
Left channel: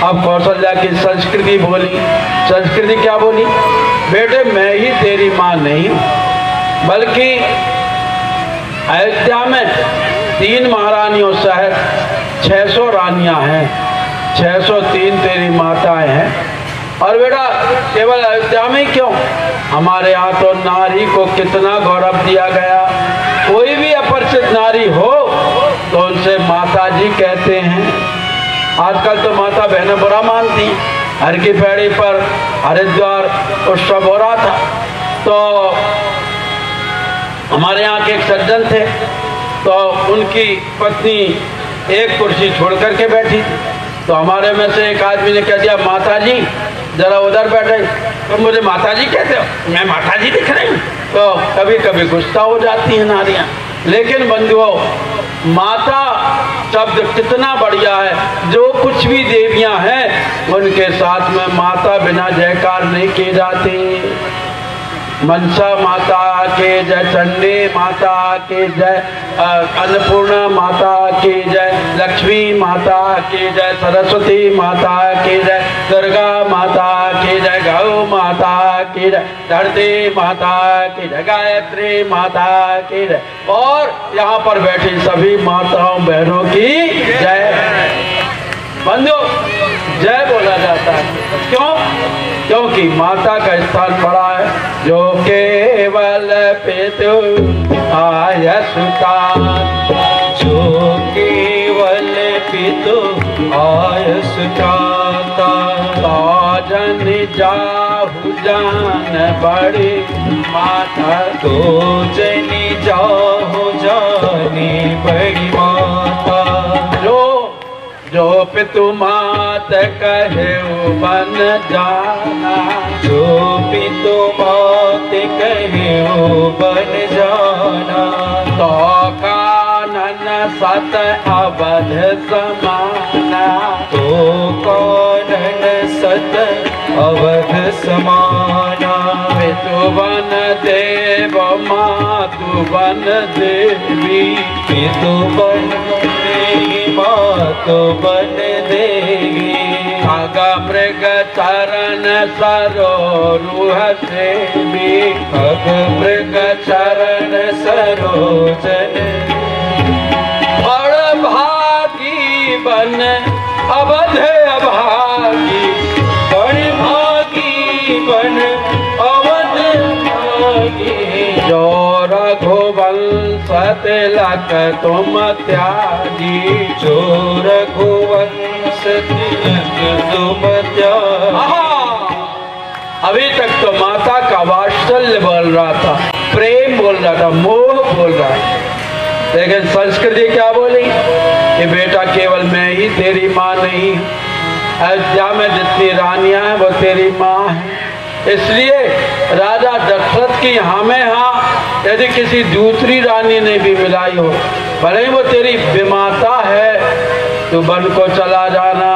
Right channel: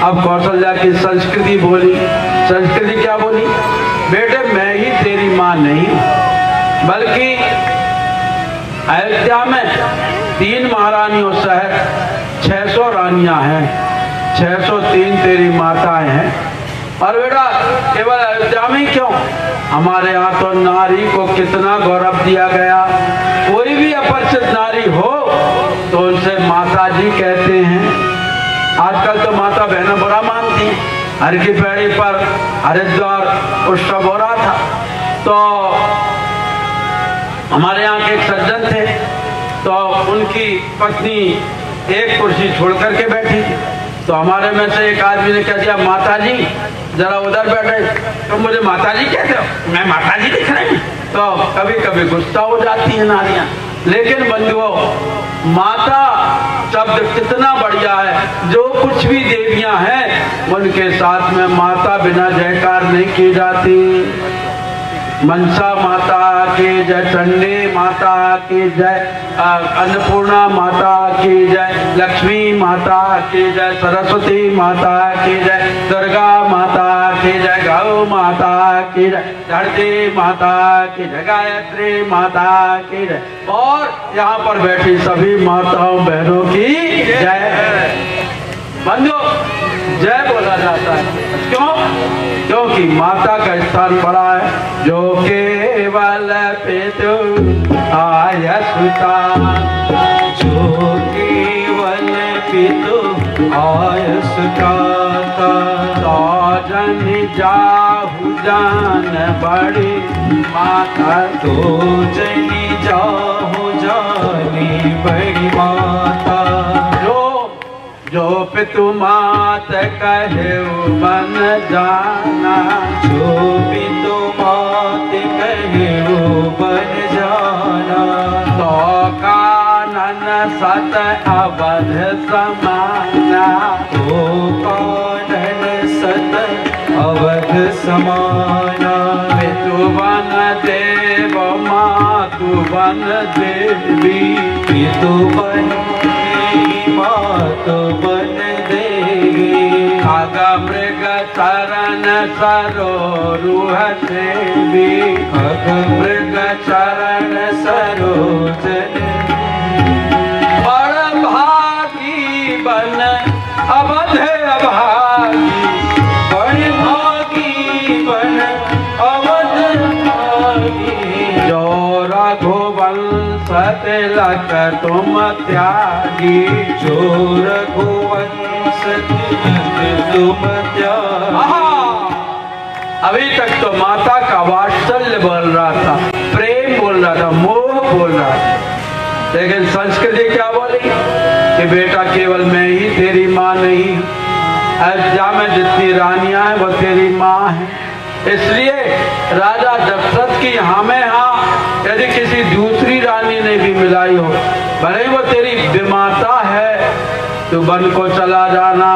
अब कौशल्या की संस्कृति बोली। संस्कृति क्या बोली? बेटे मैं ही तेरी माँ नहीं, बल्कि अयोध्या में 3 महारानियों सहित 600 रानियां हैं, 603 तेरी माताएं हैं। और बेटा केवल अयोध्या में क्यों, हमारे यहाँ तो नारी को कितना गौरव दिया गया। कोई भी अपरिचित नारी हो तो उनसे माता जी कहते हैं। आजकल तो माता बहनें बुरा मानती। हर की पैड़ी पर हरिद्वार उत्सव हो रहा था, तो हमारे यहाँ के एक सज्जन थे, तो उनकी पत्नी एक कुर्सी छोड़ करके बैठी थी। तो हमारे में से एक आदमी ने कह दिया, माता जी जरा उधर बैठे। तो मुझे माता जी कहते हो, मैं माता जी दिख रही हूँ। तो कभी कभी गुस्सा हो जाती है नारियां। लेकिन बंधुओं, माता शब्द कितना बढ़िया है। जो कुछ भी देवियां हैं उनके साथ में माता बिना जयकार नहीं की जाती। मनसा माता के जय, चंडी माता के जय, अन्नपूर्णा माता की जय, लक्ष्मी माता की जय, सरस्वती माता की जय, दुर्गा माता की जय, गौ माता की जय, धरती माता की जय, गायत्री माता की जय, और यहाँ पर बैठी सभी माताओं बहनों की जय। बंधुओं, जय बोला जाता है क्यों? क्योंकि माता का स्थान बड़ा है। जो केवल पितु आयसुता, जो केवल पितु आयसुता, तो जन जाहु जान बड़ी माता, तो जनी जाहु जानी बड़ी माता। जो पितु मात कहे बन जाना, जो पितु मात कहे बन जाना, तो कानन सत अवध समाना, तो कानन सत अवध समाना। पितु बन देव मातु बन देवी, पितु बन मातु बन देवी। खग मृग चरण सरोरुह सेवी, खग मृग चरण सरोजन, और भागी बन अवध अभागी, बड़ भागी बन अवध भागी। जो रघुवंश तिलक तुम त्यागी, जो रघुवंश तिलक तुम त्यागी। अभी तक तो माता का वात्सल्य बोल रहा था, प्रेम बोल रहा था, मोह बोल रहा था। लेकिन संस्कृति क्या बोली कि बेटा केवल मैं ही तेरी माँ नहीं, अयोध्या में जितनी रानियां हैं वो तेरी माँ है। इसलिए राजा दशरथ की हमें यहाँ यदि किसी दूसरी रानी ने भी मिलाई हो, भले वो तेरी विमाता है, तो वन को चला जाना।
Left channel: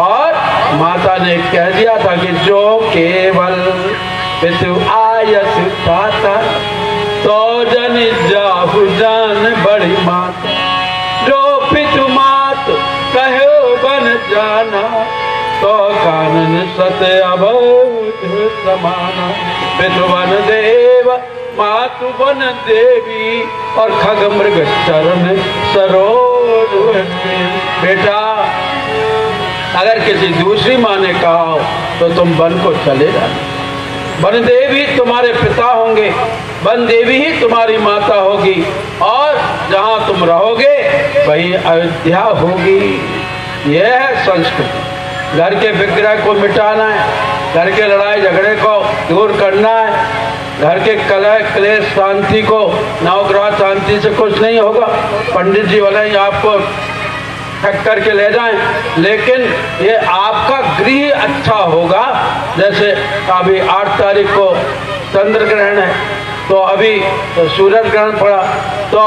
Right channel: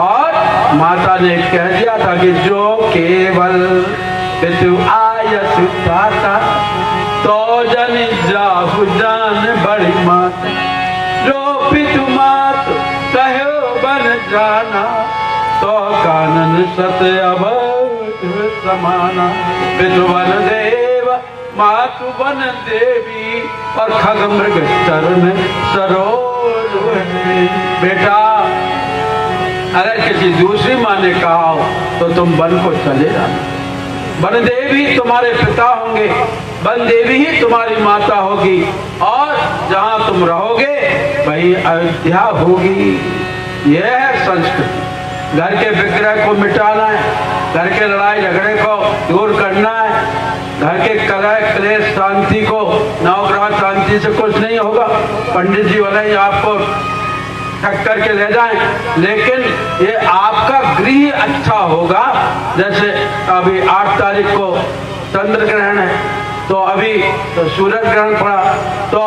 और माता ने कह दिया था कि जो केवल पितु आयसुता, तो जन जाहु जान बड़ी माता। जो पितु मात कहो बन जाना, तो कानन सत अवध समाना। पितु बन देव मातु बन देवी, और खग मृग चरण सरोज। बेटा अगर किसी दूसरी माँ ने कहा हो तो तुम वन को चले जाना। वन देवी तुम्हारे पिता होंगे, वन देवी ही तुम्हारी माता होगी, और जहाँ तुम रहोगे वही अयोध्या होगी। यह है संस्कृति। घर के विग्रह को मिटाना है, घर के लड़ाई झगड़े को दूर करना है, घर के कलह क्लेश शांति को, नवग्रह शांति से कुछ नहीं होगा। पंडित जी वाले ही आपको ठक करके ले जाएं, लेकिन ये आपका गृह अच्छा होगा। जैसे अभी 8 तारीख को चंद्र ग्रहण है, तो अभी तो सूरज ग्रहण पड़ा, तो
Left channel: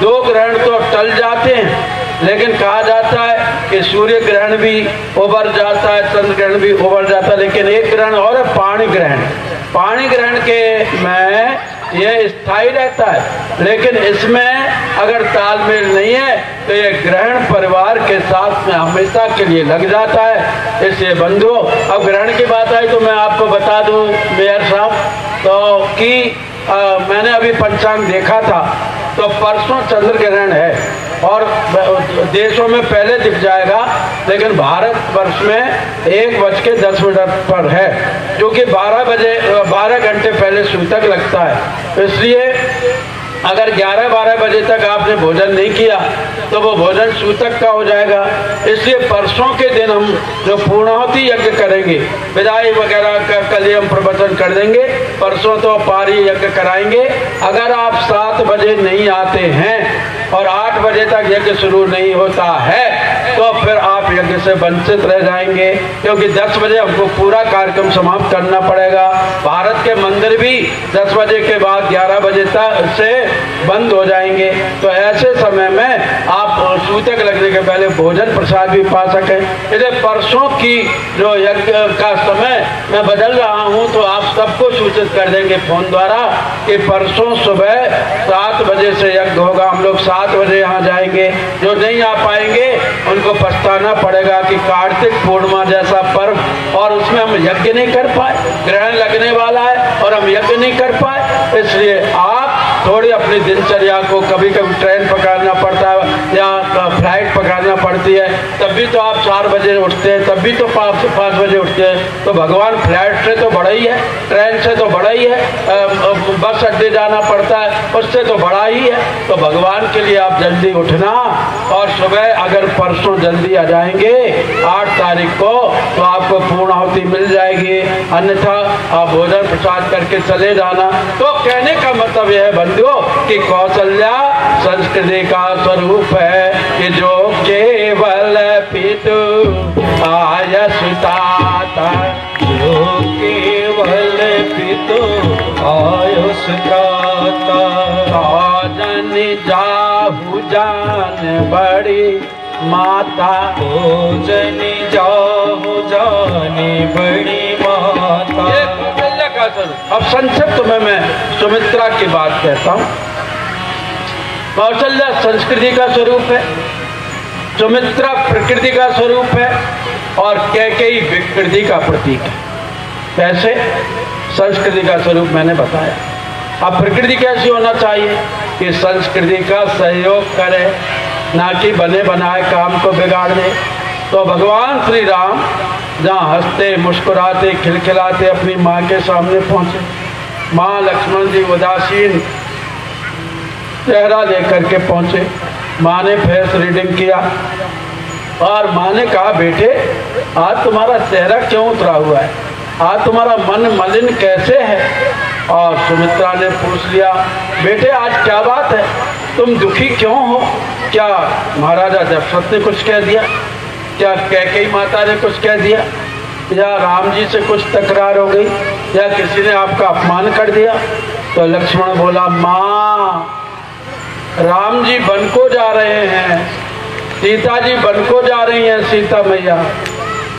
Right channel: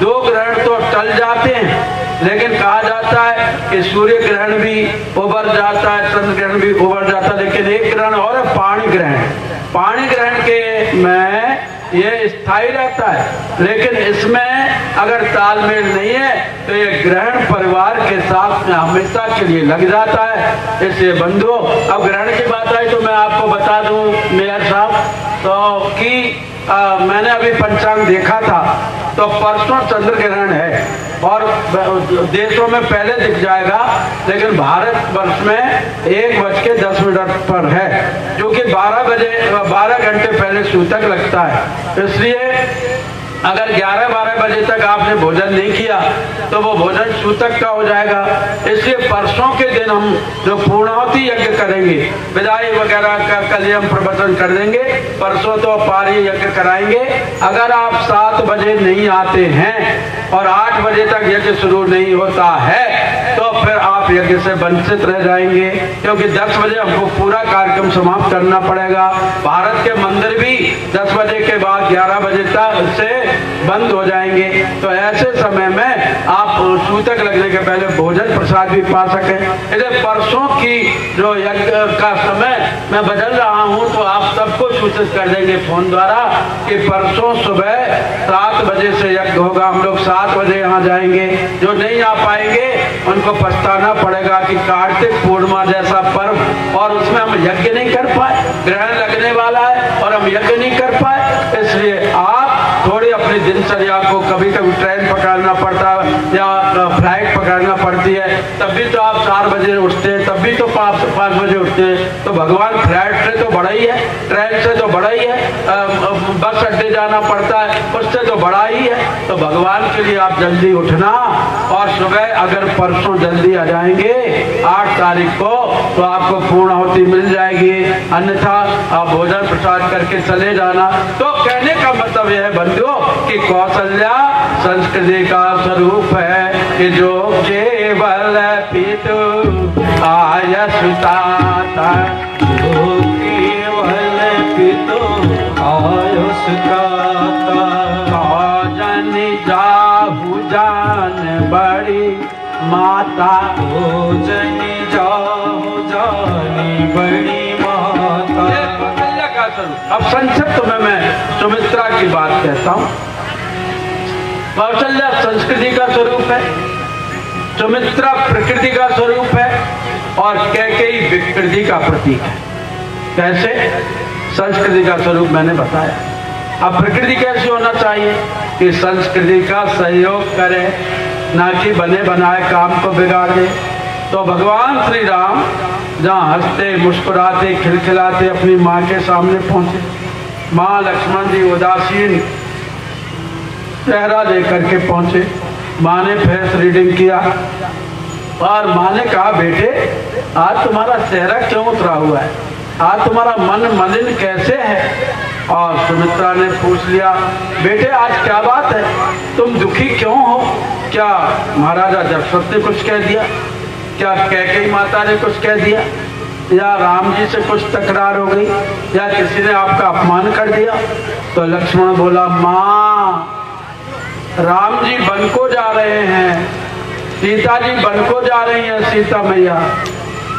2 ग्रहण तो टल जाते हैं, लेकिन कहा जाता है कि सूर्य ग्रहण भी उभर जाता है, चंद्र ग्रहण भी उभर जाता है, लेकिन एक ग्रहण और है पाणी ग्रहण। पाणी ग्रहण के में ये स्थायी रहता है, लेकिन इसमें अगर तालमेल नहीं है तो ये ग्रहण परिवार के साथ में हमेशा के लिए लग जाता है। इसलिए बंधुओं, अब ग्रहण की बात आई तो मैं आपको बता दूं मेयर साहब, तो कि मैंने अभी पंचांग देखा था, तो परसों चंद्र ग्रहण है और देशों में पहले दिख जाएगा, लेकिन भारत वर्ष में 1:10 पर है, जो कि 12 घंटे पहले सूतक लगता है। इसलिए अगर 11-12 बजे तक आपने भोजन नहीं किया तो वो भोजन सूतक का हो जाएगा। इसलिए परसों के दिन हम जो पूर्णाहुति यज्ञ करेंगे, विदाई वगैरह का कल हम प्रवचन कर देंगे, परसों तो पारी यज्ञ कराएंगे। अगर आप 7 बजे नहीं आते हैं और 8 बजे तक यज्ञ शुरू नहीं होता है तो फिर आप यज्ञ से वंचित रह जाएंगे, क्योंकि 10 बजे हमको पूरा कार्यक्रम समाप्त करना पड़ेगा। भारत के मंदिर भी 10 बजे के बाद 11 बजे तक से बंद हो जाएंगे, तो ऐसे समय में आप सूतक लगने के पहले भोजन प्रसाद भी पा सकें। इसलिए परसों की जो यज्ञ का समय मैं बदल रहा हूं, तो आप सबको सूचित कर देंगे फोन द्वारा कि परसों सुबह 7 बजे से यज्ञ होगा। हम लोग 7 बजे यहाँ जाएंगे। जो नहीं आ पाएंगे उनको पछताना पड़ेगा कि कार्तिक पूर्णिमा जैसा पर्व और उसमें हम यज्ञ नहीं कर पाए, ग्रहण लगने वाला है और हम यज्ञ नहीं कर पाए। इसलिए आप थोड़ी अपनी दिनचर्या को, कभी कभी ट्रेन पकड़ना पड़ता है या फ्लाइट पकड़ना पड़ती है, तब भी तो आप 4 बजे उठते हैं, तब भी तो 5 बजे उठते हैं। तो भगवान फ्लाइट से तो बड़ा ही है, ट्रेन से तो बड़ा ही है, बस अड्डे जाना पड़ता है, उससे तो बड़ा ही है। तो भगवान के लिए आप जल्दी उठना, और सुबह अगर परसों जल्दी आ जाएंगे 8 तारीख को तो आपको पूर्णाहुति मिल जाएगी, अन्यथा आप भोजन प्रसाद करके चले जाना। तो कहने का मतलब यह है बंधुओं कि कौशल्या संस्कृति का स्वरूप है कि जो केवल पितु आयसुताता, जो केवल पितु आयुष्काता, भोजन जाहु जान बड़ी माता, भोजन जाहु जाने बड़ी माता। अब संक्षिप्त में मैं सुमित्रा की बात कहता हूँ। कौशल्या संस्कृति का स्वरूप है, सुमित्रा प्रकृति का स्वरूप है और कैकेयी विकृति का प्रतीक है। कैसे? संस्कृति का स्वरूप मैंने बताया। अब प्रकृति कैसे होना चाहिए कि संस्कृति का सहयोग करे, ना कि बने बनाए काम को बिगाड़ दे। तो भगवान श्री राम जहाँ हंसते मुस्कुराते खिलखिलाते अपनी माँ के सामने पहुंचे, माँ लक्ष्मण जी उदासीन चेहरा लेकर के पहुंचे। माँ ने फेस रीडिंग किया और माँ ने कहा, बेटे आज तुम्हारा चेहरा क्यों उतरा हुआ है, आज तुम्हारा मन मलिन कैसे है? और सुमित्रा ने पूछ लिया, बेटे आज क्या बात है, तुम दुखी क्यों हो? क्या महाराजा दशरथ ने कुछ कह दिया? क्या कैकेयी माता ने कुछ कह दिया? या राम जी से कुछ तकरार हो गई, या किसी ने आपका अपमान कर दिया? तो लक्ष्मण बोला, माँ राम जी वन को जा रहे हैं, सीता जी वन को जा रही हैं, सीता मैया,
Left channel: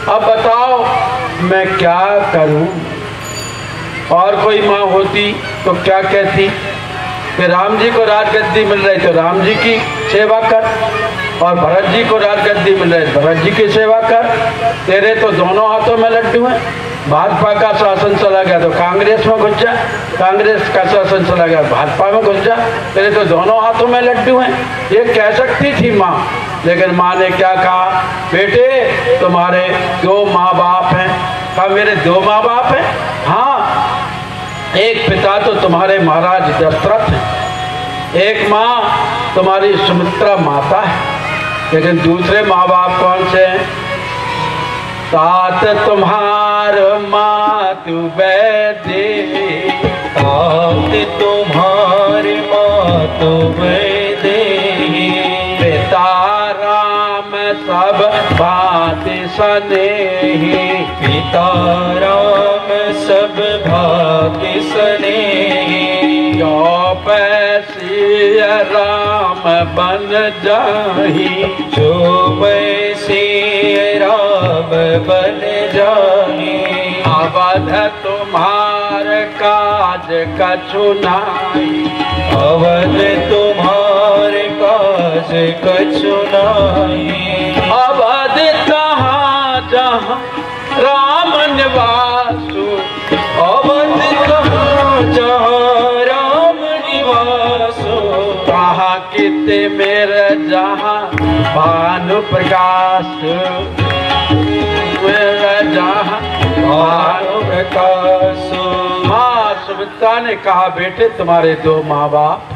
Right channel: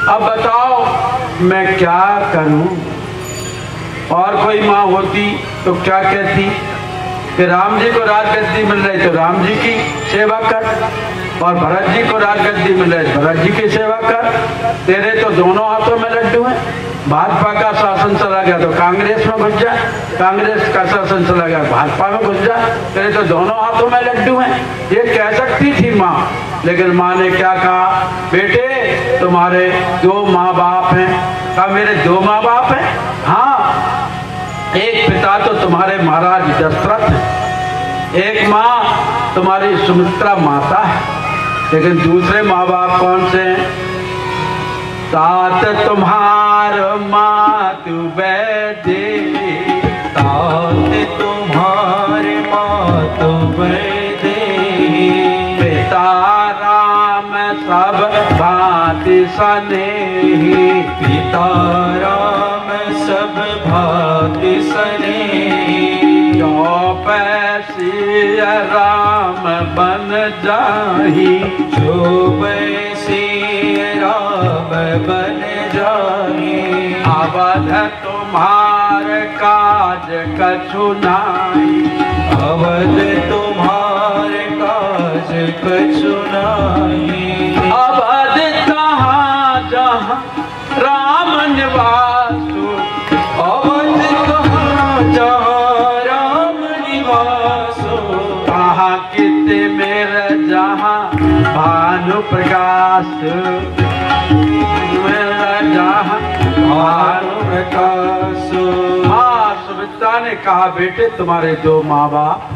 अब बताओ मैं क्या करूं? और कोई माँ होती तो क्या कहती कि राम जी को राजगद्दी मिल रही तो राम जी की सेवा कर, और भरत जी को राजगद्दी मिल रही भरत जी की सेवा कर। तेरे तो दोनों हाथों में लड्डू हैं, भाजपा का शासन चला गया तो कांग्रेस में घुस जा, कांग्रेस का शासन चला गया भाजपा में घुस जा, तेरे तो दोनों हाथों में लड्डू हैं। ये कह सकती थी माँ, लेकिन माँ ने क्या कहा, बेटे तुम्हारे 2 माँ बाप हैं। कहा मेरे 2 माँ बाप हैं? हाँ, एक पिता तो तुम्हारे महाराज दशरथ, एक माँ तुम्हारी सुमित्रा माता है, लेकिन दूसरे माँ बाप कौन से हैं? तात तुम्हार मातु वैदे, तुम दे। पिता राम सब भांति सनेही, पिता राम सब भांति सनेही। जो पैसी राम बन जाही, जो वैसे राम बन जाही। अवध तुम्हार काज कछु नाहि, अवध तुम्हार काज कछु नाहि। अवध कहाँ जहाँ राम निवासु, अवध कहाँ जहाँ राम निवासो। वहाँ किते मेरे जहाँ भानु प्रकाश, मेरा जहाँ भानु प्रकाशो। माँ सुमित्रा ने कहा, बेटे तुम्हारे दो माँ बाप,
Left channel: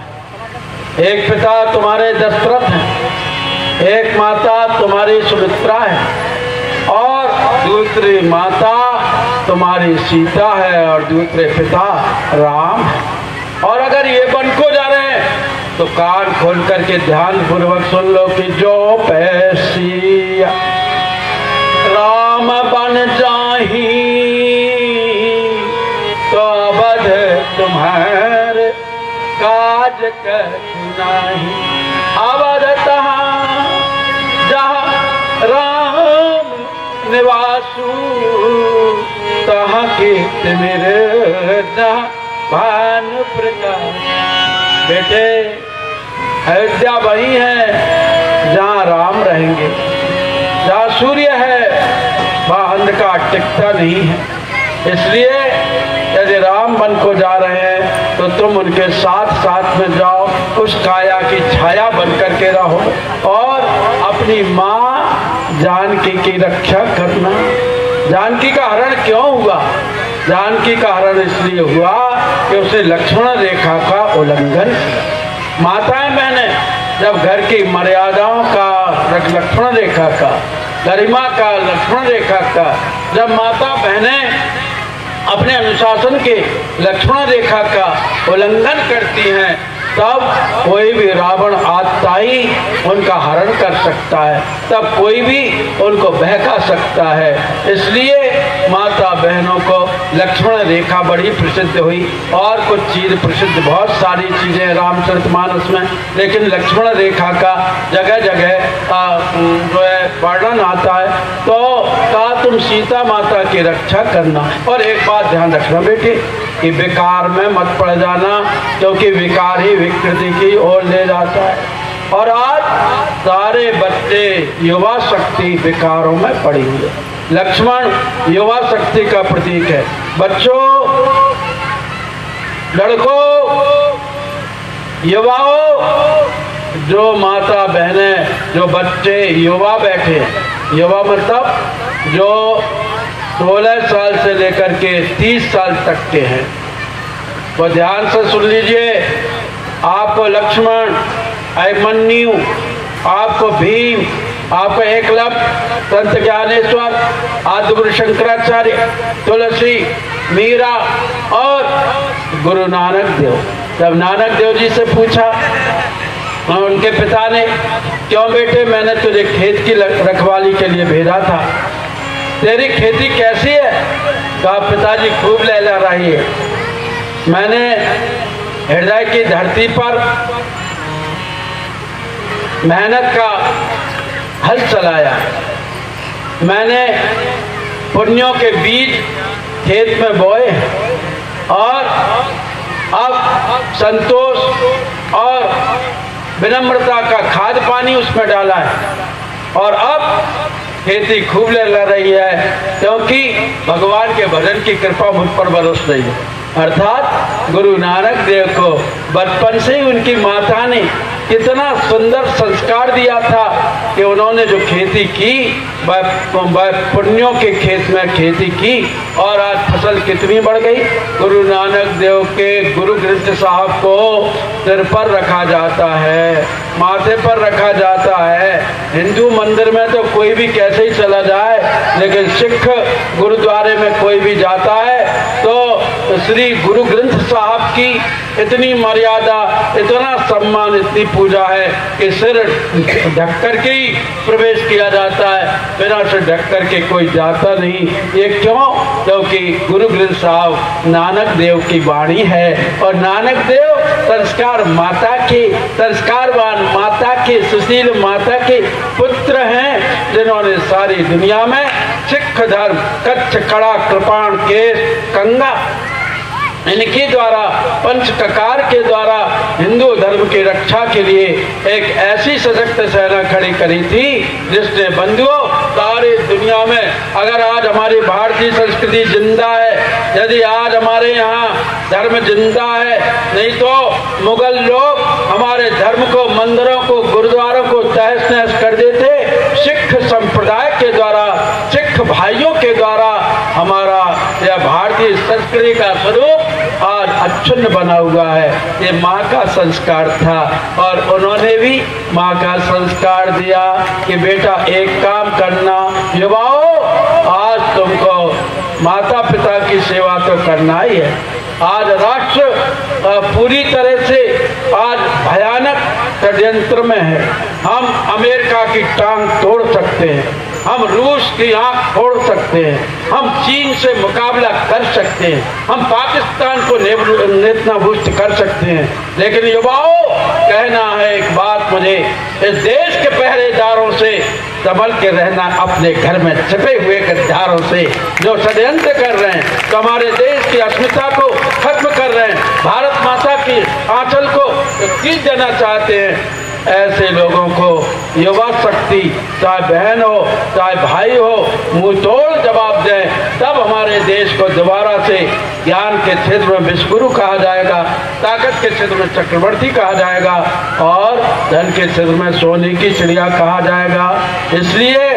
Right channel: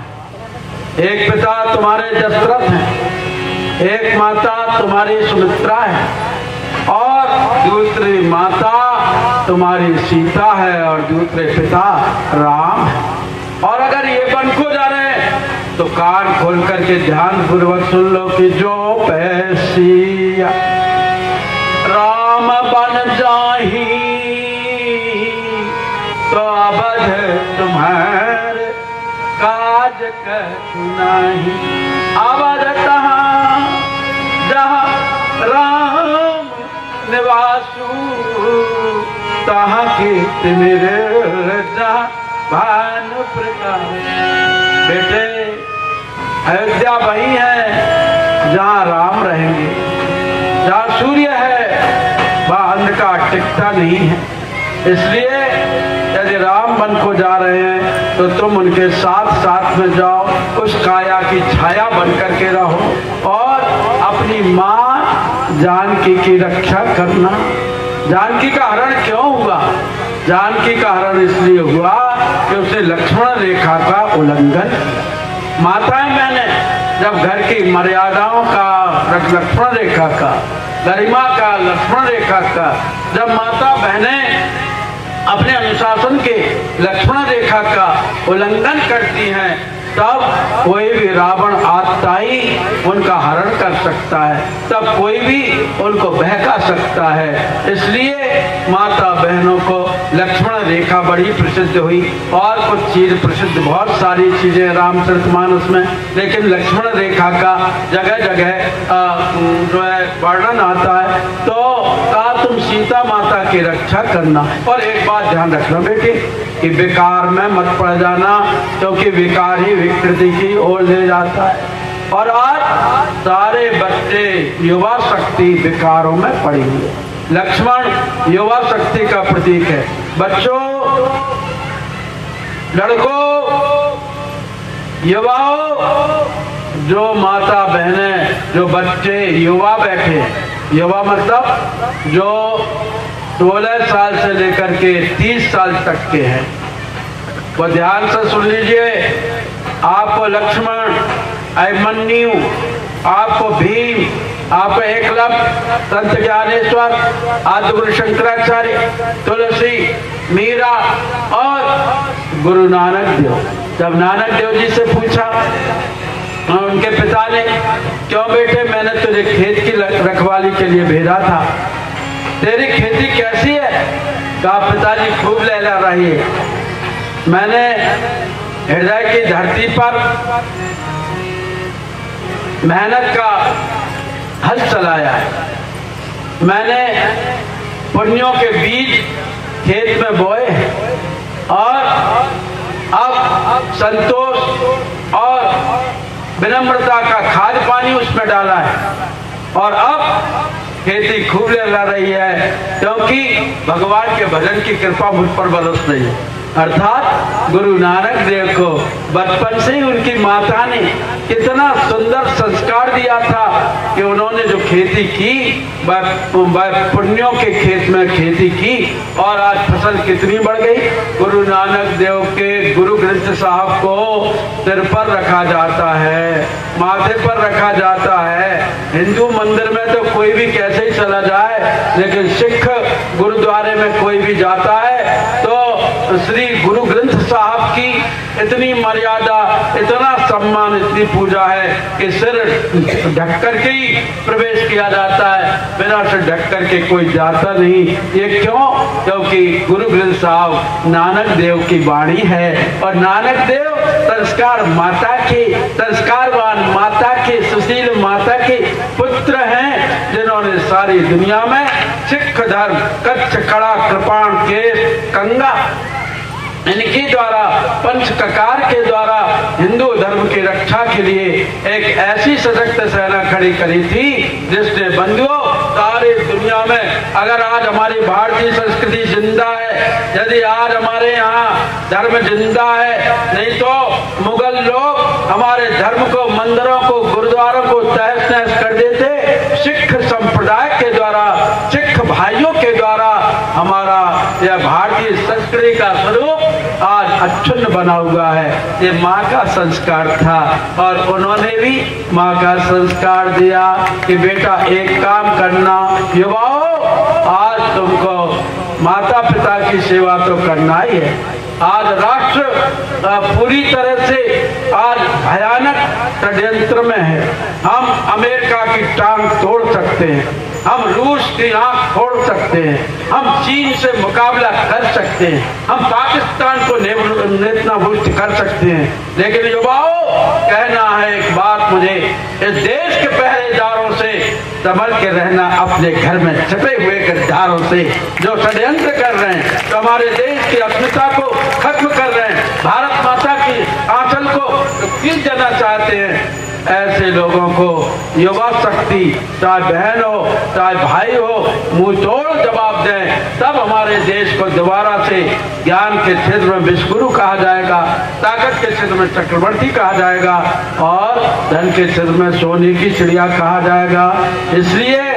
एक पिता तुम्हारे दशरथ हैं, एक माता तुम्हारी सुमित्रा है, और दूसरी माता तुम्हारी सीता है, और दूसरे पिता राम है। और अगर ये बन को जा रहे हैं तो कान खोल करके ध्यान पूर्वक सुन लो कि जो पैसिया राम बन जाही, तो अवध तुम्हारे काज कछु नाहि। अवध तहाँ जहाँ राम निवासु, तहाँ कीर्त मेरे भानु प्रकाश। बेटे अयोध्या वही है जहाँ राम रहेंगे, जहाँ सूर्य है वहाँ अंधकार टिकता नहीं है। इसलिए यदि राम बन को जा रहे हैं तो तुम उनके साथ साथ में जाओ, उस काया की छाया बन करके रहो, और अपनी माँ जानकी की रक्षा करना। जानकी का हरण क्यों हुआ? जानकी का हरण इसलिए हुआ कि उसे लक्ष्मण रेखा का उल्लंघन। माताएं बहनें जब घर की मर्यादाओं का, लक्ष्मण रेखा का, गरिमा का, लक्ष्मण रेखा का, जब माता बहनें अपने अनुशासन के लक्ष्मण रेखा का उल्लंघन करती हैं, तब कोई भी रावण आत्ताई उनका हरण कर सकता है, तब कोई भी उनको बहका सकता है। इसलिए माता बहनों को लक्ष्मण रेखा बड़ी प्रसिद्ध हुई। और कुछ चीज प्रसिद्ध, बहुत सारी चीजें रामचरितमानस में, लेकिन लक्ष्मण रेखा का जगह जगह जो है वर्णन आता है। तो कहा तुम सीता माता की रक्षा करना, और एक बात ध्यान रखना बेटे कि विकार में मत पड़ जाना, क्योंकि विकार ही विकृति की ओर ले जाता है। और आज सारे बच्चे युवा शक्ति विकारों में पड़ी हुई है। लक्ष्मण युवा शक्ति का प्रतीक है। बच्चों, लड़कों, युवाओं, जो माता बहनें, जो बच्चे युवा बैठे हैं, युवा मतलब जो 16 साल से लेकर के 30 साल तक के हैं, वो ध्यान से सुन लीजिए। आपको लक्ष्मण, अभिमन्यु, आपको भीम, आपको एकलव्य, संत ज्ञानेश्वर, आदिगुरु शंकराचार्य, तुलसी, मीरा और गुरु नानक देव। जब नानक देव जी से पूछा उनके पिता ने, क्यों बेटे, मैंने तुझे खेत की रखवाली के लिए भेजा था, तेरी खेती कैसी है? कहा पिताजी खूब लहला रही है। मैंने हृदय की धरती पर मेहनत का हल चलाया, मैंने पुण्यों के बीज खेत में बोए और अब संतोष और विनम्रता का खाद पानी उसमें डाला है, और अब खेती खूब लहरा रही है, क्योंकि भगवान के भजन की कृपा मुझ पर बरस रही है। अर्थात गुरु नानक देव को बचपन से ही उनकी माता ने कितना सुंदर संस्कार दिया था कि उन्होंने जो खेती की, पुण्यों के खेत में खेती की, और आज फसल कितनी बढ़ गई। गुरु नानक देव के गुरु ग्रंथ साहब को सिर पर रखा जाता है, माथे पर रखा जाता है। हिंदू मंदिर में तो कोई भी कैसे ही चला जाए, लेकिन सिख गुरुद्वारे में कोई भी जाता है तो श्री गुरु ग्रंथ साहब की इतनी मर्यादा, इतना सम्मान, इतनी पूजा है कि सिर ढक कर के ही प्रवेश किया जाता है, बिना सिर ढक कर के कोई जाता नहीं। ये क्यों? क्योंकि गुरु ग्रंथ साहब नानक देव की वाणी है और नानक देव संस्कार माता के, संस्कारवान माता के, सुशील माता के पुत्र हैं, जिन्होंने सारी दुनिया में सिख धर्म, कच्छ, कड़ा, कृपाण, केस, कंगा, इनके द्वारा, पंच ककार के द्वारा हिंदू धर्म की रक्षा के लिए एक ऐसी सशक्त सेना खड़ी करी थी जिसने बंधुओं सारी दुनिया में, अगर आज हमारी भारतीय संस्कृति जिंदा है, यदि आज हमारे यहाँ धर्म जिंदा है, नहीं तो मुगल लोग हमारे धर्म को, मंदिरों को, गुरुद्वारों को तहस नहस कर देते। सिख संप्रदाय के द्वारा, सिख भाइयों के द्वारा हमारा यह भारतीय संस्कृति का स्वरूप आज अक्षुण्ण बना हुआ है। ये माँ का संस्कार था और उन्होंने भी माँ का संस्कार दिया कि बेटा एक काम करना, युवाओं, आज तुमको माता पिता की सेवा तो करना ही है। आज राष्ट्र पूरी तरह से आज भयानक षड्यंत्र में है। हम अमेरिका की टांग तोड़ सकते हैं, हम रूस की आंख फोड़ सकते हैं, हम चीन से मुकाबला कर सकते हैं, हम पाकिस्तान को नेस्तनाबूद कर सकते हैं, लेकिन युवाओं, कहना है एक बात मुझे, इस देश के पहरेदारों से संभल के रहना, अपने घर में छिपे हुए गद्दारों से जो षड्यंत्र कर रहे हैं, तो हमारे देश की अस्मिता को खत्म कर रहे हैं, भारत माता की आंचल को कीच देना चाहते हैं, ऐसे लोगों को युवा शक्ति, चाहे बहन हो चाहे भाई हो, मुंह तोड़ जवाब दें, तब हमारे देश को दोबारा से ज्ञान के क्षेत्र में विश्वगुरु कहा जाएगा, ताकत के क्षेत्र में चक्रवर्ती कहा जाएगा और धन के क्षेत्र में सोने की चिड़िया कहा जाएगा। इसलिए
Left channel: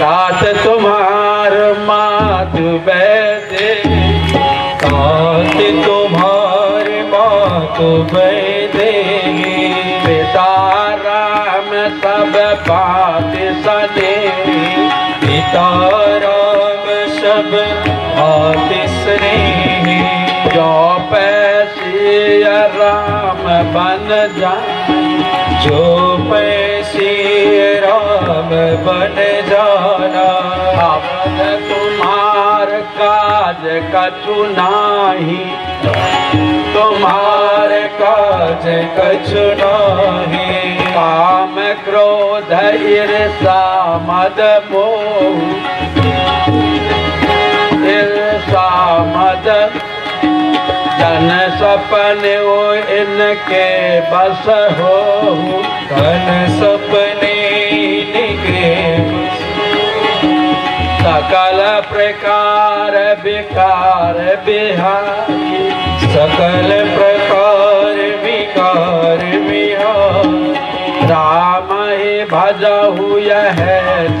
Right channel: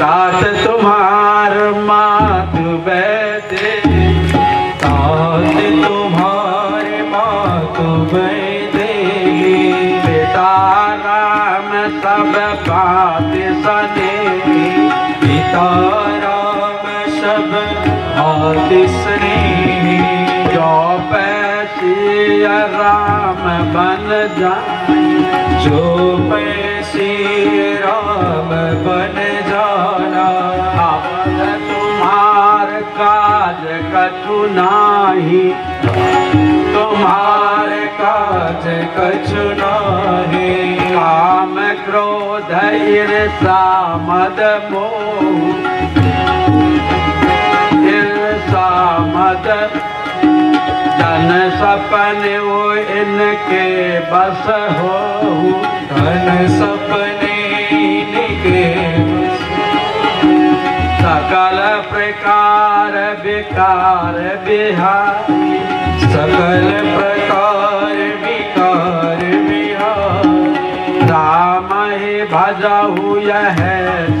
तात तुम्हार मात बैठे, तात तुम्हार मात बैठे, पिता राम सब बात सने, पिता राम सब बात सने, जो पैसी राम बन जाए, जो पैसी राम बन जाना, अब तुम्हार काज कछु नाही, तुम्हार काज कछु नाही, काम क्रोध ईर्षा मद मोह, ईर्षा मद धन सपने वो इनके बस हो, धन सपने इनके, सकल प्रकार विकार बिहारी, सकल प्रकार विकार बिहारी, राम ही भजहु यह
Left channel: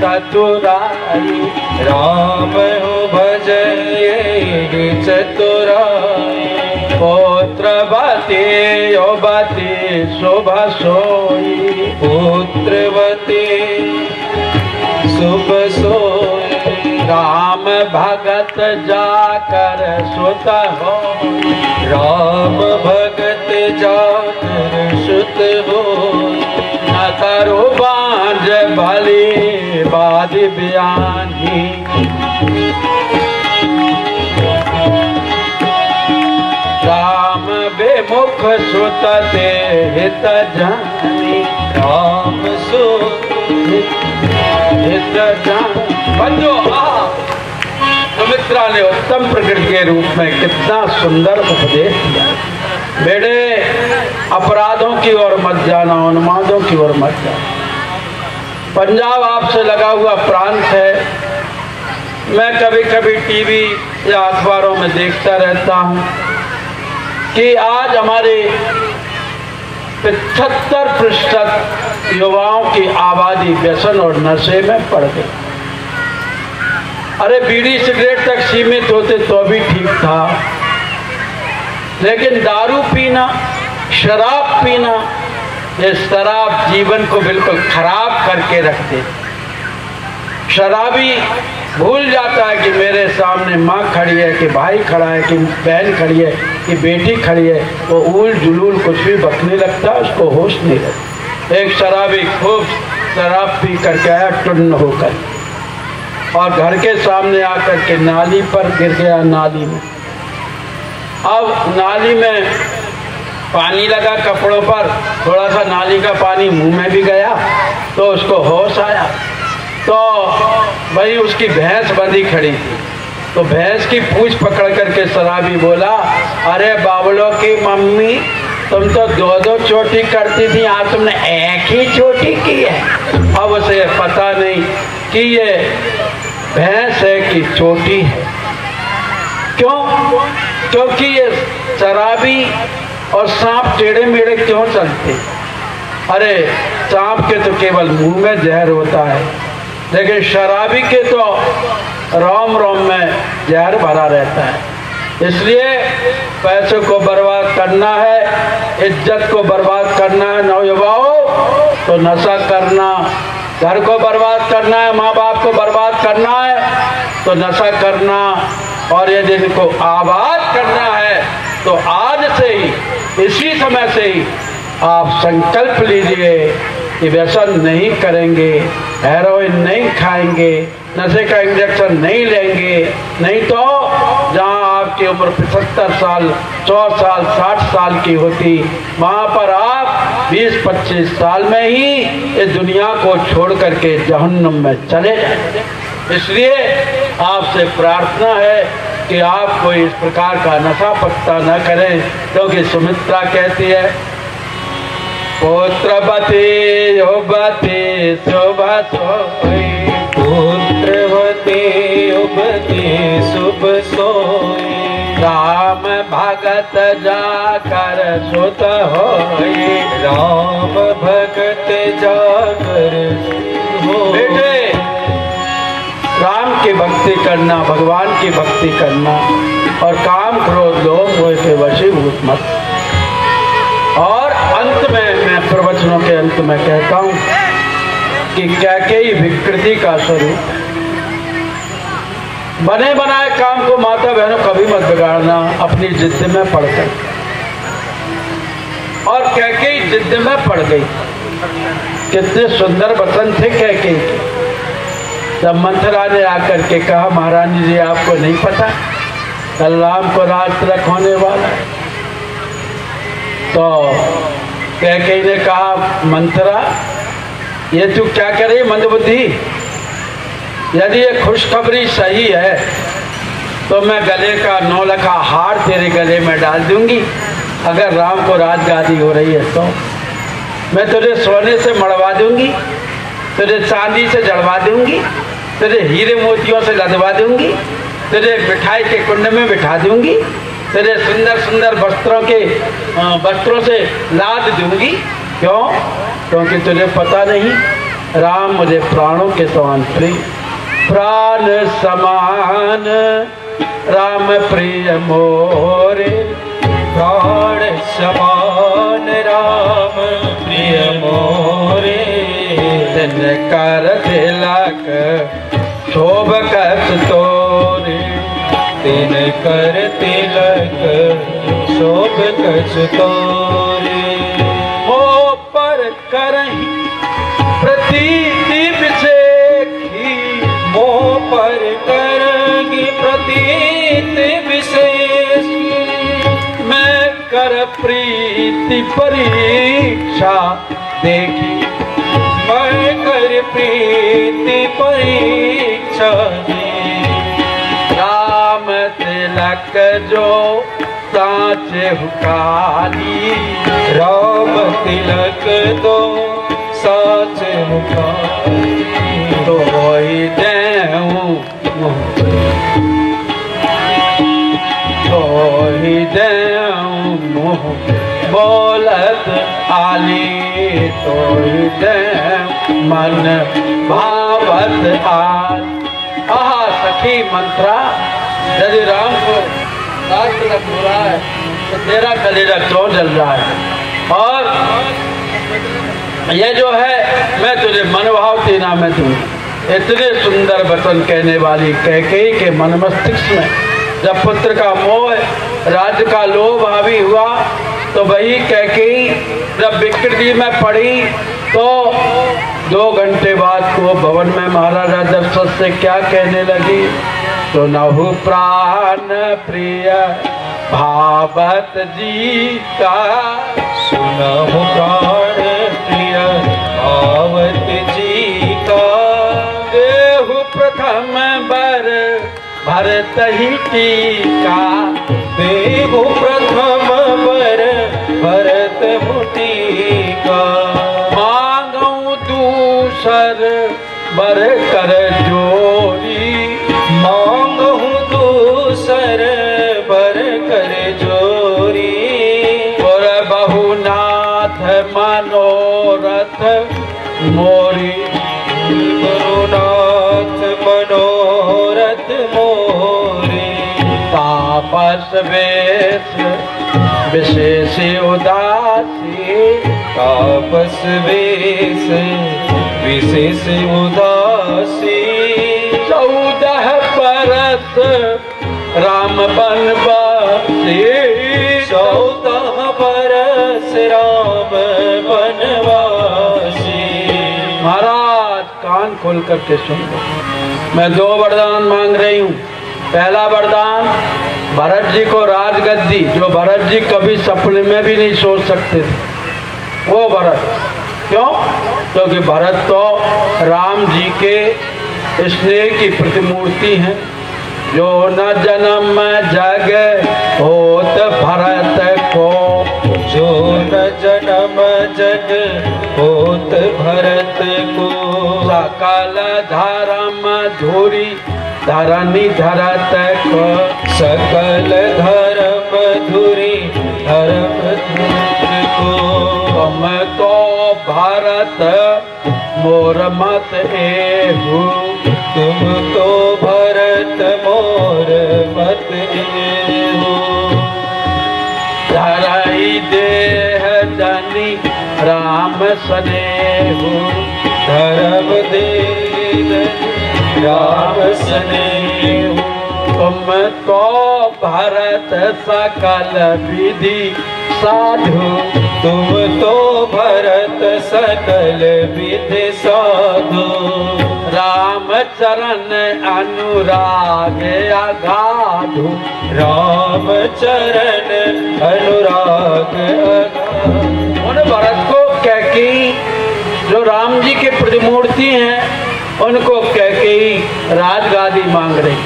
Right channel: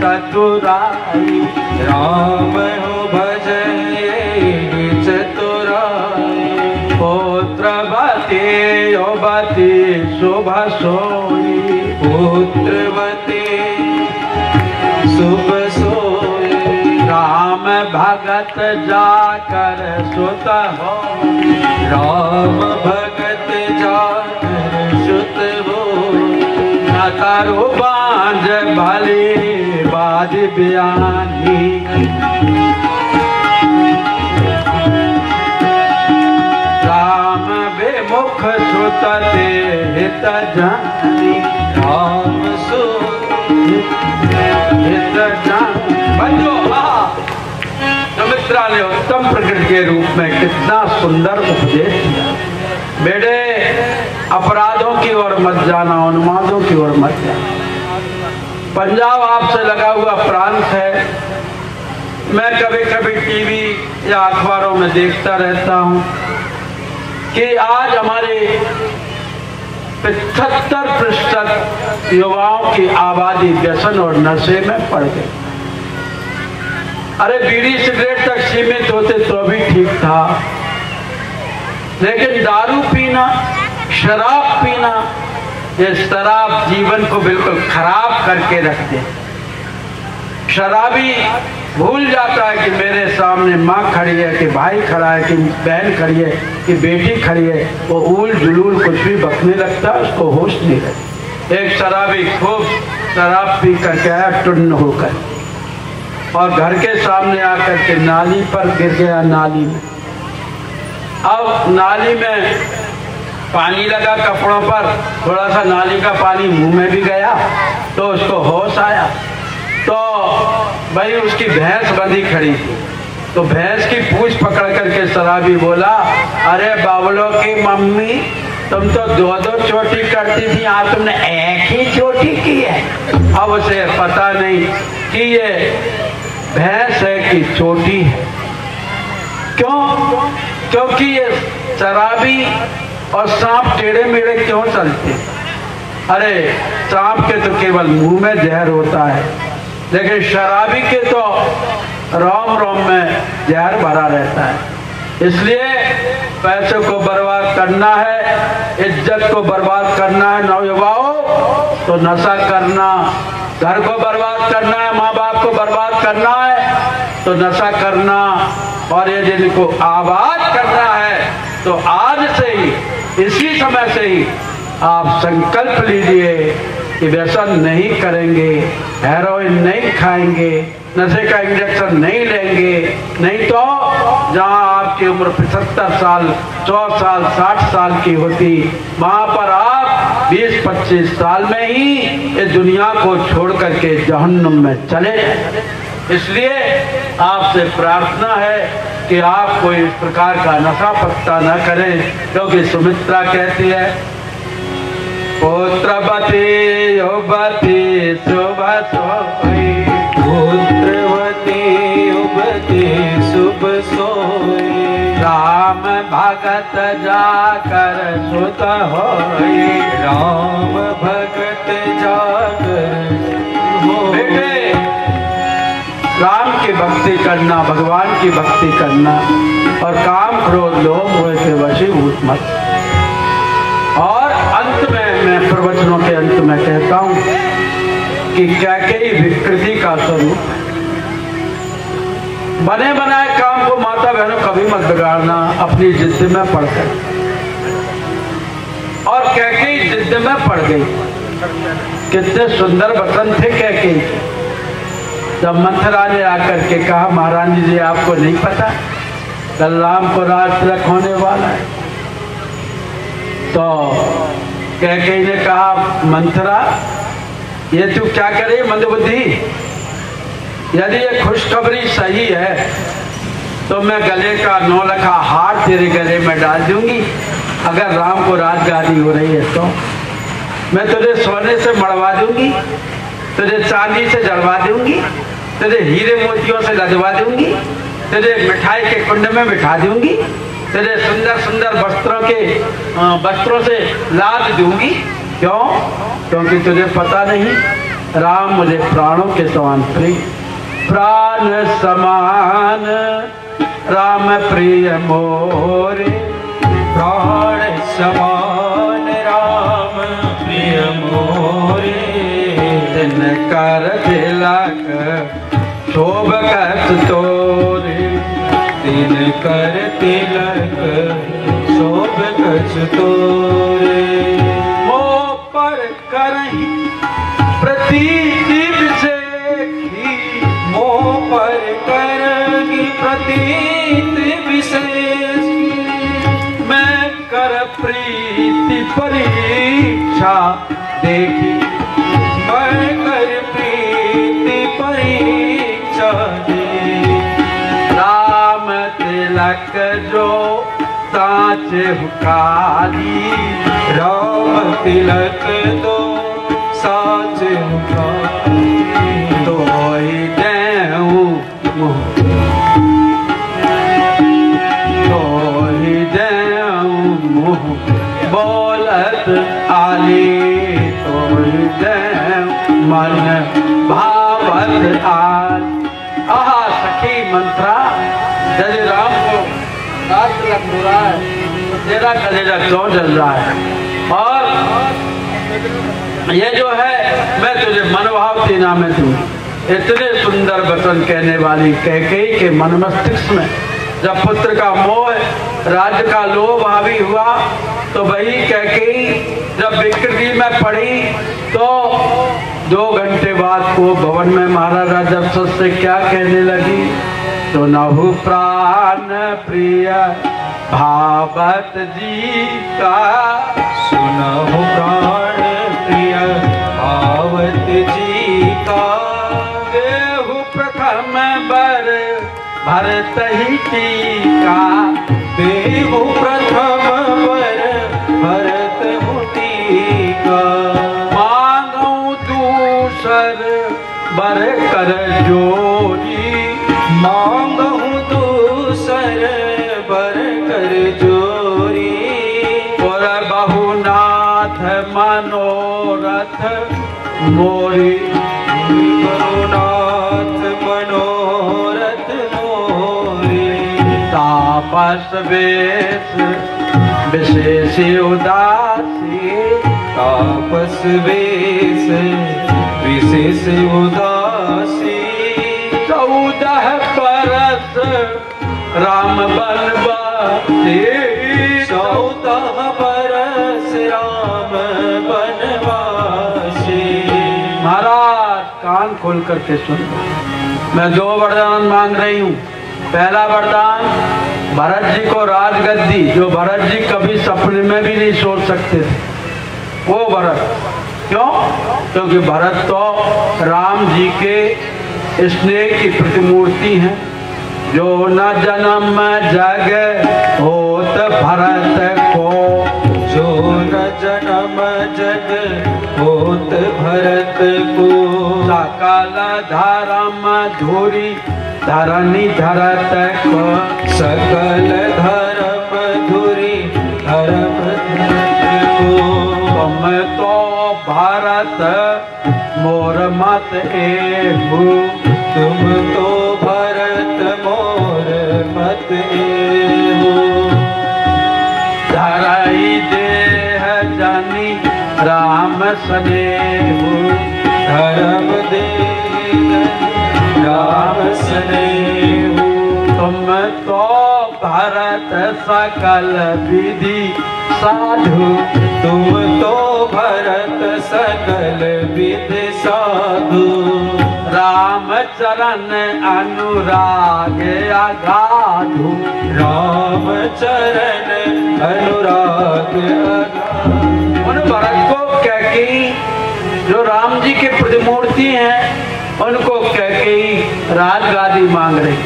चतुराई, राम हो भज ये चतुराई, पुत्रवती युवती शुभ सोई, पुत्रवती शुभ सोई, राम भगत जाकर सुत हो, राम भगत जाकर सुत हो, न तरु बांझ भली बाज बयानी, राम बेमुख सुत ते हित जानी, राम सुत हित जानी। बंधु, सुमित्रा ने उत्तम प्रकृति के रूप में कितना सुंदर उपदेश दिया। बेटे, अपराधों की ओर मत जाना, उन्मादों की ओर मत जाना। पंजाब आपसे लगा हुआ प्रांत है। मैं कभी कभी टीवी या अखबारों में देखता रहता हूं कि आज हमारे 75% युवाओं की आबादी व्यसन और नशे में पड़ गई। अरे बीड़ी सिगरेट तक सीमित होते तो भी ठीक था, लेकिन दारू पीना, शराब पीना, ये शराब जीवन को बिल्कुल खराब करके रखते। शराबी भूल जाता है कि मेरे सामने माँ खड़ी है, कि भाई खड़ा है, कि बहन खड़ी है, कि बेटी खड़ी है। वो ऊल जुलूल कुछ भी बकने लगता है, उसको होश नहीं रहता। एक शराबी खूब शराब पी करके आया टुन्न होकर, और घर के सामने आकर के नाली पर गिर गया। नाली में, अब नाली में पानी लगा कपड़ों पर, थोड़ा सा नाली का पानी मुंह में भी गया तो उसको होश आया। तो भाई उसकी भैंस बंधी खड़ी थी, तो भैंस की पूंछ पकड़ करके शराबी बोला, अरे बाबलों की मम्मी, तुम तो दो दो चोटी करती थी, आज तुमने एक ही चोटी की है। अब उसे पता नहीं कि ये भैंस है कि चोटी है। क्यों? क्योंकि ये शराबी और सांप टेढ़े मेढ़े क्यों चलते? अरे सांप के तो केवल मुंह में जहर होता है, लेकिन शराबी के तो रोम रोम में जहर भरा रहता है। इसलिए पैसों को बर्बाद करना है, इज्जत को बर्बाद करना है नौजवानों, तो नशा करना। घर को बर्बाद करना है, माँ बाप को बर्बाद करना है तो नशा करना। और यदि इनको आबाद करना है तो आज से ही, इसी समय से ही आप संकल्प लीजिए कि व्यसन नहीं करेंगे, हेरोइन नहीं खाएंगे, नशे का इंजेक्शन नहीं लेंगे। नहीं तो जहां आपकी उम्र 75 साल, 100 साल, 60 साल की होती, वहां पर आप 20-25 साल में ही इस दुनिया को छोड़ करके जहन्नुम में चले जाएंगे। इसलिए आपसे प्रार्थना है कि आप कोई इस प्रकार का नशा पत्ता न करें, क्योंकि सुमित्रा कहती है, पुत्रवती युवती शुभ सोई, पुत्रवती युवती शुभ सोई, राम भगत जाकर सुत होई, राम भगत जाकर बेटे राम की भक्ति करना, भगवान की भक्ति करना, और काम क्रोध लोभ मोह के वशीभूत मत। और अंत में मैं प्रवचनों के अंत में कहता हूं कि कैकेयी विकृति का स्वरूप। बने बनाए काम को माता बहनों कभी मत बिगाड़ना अपनी जिद में पड़कर। और कैकेयी जिद में पड़ गई। कितने सुंदर वचन थे कैकेयी। जब मंथरा ने आकर के कहा, महारानी जी आपको नहीं पता कल राम को राज तिलक होने वाला है? तो कैकेयी ने कहा, मंथरा ये तू क्या करे मंदबुद्धि? यदि ये खुशखबरी सही है तो मैं गले का 9 लखा हार तेरे गले में डाल दूंगी। अगर राम को राजगादी हो रही है तो मैं तुझे सोने से मड़वा दूंगी, तुझे चांदी से जड़वा दूंगी, तुझे हीरे मोतियों से लदवा दूंगी, तुझे मिठाई के कुंड में बिठा दूंगी, तुझे सुंदर सुंदर वस्त्रों से लाद दूंगी। क्यों? क्योंकि तुझे पता नहीं राम मुझे प्राणों के समान प्रिय, प्राण समान राम प्रिय मोरे, प्राण समान राम प्रिय मोरे, कर तिलक शोभ कत तोरे, तिन कर तिलक शोभ कछ तोरे, मोह पर करहि प्रतीति विशेषी, मोह पर करंगी प्रतीति विशेषी, मैं कर प्रीति परीक्षा देखी, मैं कर प्रीति परीक्षा दे, राम तिलक जो साचे हुकाली, राम तिलक दो साचे मुखारी, तो ही देऊं तो ही देऊं मुँह बोलत आली, तो ही देऊं मन भावत आल। आहा सखी मंत्रा, यदि राम को राज तिलक हो रहा है तो तेरा कलेजा क्यों जल रहा है? और ये जो है मैं तुझे मनभावती नाम है, इतने सुंदर वचन कहने वाली कैकेयी के मन मस्तिष्क में जब पुत्र का मोह, राज्य का लोभ हावी हुआ तो वही कैकेयी जब विकृति में पड़ी तो 2 घंटे बाद को भवन में महाराजा दशरथ से क्या कहने लगी, सुनहु प्राण प्रिय भावत जी का, सुनहु प्राण प्रिय भावत जी का, देहु प्रथम बर भरत ही टीका, देहु प्रथम बर भरत मुटी का, मांगू दूसर बर कर जोरी, मांगहु दूसर बर कर जोरी, और बहुनाथ मनोरथ मोरी, गुरुनाथ मनोरथ मोरे, तापस वेश विशेष उदासी, तापस वेश विशेष उदासी, 14 बरस राम बनवासी, 14 बरस राम बनवासी। महाराज कान खोल करके सुन लो, मैं 2 वरदान मांग रही हूँ। पहला वरदान भरत जी को राजगद्दी, जो भरत जी कभी सपने में भी नहीं सोच सकते थे, वो भरत। क्यों? क्योंकि भरत तो राम जी के स्नेह की प्रतिमूर्ति हैं। जो न जन्म जग होत भरत को, जो न जन्म जग होत भरत को, सकल धर्म धुरी धरनी धरत को, सकल धर्म धुरी धर्म को, तुम तो भरत मोर मत एहू, तुम तो भरत मोर मत एहू, धरई देह जनी राम सनेहू, धर्म देह राम स्नेहू, तुम तो भरत सकल विधि साधु, तुम तो भरत सकल विधि साधु, राम चरण अनुराग अगाधु, राम चरण अनुराग अगाधु। उन भरत को कैकेयी जो राम जी के प्रतिमूर्ति हैं, उनको कैकेयी राजगादी मांग रही,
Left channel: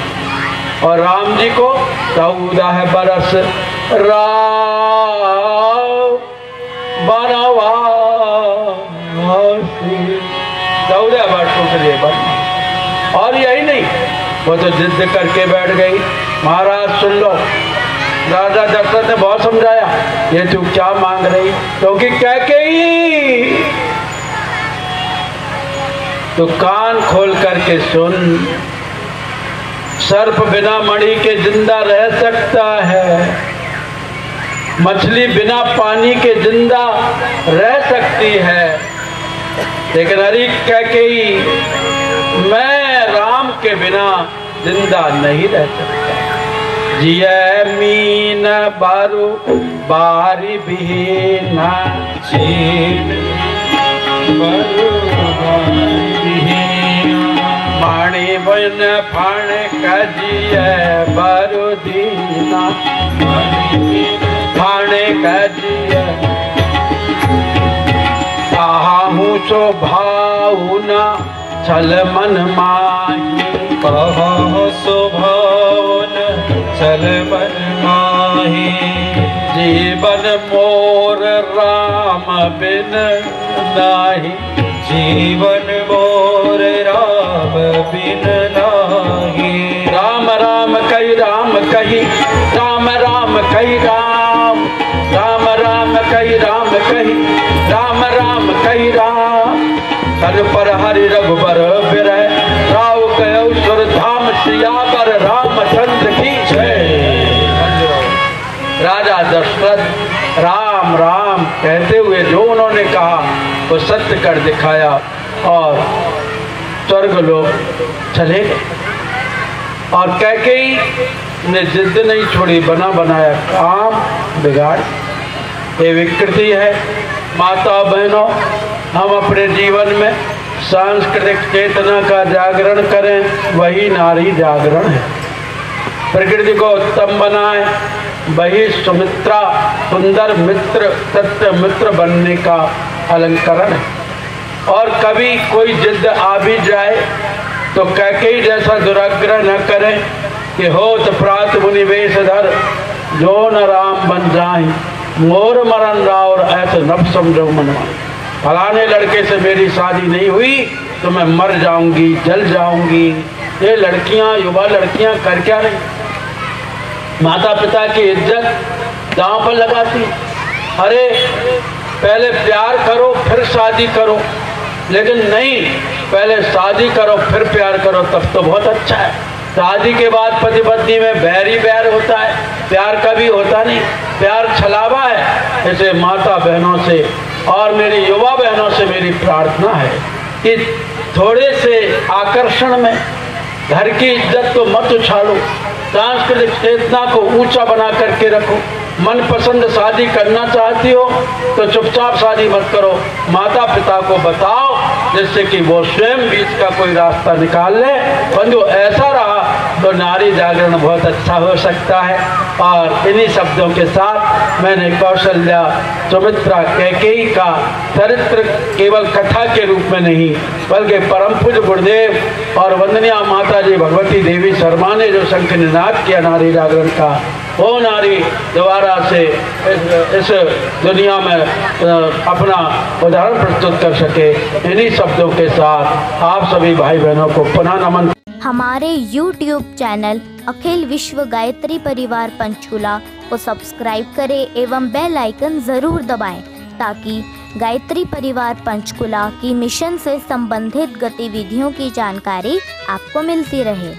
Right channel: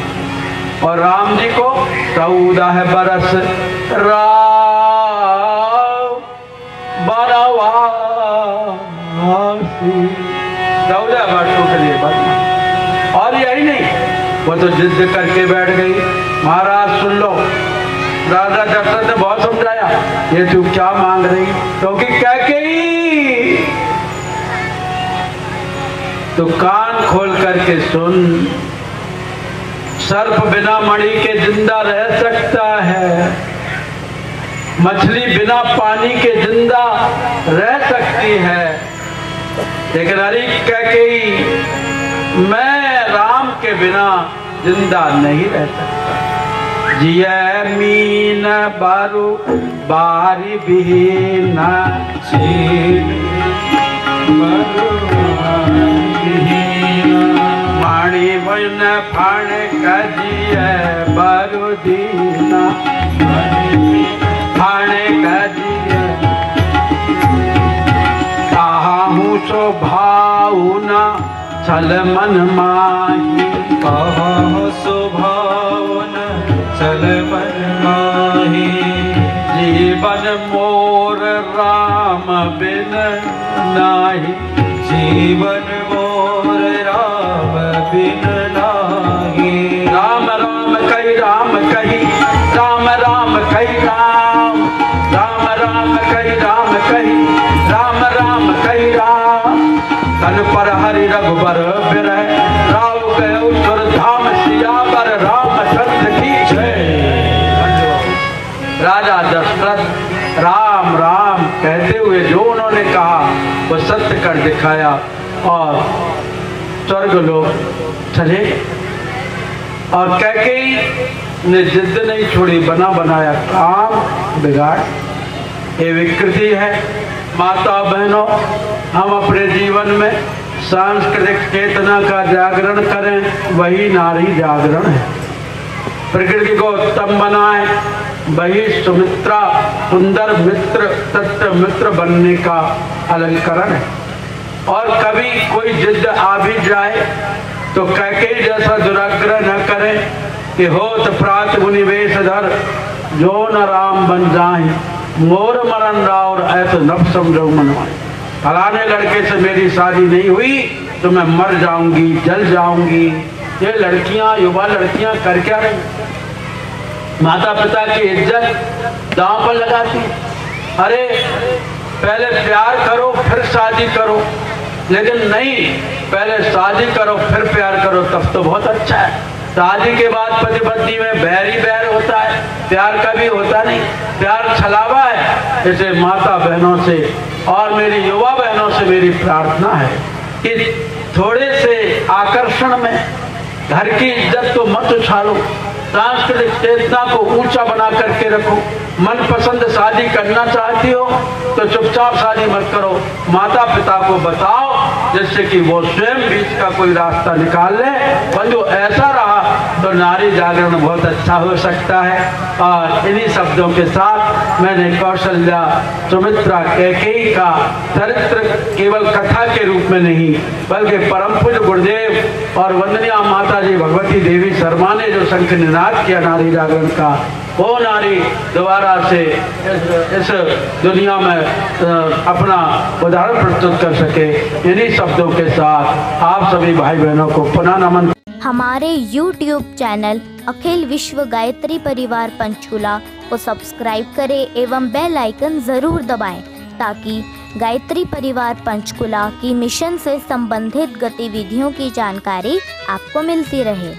और राम जी को 14 बरस बनवासी, 14 वर्षों के लिए बनी। और यही नहीं, वो तो जिद करके बैठ गई। महाराज सुन लो, राजा दशरथ ने बहुत समझाया, ये तू क्या मांग रही, क्योंकि कैकेयी तो कान खोल करके सुन, सर्प बिना मणि के जिंदा रह सकता है, मछली बिना पानी के जिंदा रह सकती है, लेकिन हरी कैकेयी मैं राम के बिना जिंदा नहीं रह सकता। जिया मीन बारू बारी बिहीन, मणि बिन फण कजिय बारू दीना, फण कजिय काहू सो भावना छल मन माही, कहो स्वभावन चल मन माही, जीवन मोर राम बिन नाही, जीवन मोर राम बिन नाही, राम राम कही राम कही, राम राम कही राम, राम राम कही राम कही, राम राम कही राम, तन पर हरि रघुबर बिरह, राव गयो सुर धाम सियावर रामचंद्र की जय। राजा दशरथ राम राम कहते हुए जो उन्होंने कहा वो सत्य कर दिखाया, और स्वर्ग लोग चले गए। और कैकेयी ने जिद नहीं छोड़ी, बना बनाया काम बिगाड़। ये विकृति है। माता बहनों, हम अपने जीवन में सांस्कृतिक चेतना का जागरण करें, वही नारी जागरण है। प्रकृति को उत्तम बनाए, वही सुमित्रा सुंदर मित्र सत्य मित्र बनने का अलंकरण है। और कभी कोई जिद आ भी जाए तो कैकेयी जैसा दुराग्रह न करें कि होत प्रात मुनिवेश धर जो न राम बन जाए, मोर मरण राव ऐसा नब समझो मनवा। फलाने लड़के से मेरी शादी नहीं हुई तो मैं मर जाऊंगी, जल जाऊंगी। ये लड़कियां, युवा लड़कियां कर क्या रही? माता पिता की इज्जत दांव पर लगाती। अरे पहले प्यार करो फिर शादी करो, लेकिन नहीं, पहले शादी करो फिर प्यार करो, तब तो बहुत अच्छा है। शादी के बाद पति पत्नी में बैर ही बैर होता है, प्यार कभी होता नहीं। प्यार छलावा है। इसे माता बहनों से और मेरी युवा बहनों से मेरी प्रार्थना है कि थोड़े से आकर्षण में घर की इज्जत को मत उछालो, सांस्कृतिक चेतना को ऊंचा बना करके रखो। मनपसंद शादी करना चाहती हो तो चुपचाप शादी मत करो, माता पिता को बताओ जिससे कि वो स्वयं बीच का कोई रास्ता निकाल ले। बंधु, ऐसा रहा तो नारी जागरण बहुत अच्छा हो सकता है। और इन्हीं शब्दों के साथ मैंने कौशल्या, सुमित्रा, कैकेयी का चरित्र केवल कथा के रूप में नहीं बल्कि परम पूज्य गुरुदेव और वंदनीय माता जी भगवती देवी शर्मा ने जो शंख निनाद किया नारी जागरण का, वो नारी दोबारा से इस दुनिया में अपना उदाहरण प्रस्तुत कर सके। इन्हीं शब्दों के साथ आप सभी भाई बहनों को पुनः नमन। हमारे YouTube चैनल अखिल विश्व गायत्री परिवार पंचकुला को सब्सक्राइब करें एवं बेल आइकन ज़रूर दबाएं ताकि गायत्री परिवार पंचकुला की मिशन से संबंधित गतिविधियों की जानकारी आपको मिलती रहे।